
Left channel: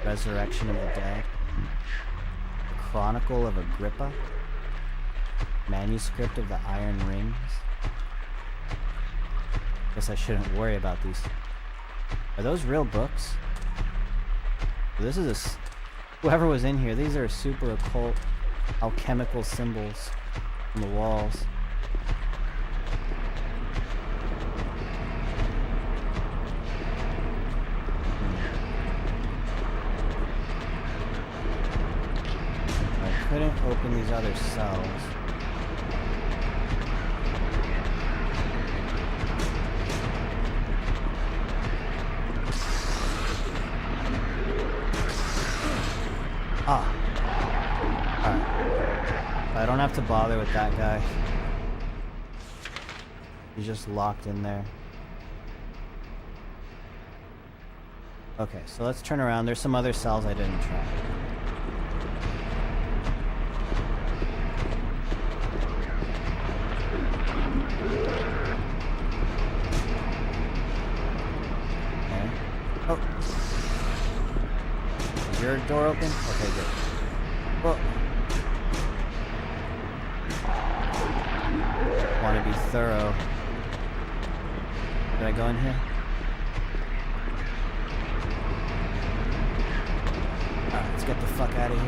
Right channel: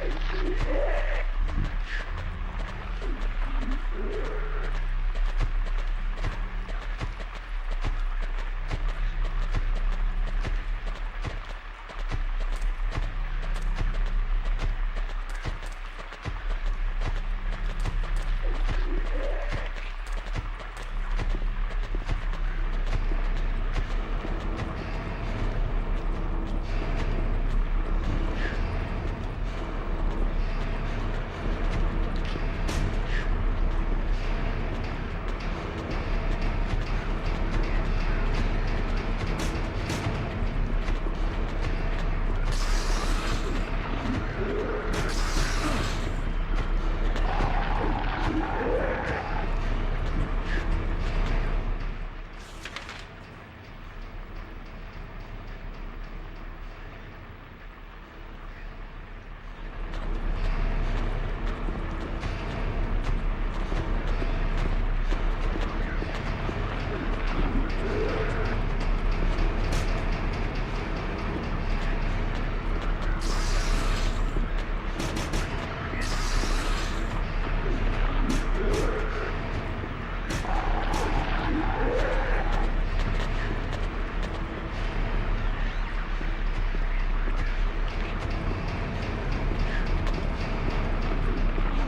Resurrection of the Dead, Chronicle of Agrippa, Manuscript of the Iron Rings. Guess I shouldn't worry about these. Are those real books? This is whoever was in here, these are super occult alchemical symbols on the walls. I couldn't open these other cells. I don't have to bother with that guy. He's just locked in there. Okay, so let's turn around. There's some other cells I didn't try. Oh. Your door open? Okay, good. Whoa. Gotta be thorough. Did I go in here? Let's get the fuck out of here.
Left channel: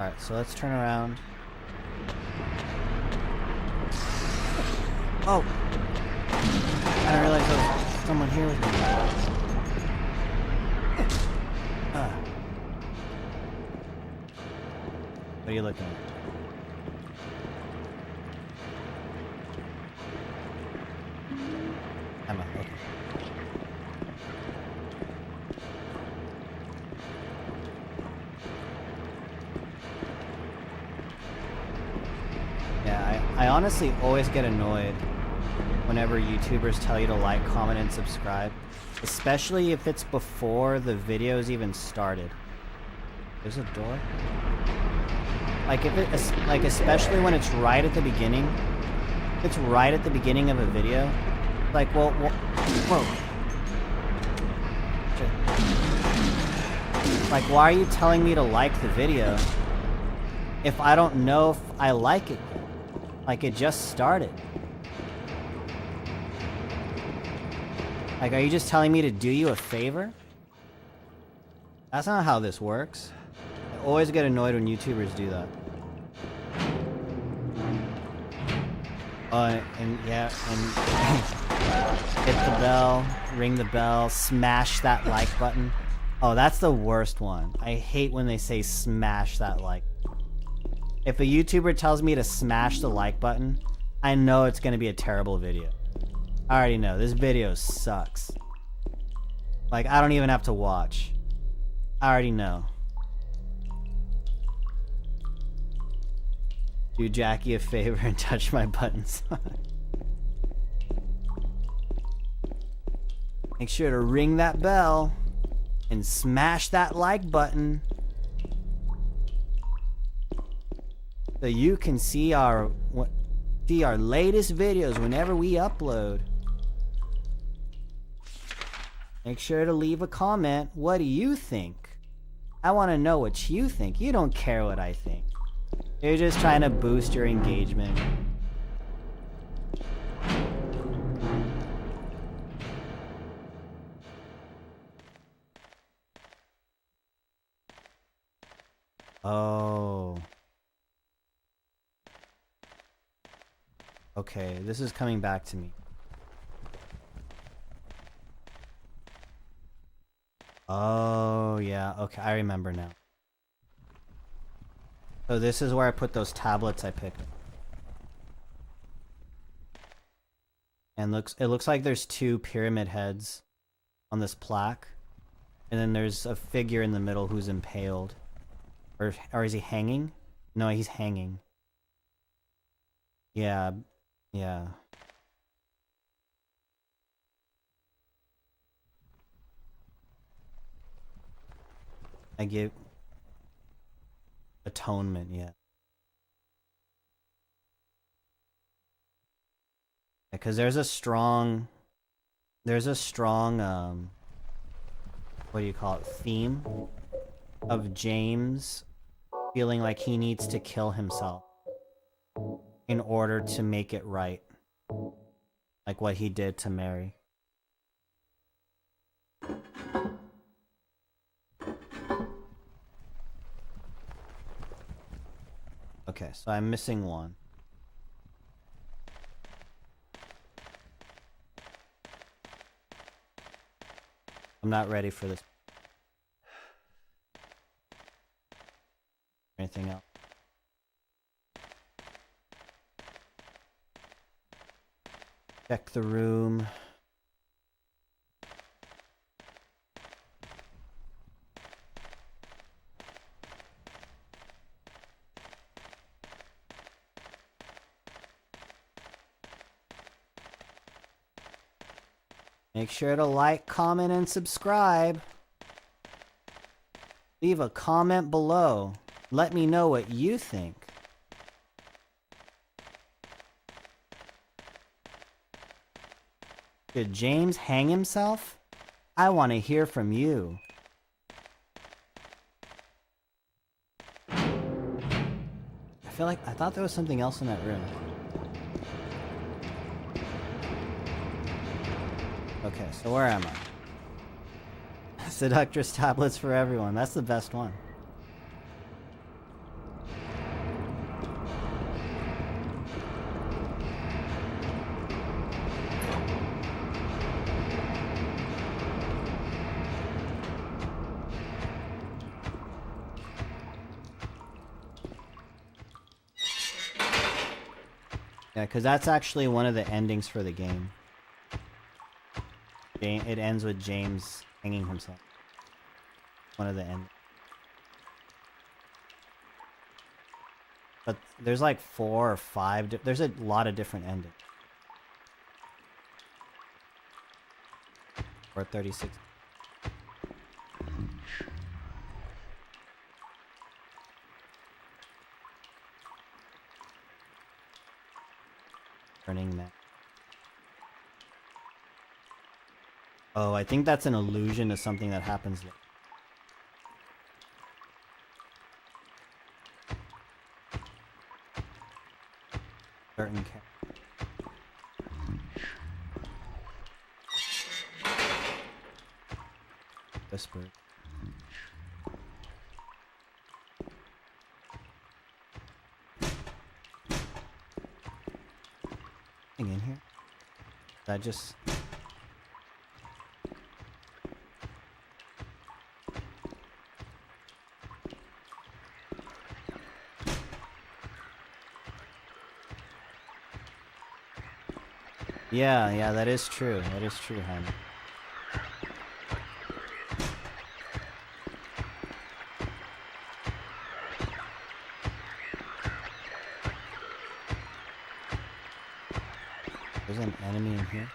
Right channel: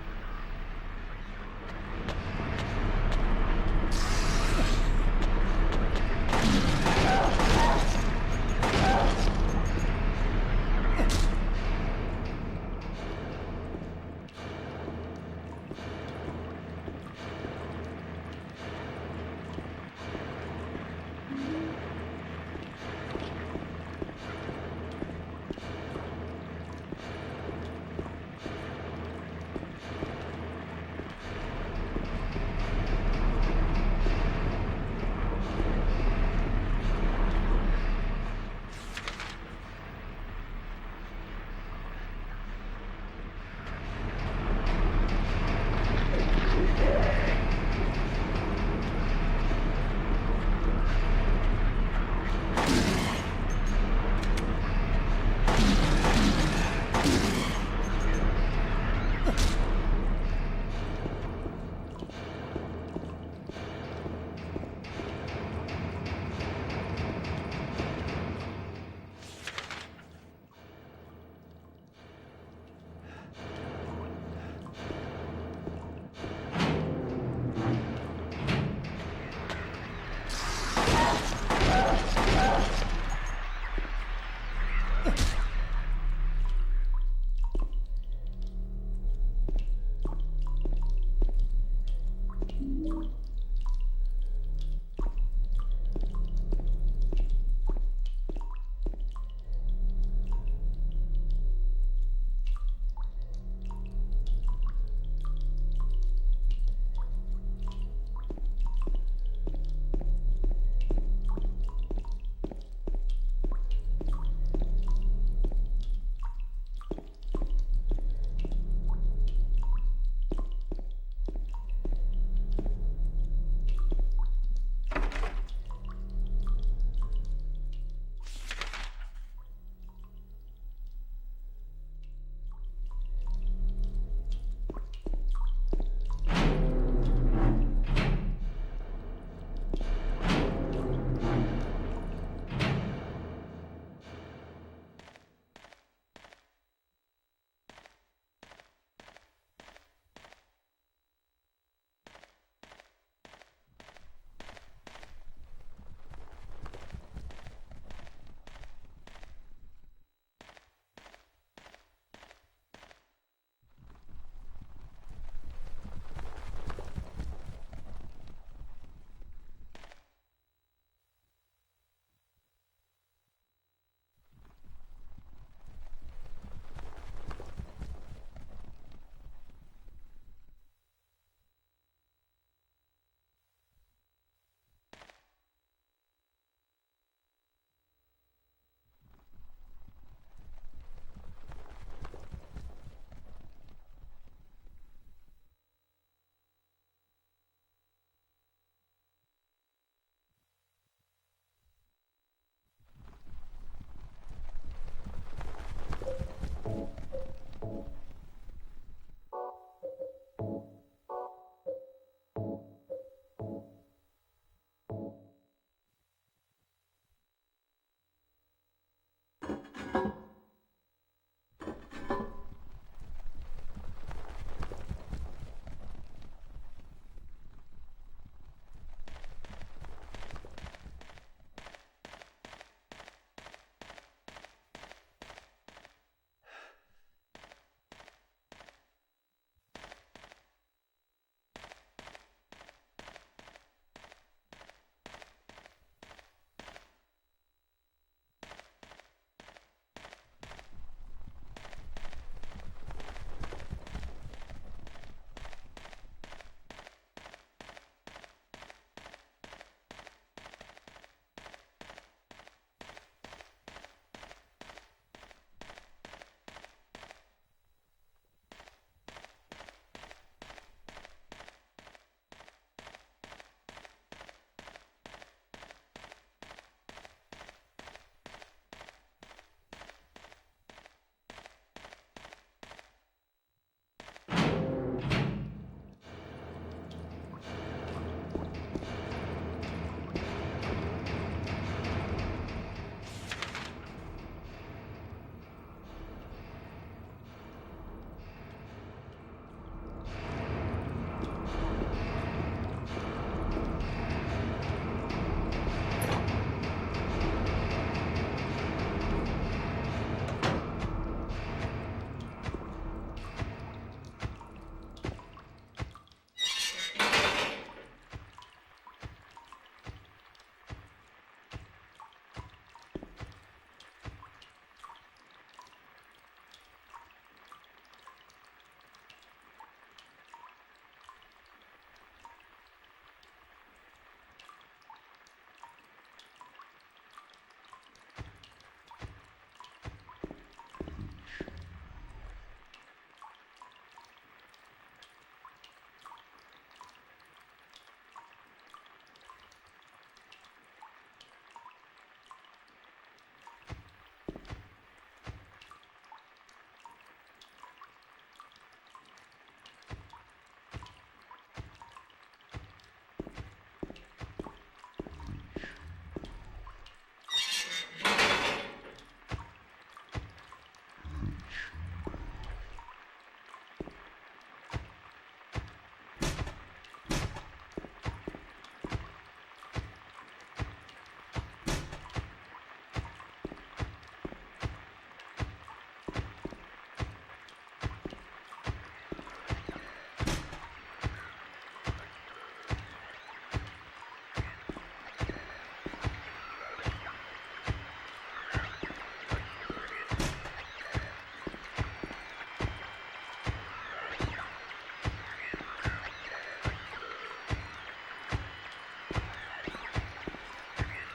Alright, so let's turn around. Oh! Someone here. What are you looking at? I'm not looking. I honestly always get annoyed whenever YouTubers tell you to like, comment, and subscribe. Especially if it's before the video's even started. There's a door? Like especially when it's right at the beginning. If it's right at the beginning of a video. Like, well whoa. Like, why are you telling me to like the video if I don't know if I like it yet? Like, it just started. Like, are you just telling me to do you a favor? That's not how this works. I always get annoyed when YouTubers do that. Hit the bell, ring the bell, smash that like button. Oh, that's the worst one. I hate when they say smash that like. If a YouTuber tells me to smash the like button, I know it's gonna be a terrible video. I already know, this video sucks. Like, I don't even have to watch. I already know. Do Jackie a favor and touch my buttons. Make sure to ring that bell and smash that like button so you can see our latest videos whenever we upload. Make sure to leave a comment. What do you think? I want to know what you think. You don't care what I think. You're just trying to boost your engagement. Oh. Okay, this is coming back to me. Oh, yeah. Okay, I remember now. So this is where I put those tablets I picked. And it looks like there's two pyramid heads on this plaque. And then there's a figure in the middle who's impaled. Or is he hanging? No, he's hanging. Yeah. Yeah. I give atonement yet. Because there's a strong what do you call it, theme of James feeling like he needs to kill himself in order to make it right. Like what he did to Mary. Okay, so I'm missing one. I'm not ready for this. Anything else? Check the room. Make sure to like, comment, and subscribe. Leave a comment below. Let me know what you think. Did James hang himself? I want to hear from you. I feel like I thought there was something else in that room. Okay, so where am I? Seductress tablets for everyone. That's the best one. Yeah, because that's actually one of the endings for the game. It ends with James hanging himself. One of the ends. But there's like 4 or 5. There's a lot of different endings. Or 36. Turning that. Oh, I think that's an allusion to something that happens later. Certain whisper. In here? That just. Yeah, that is true. That is true, honey. There's an enemy in here.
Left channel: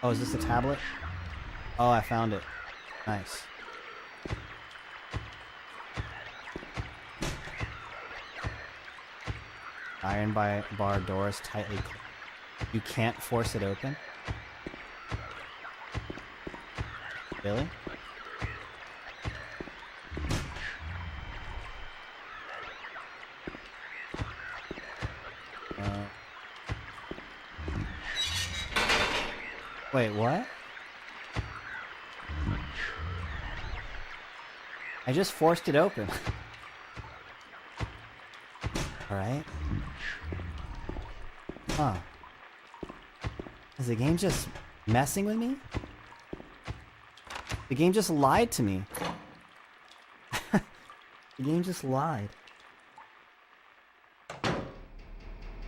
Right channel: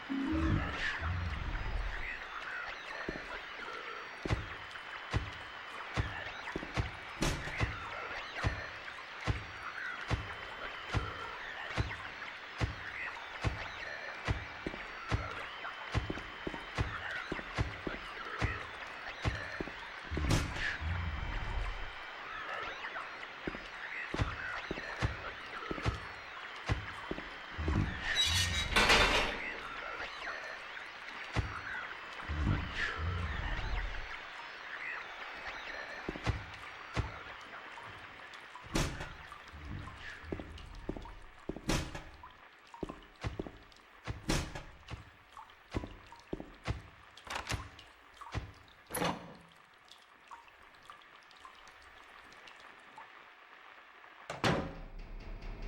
Oh, is this a tablet? Oh, I found it. Nice. Iron bar door is tightly. You can't force it open? Really? Wait, what? I just forced it open. Alright. Huh. Is the game just messing with me? The game just lied to me. The game just lied.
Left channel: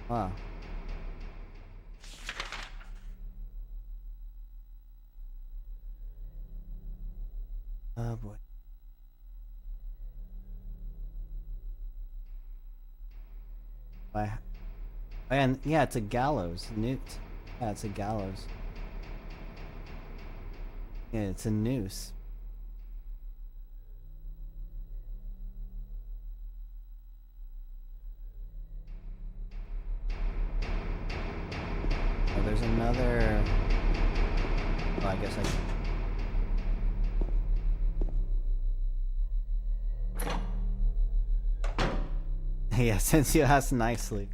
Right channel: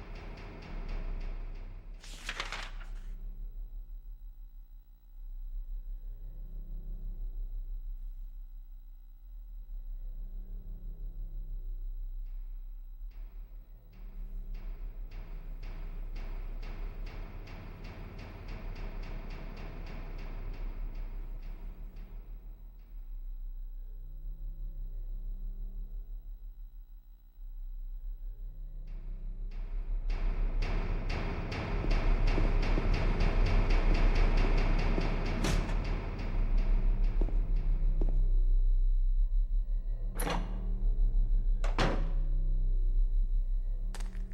Wow. Oh boy. And yeah, it's a gallows. Newt. Yeah, it's a gallows. Yeah, it's a noose. There's another. Oh, I guess yeah, since you asked nicely.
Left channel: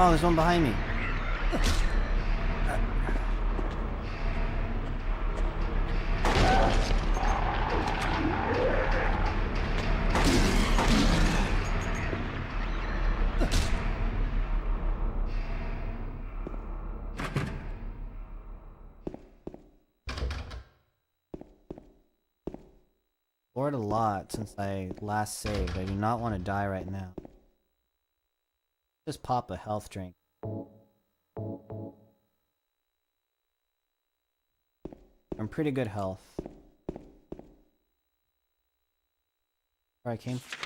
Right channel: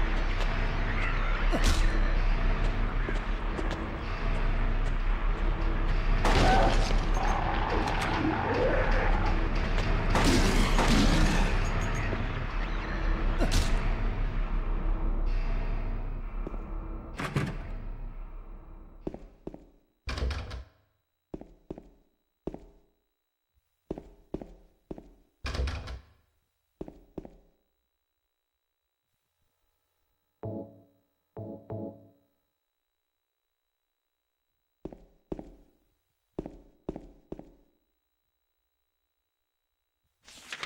Oh, there's one behind me. Bored a lot since I last saved. I do not want to die right now. Just pop a health drink. I'm pretty good health. Where I came from.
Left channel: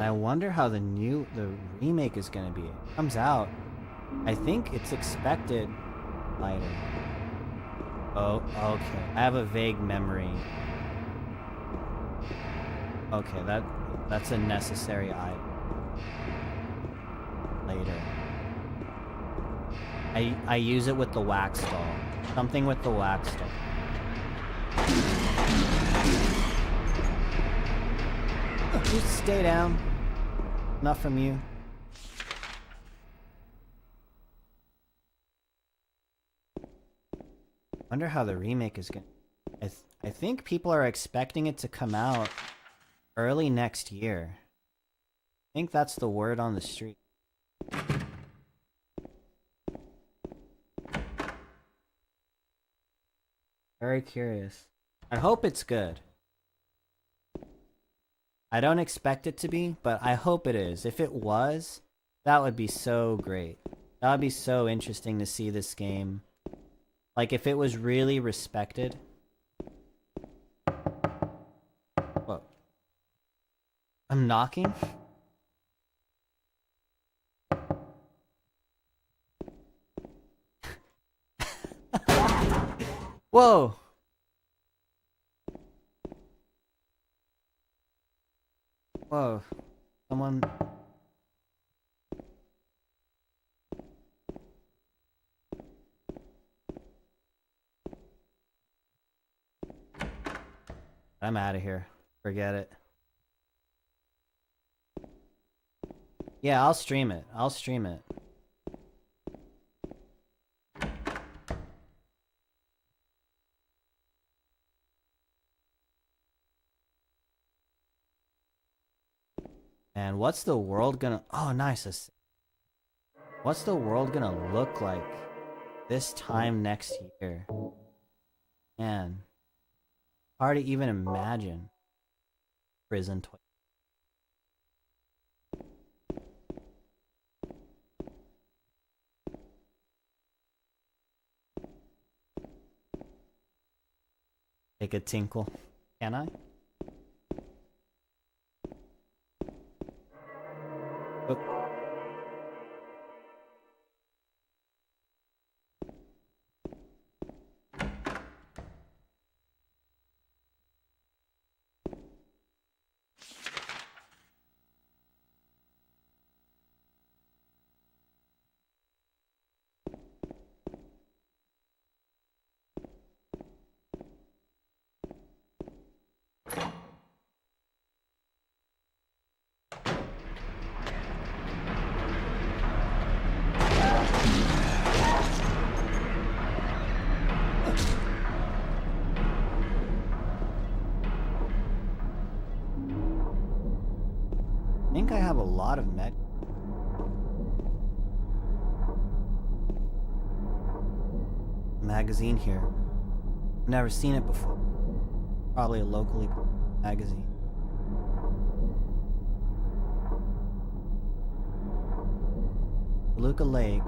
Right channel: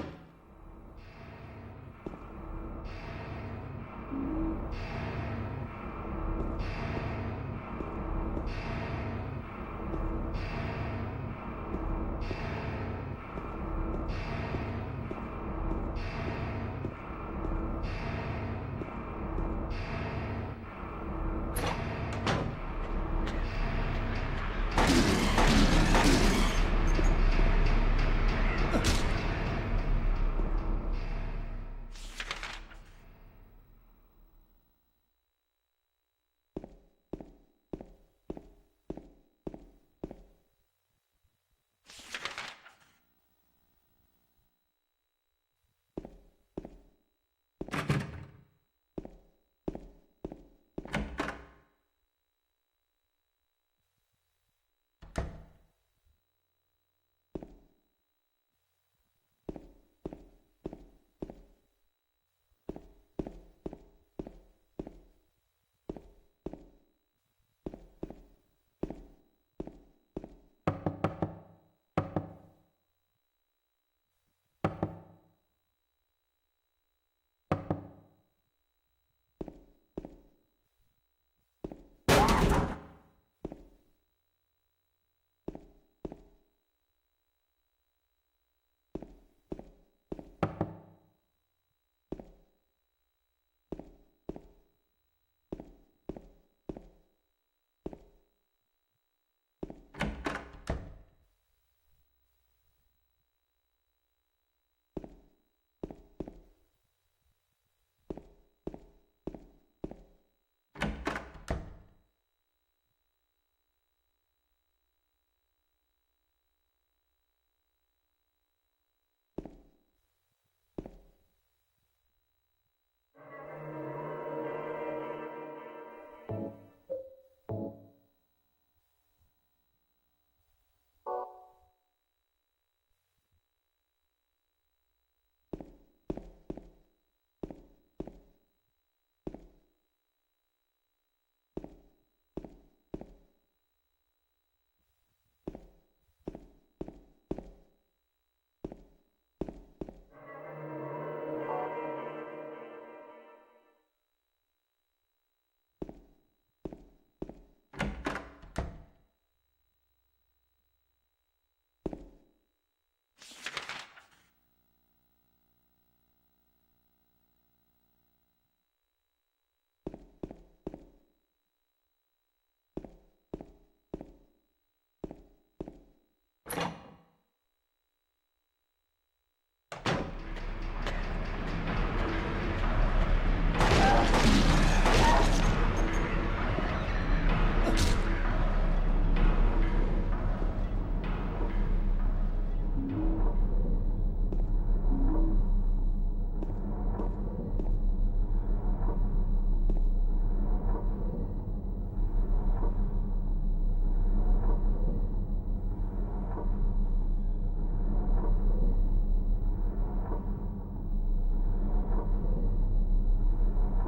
I wonder how the remake is gonna be. It comes out. I think it's expected later. Oh, okay. I have a vague memory. Okay, that's a necessary item. Later. I use it with the wax doll. Something with the wax doll. Just stay down. Not from you. Wonder how the remake is going. I think people are expecting it to come out early next year. I think that's the word on the street. Very curious. I hope it's good. I don't expect it to be, but I hope it is. If it was, that would be so great. That would be so interesting to see this game. Like, if it was really respected. Whoa. I'm knocking? Whoa! Whoa. Someone... I'm out of here. Forget it. Yeah, I'll stream it. I'll stream it. And what's the world gonna... Oh, nice. What's the world gonna look like this time next year? Man. Hard to even imagine. Prison toy. Take a tinkle. Can I? Oh. I think I have a lot of med. magazine here. I've never seen it before. Probably a locally magazine. Luca Lake.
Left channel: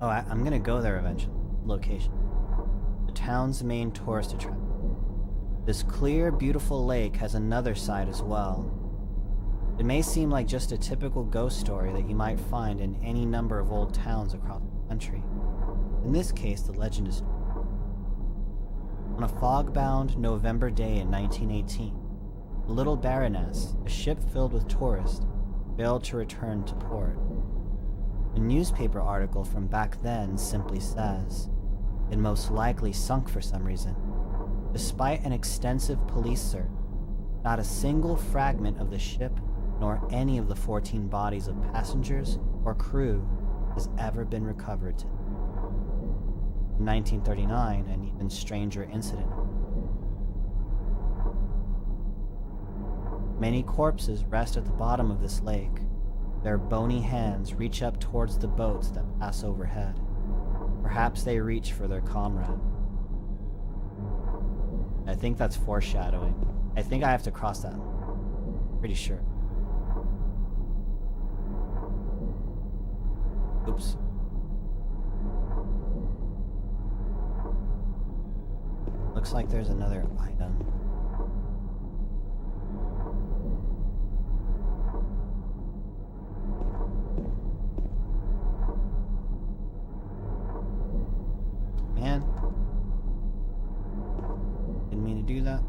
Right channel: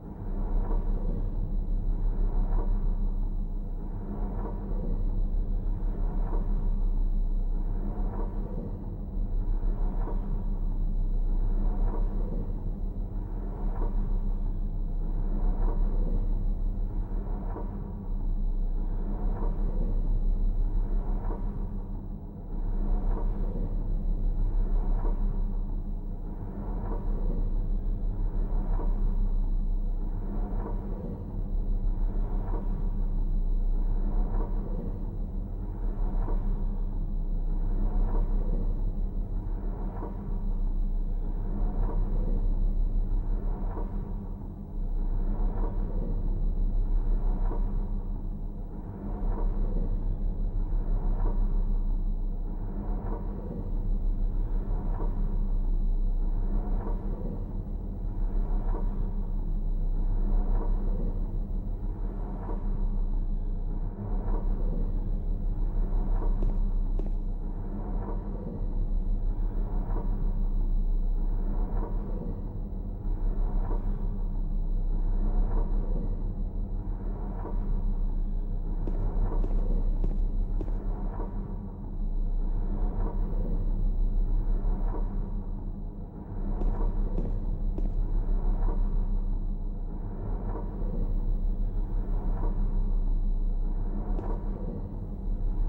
Oh, I'm gonna go there eventually. Location. The town's main tourist attraction. This clear, beautiful lake has another side as well. It may seem like just a typical ghost story that you might find in any number of old towns across the country. In this case, the legend is true. On a fog-bound November day in 1918, the Little Baroness, a ship filled with tourists, failed to return to port. A newspaper article from back then simply says, it most likely sunk for some reason. Despite an extensive police search, not a single fragment of the ship nor any of the 14 bodies of passengers or crew has ever been recovered. In 1939, an even stranger incident. Many corpses rest at the bottom of this lake. Their bony hands reach up towards the boats that pass overhead. Perhaps they reach for their comrade. I think that's foreshadowing. I think I have to cross that. Pretty sure. Oops. Looks like there's another item. Man. Didn't mean to do that.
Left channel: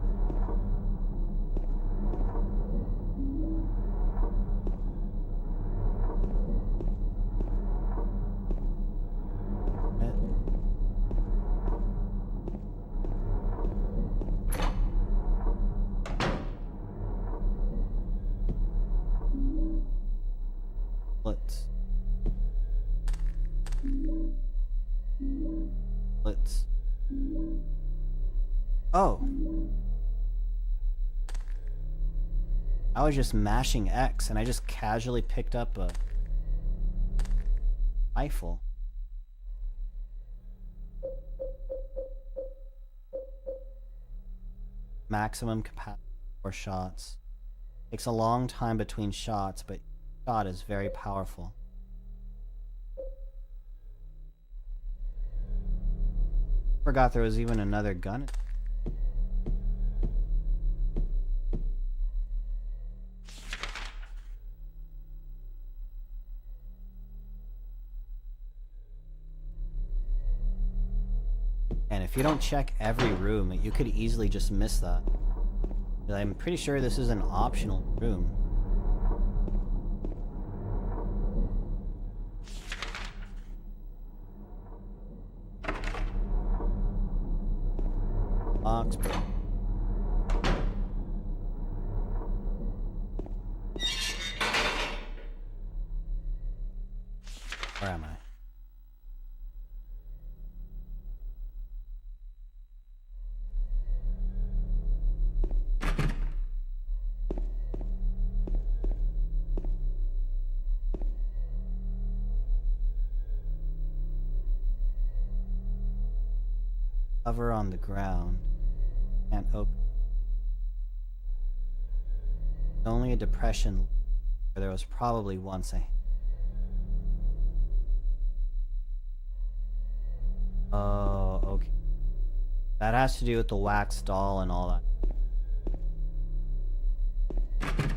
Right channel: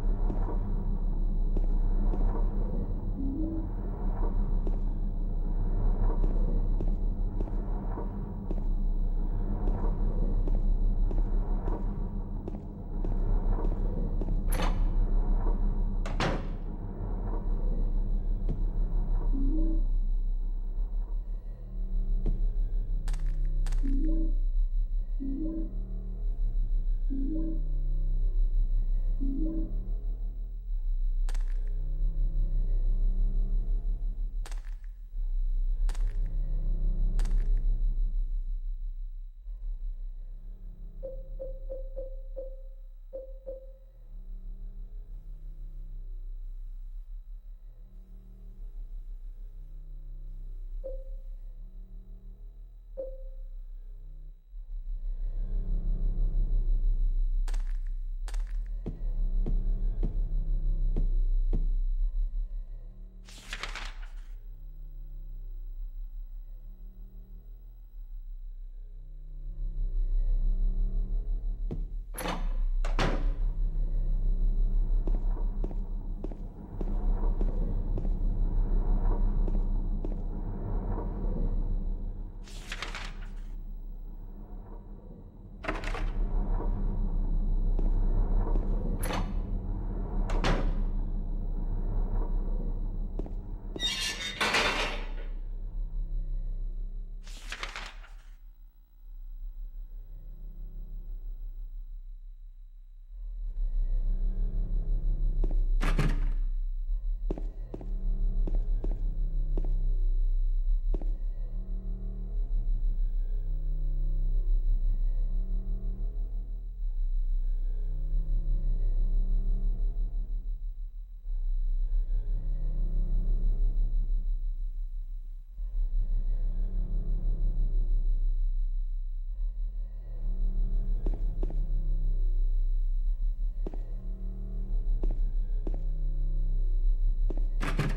Let's. Oh. I was just mashing X and I just casually picked up a rifle. Maximum capacity for shots. Takes a long time between shots, but shot is very powerful. Forgot there was even another gun. And if you don't check every room, you could easily just miss that. I'm pretty sure this is an optional room. Box. Where am I? Cover on the ground. Can't open. Only a depression where there was probably once a. Oh, okay. That has to do with the wax doll and all that.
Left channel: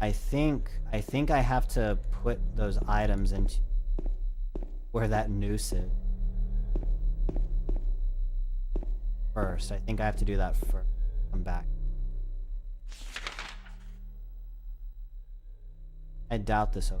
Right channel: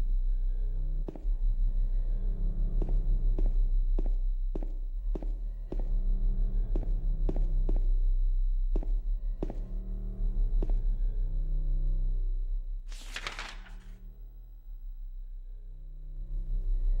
I think I have to put those items into where that noose is. First, I think I have to do that first. Come back. I doubt this.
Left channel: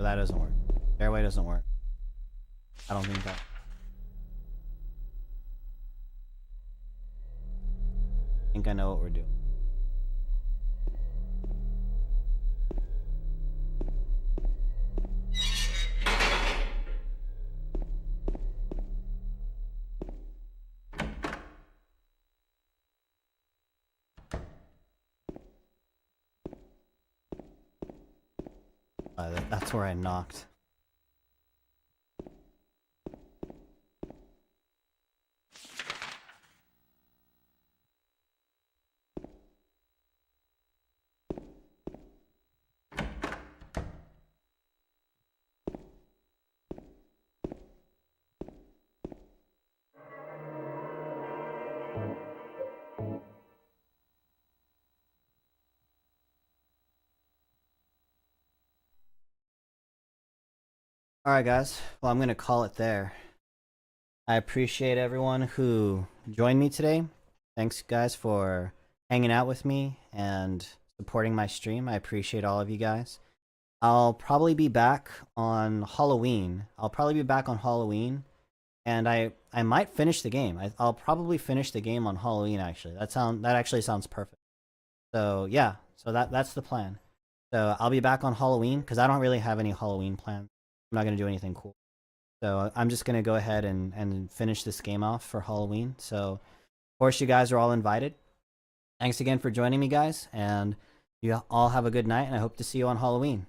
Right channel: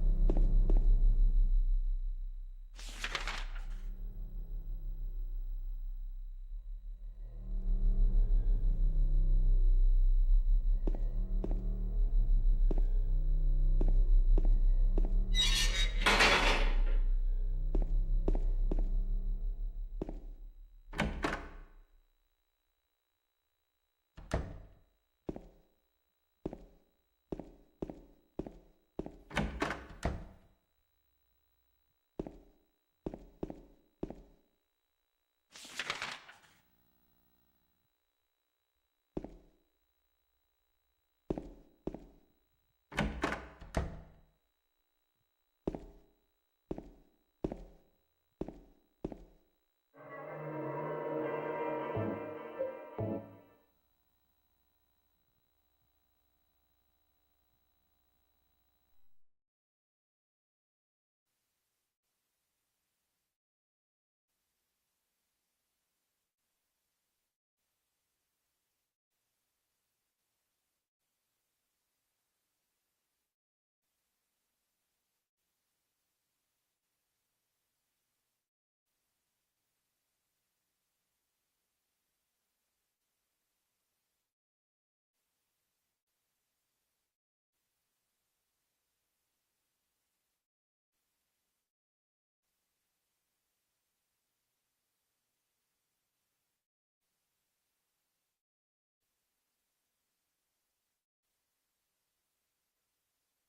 That doesn't work. Airway doesn't work. I don't think that. That's where I knocked. Alright guys, well I'm gonna call it there. I appreciate everyone who joined me today. Thanks guys for hanging out with me and supporting my stream. I appreciate all of you guys. I'll probably be back on Halloween. And I might finish the game. I'll probably finish the game on Halloween actually. That actually sounds perfect. So yeah, so that's the plan. So I'll be back on Halloween because I don't really have any Halloween plans. I'm not going to do anything cool. So I'm just going to go ahead and finish this game off for Halloween. So, of course, you guys are all invited. Thanks again for joining me, guys. And you all have a good night, and I hope to see you on Halloween.